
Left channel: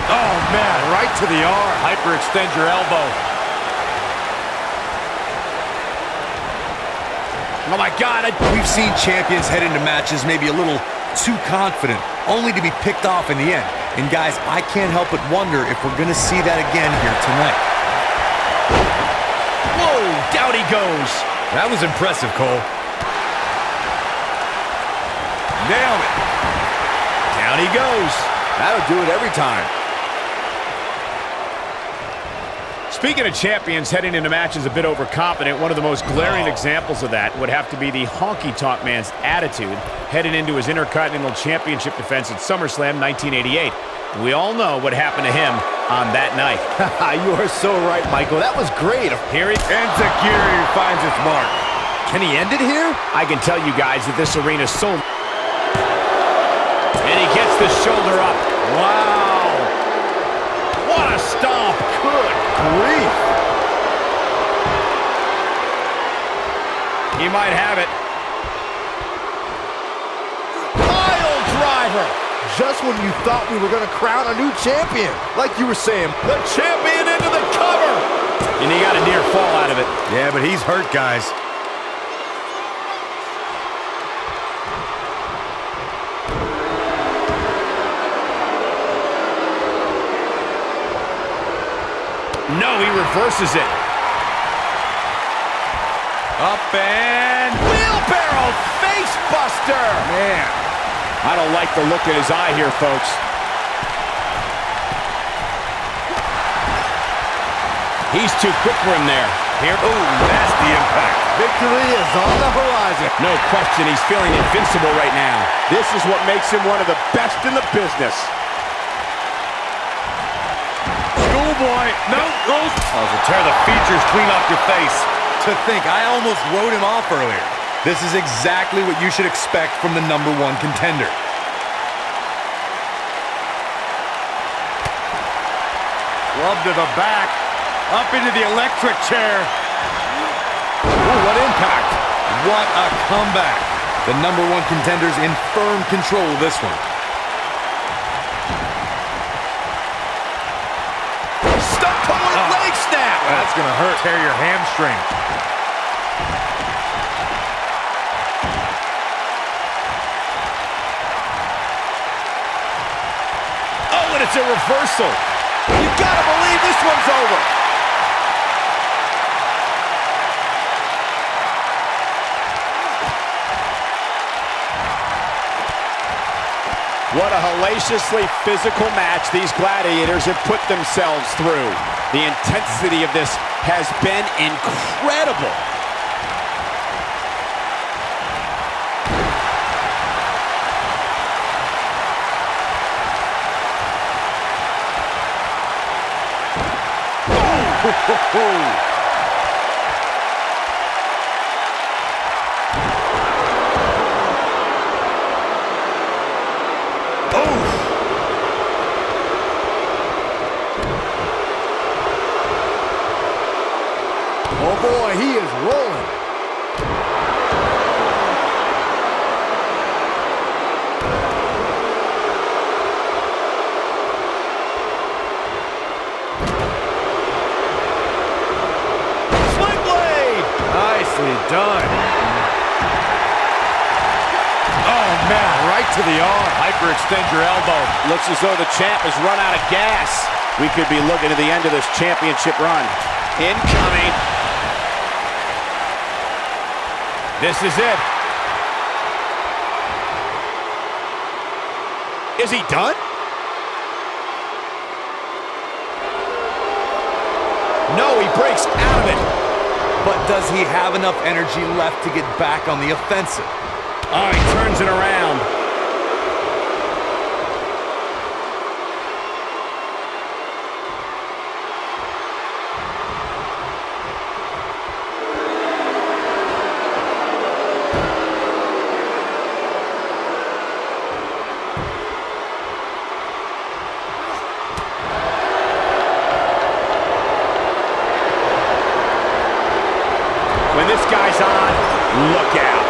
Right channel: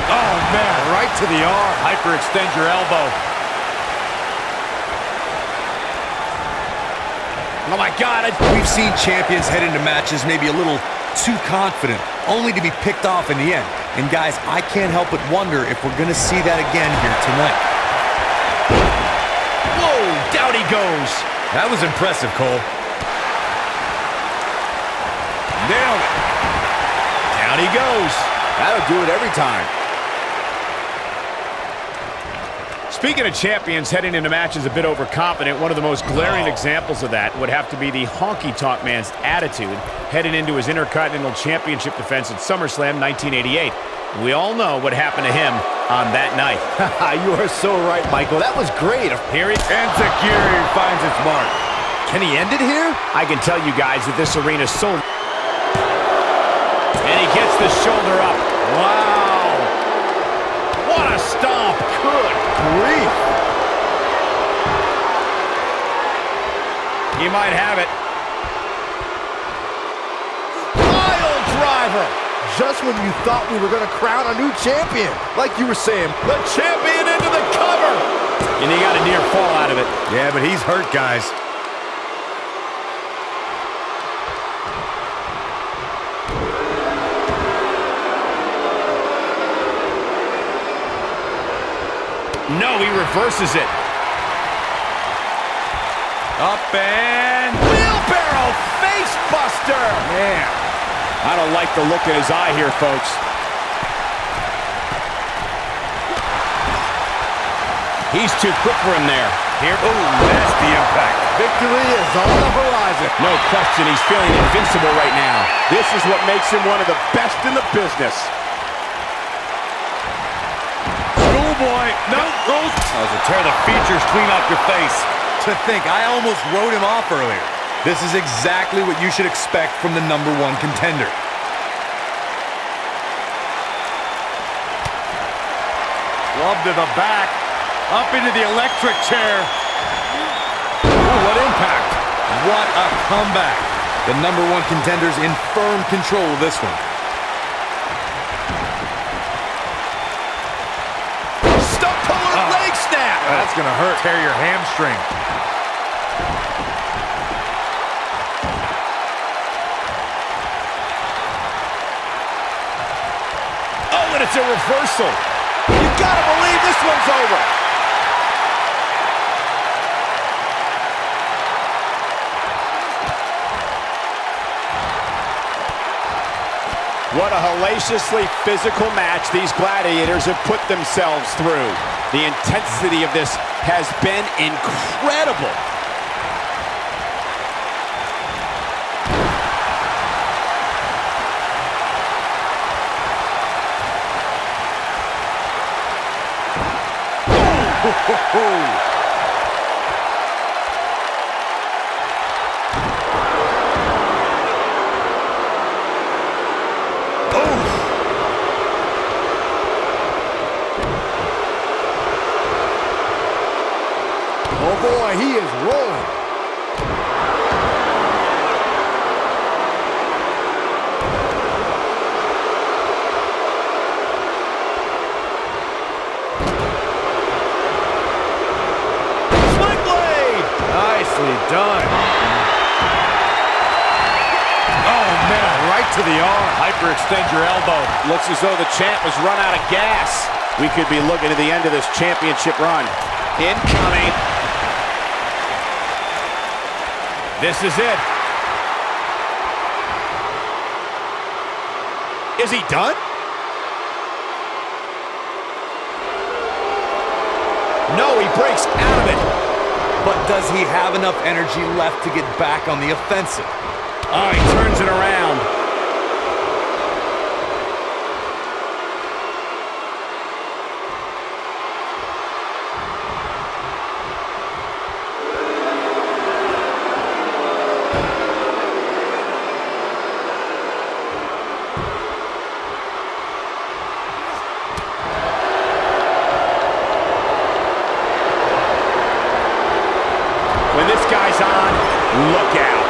Oh, man, right to the arm. Hyperextend your elbow. Oh, my God. We've seen champions head into matches maybe a little too confident, only to be picked off in the end. And guys, I can't help but wonder if we're going to see that again here tonight. Whoa, down he goes. That was impressive, Cole. Nailed it. Down he goes. That'll do it every time. Speaking of champions heading into matches a bit overconfident, one of the most glaring examples of that would have to be the honky-tonk man's attitude heading into his Intercontinental Championship defense at SummerSlam 1988. We all know what happened to him on that night. You are so right, Michael. That was great. Here he And security finds its mark. Can he end it here? I can tell you guys that this arena's so... And he gets the shoulder up. Wow. What a stomp. Good grief. He might have it. Pile driver. Just when you thought we were going to crown a new champion. Like you were saying, The champion into the cover. And he got a near fall out of it. Yeah, but he's hurt, guys. No, he reverses it. Up and Wheelbarrow face buster. man. I don't like the look in his eye here, folks. He's too quick for him there. Here, oh, nasty impact. Victory is on the horizon. No question, he's feeling invincible right now. This is what makes him one of the best in the business. Schoolboy, no, Rose. Oh, so tear the features clean off your face. To think, I almost wrote him off earlier. This is exactly what you should expect from the #1 contender. Club to the back. Up into the electric chair. Ooh, what impact. What a comeback. The #1 contender's in firm control of this one. Stump puller leg snap. That's going to hurt. Tear your hamstring. Oh, and it's a reversal. You gotta believe this one's over. What a hellaciously physical match these gladiators have put themselves through. The intensity of this has been incredible. Oh boy, he is rolling. Swing blade! Nicely done. Oh, man, right to the arm. Hyperextend your elbow. Looks as though the champ has run out of gas. We could be looking at the end of this championship run. Incoming. This is it. Is he done? No, he breaks out of it. But does he have enough energy left to get back on the offensive? Oh, he turns it around. When this guy's on, look out.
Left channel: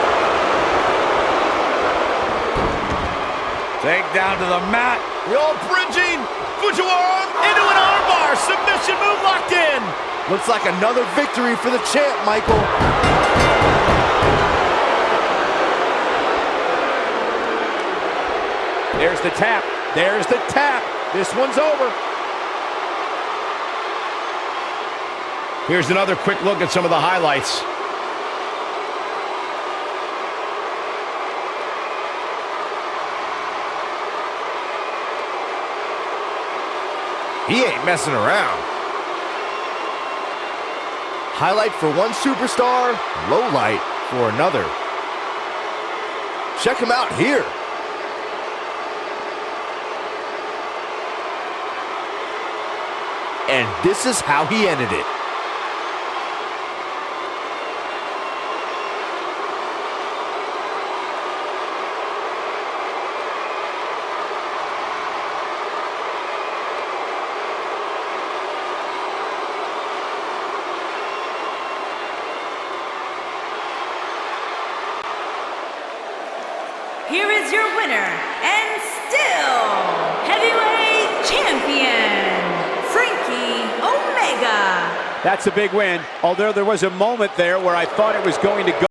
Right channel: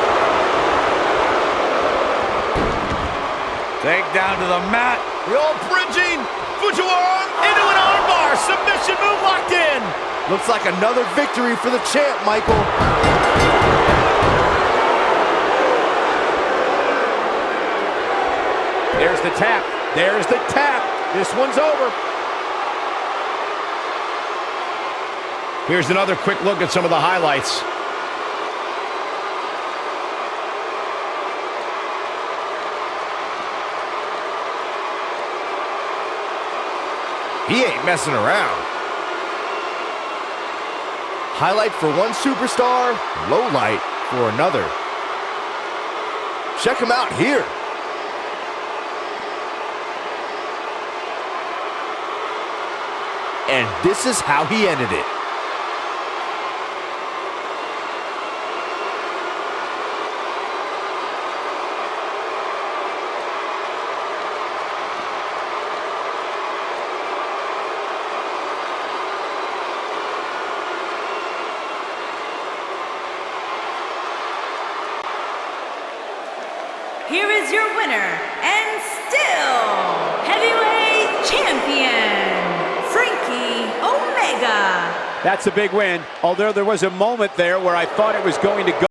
Take down to the mat. The old bridging, foot to arm, into an armbar. Submission move locked in. Looks like another victory for the champ, Michael. There's the tap. There's the tap. This one's over. Here's another quick look at some of the highlights. He ain't messing around. Highlight for one superstar, low light for another. Check him out here. And this is how he ended it. Here is your winner, and still heavyweight champion, Frankie Omega. That's a big win, although there was a moment there where I thought it was going to go.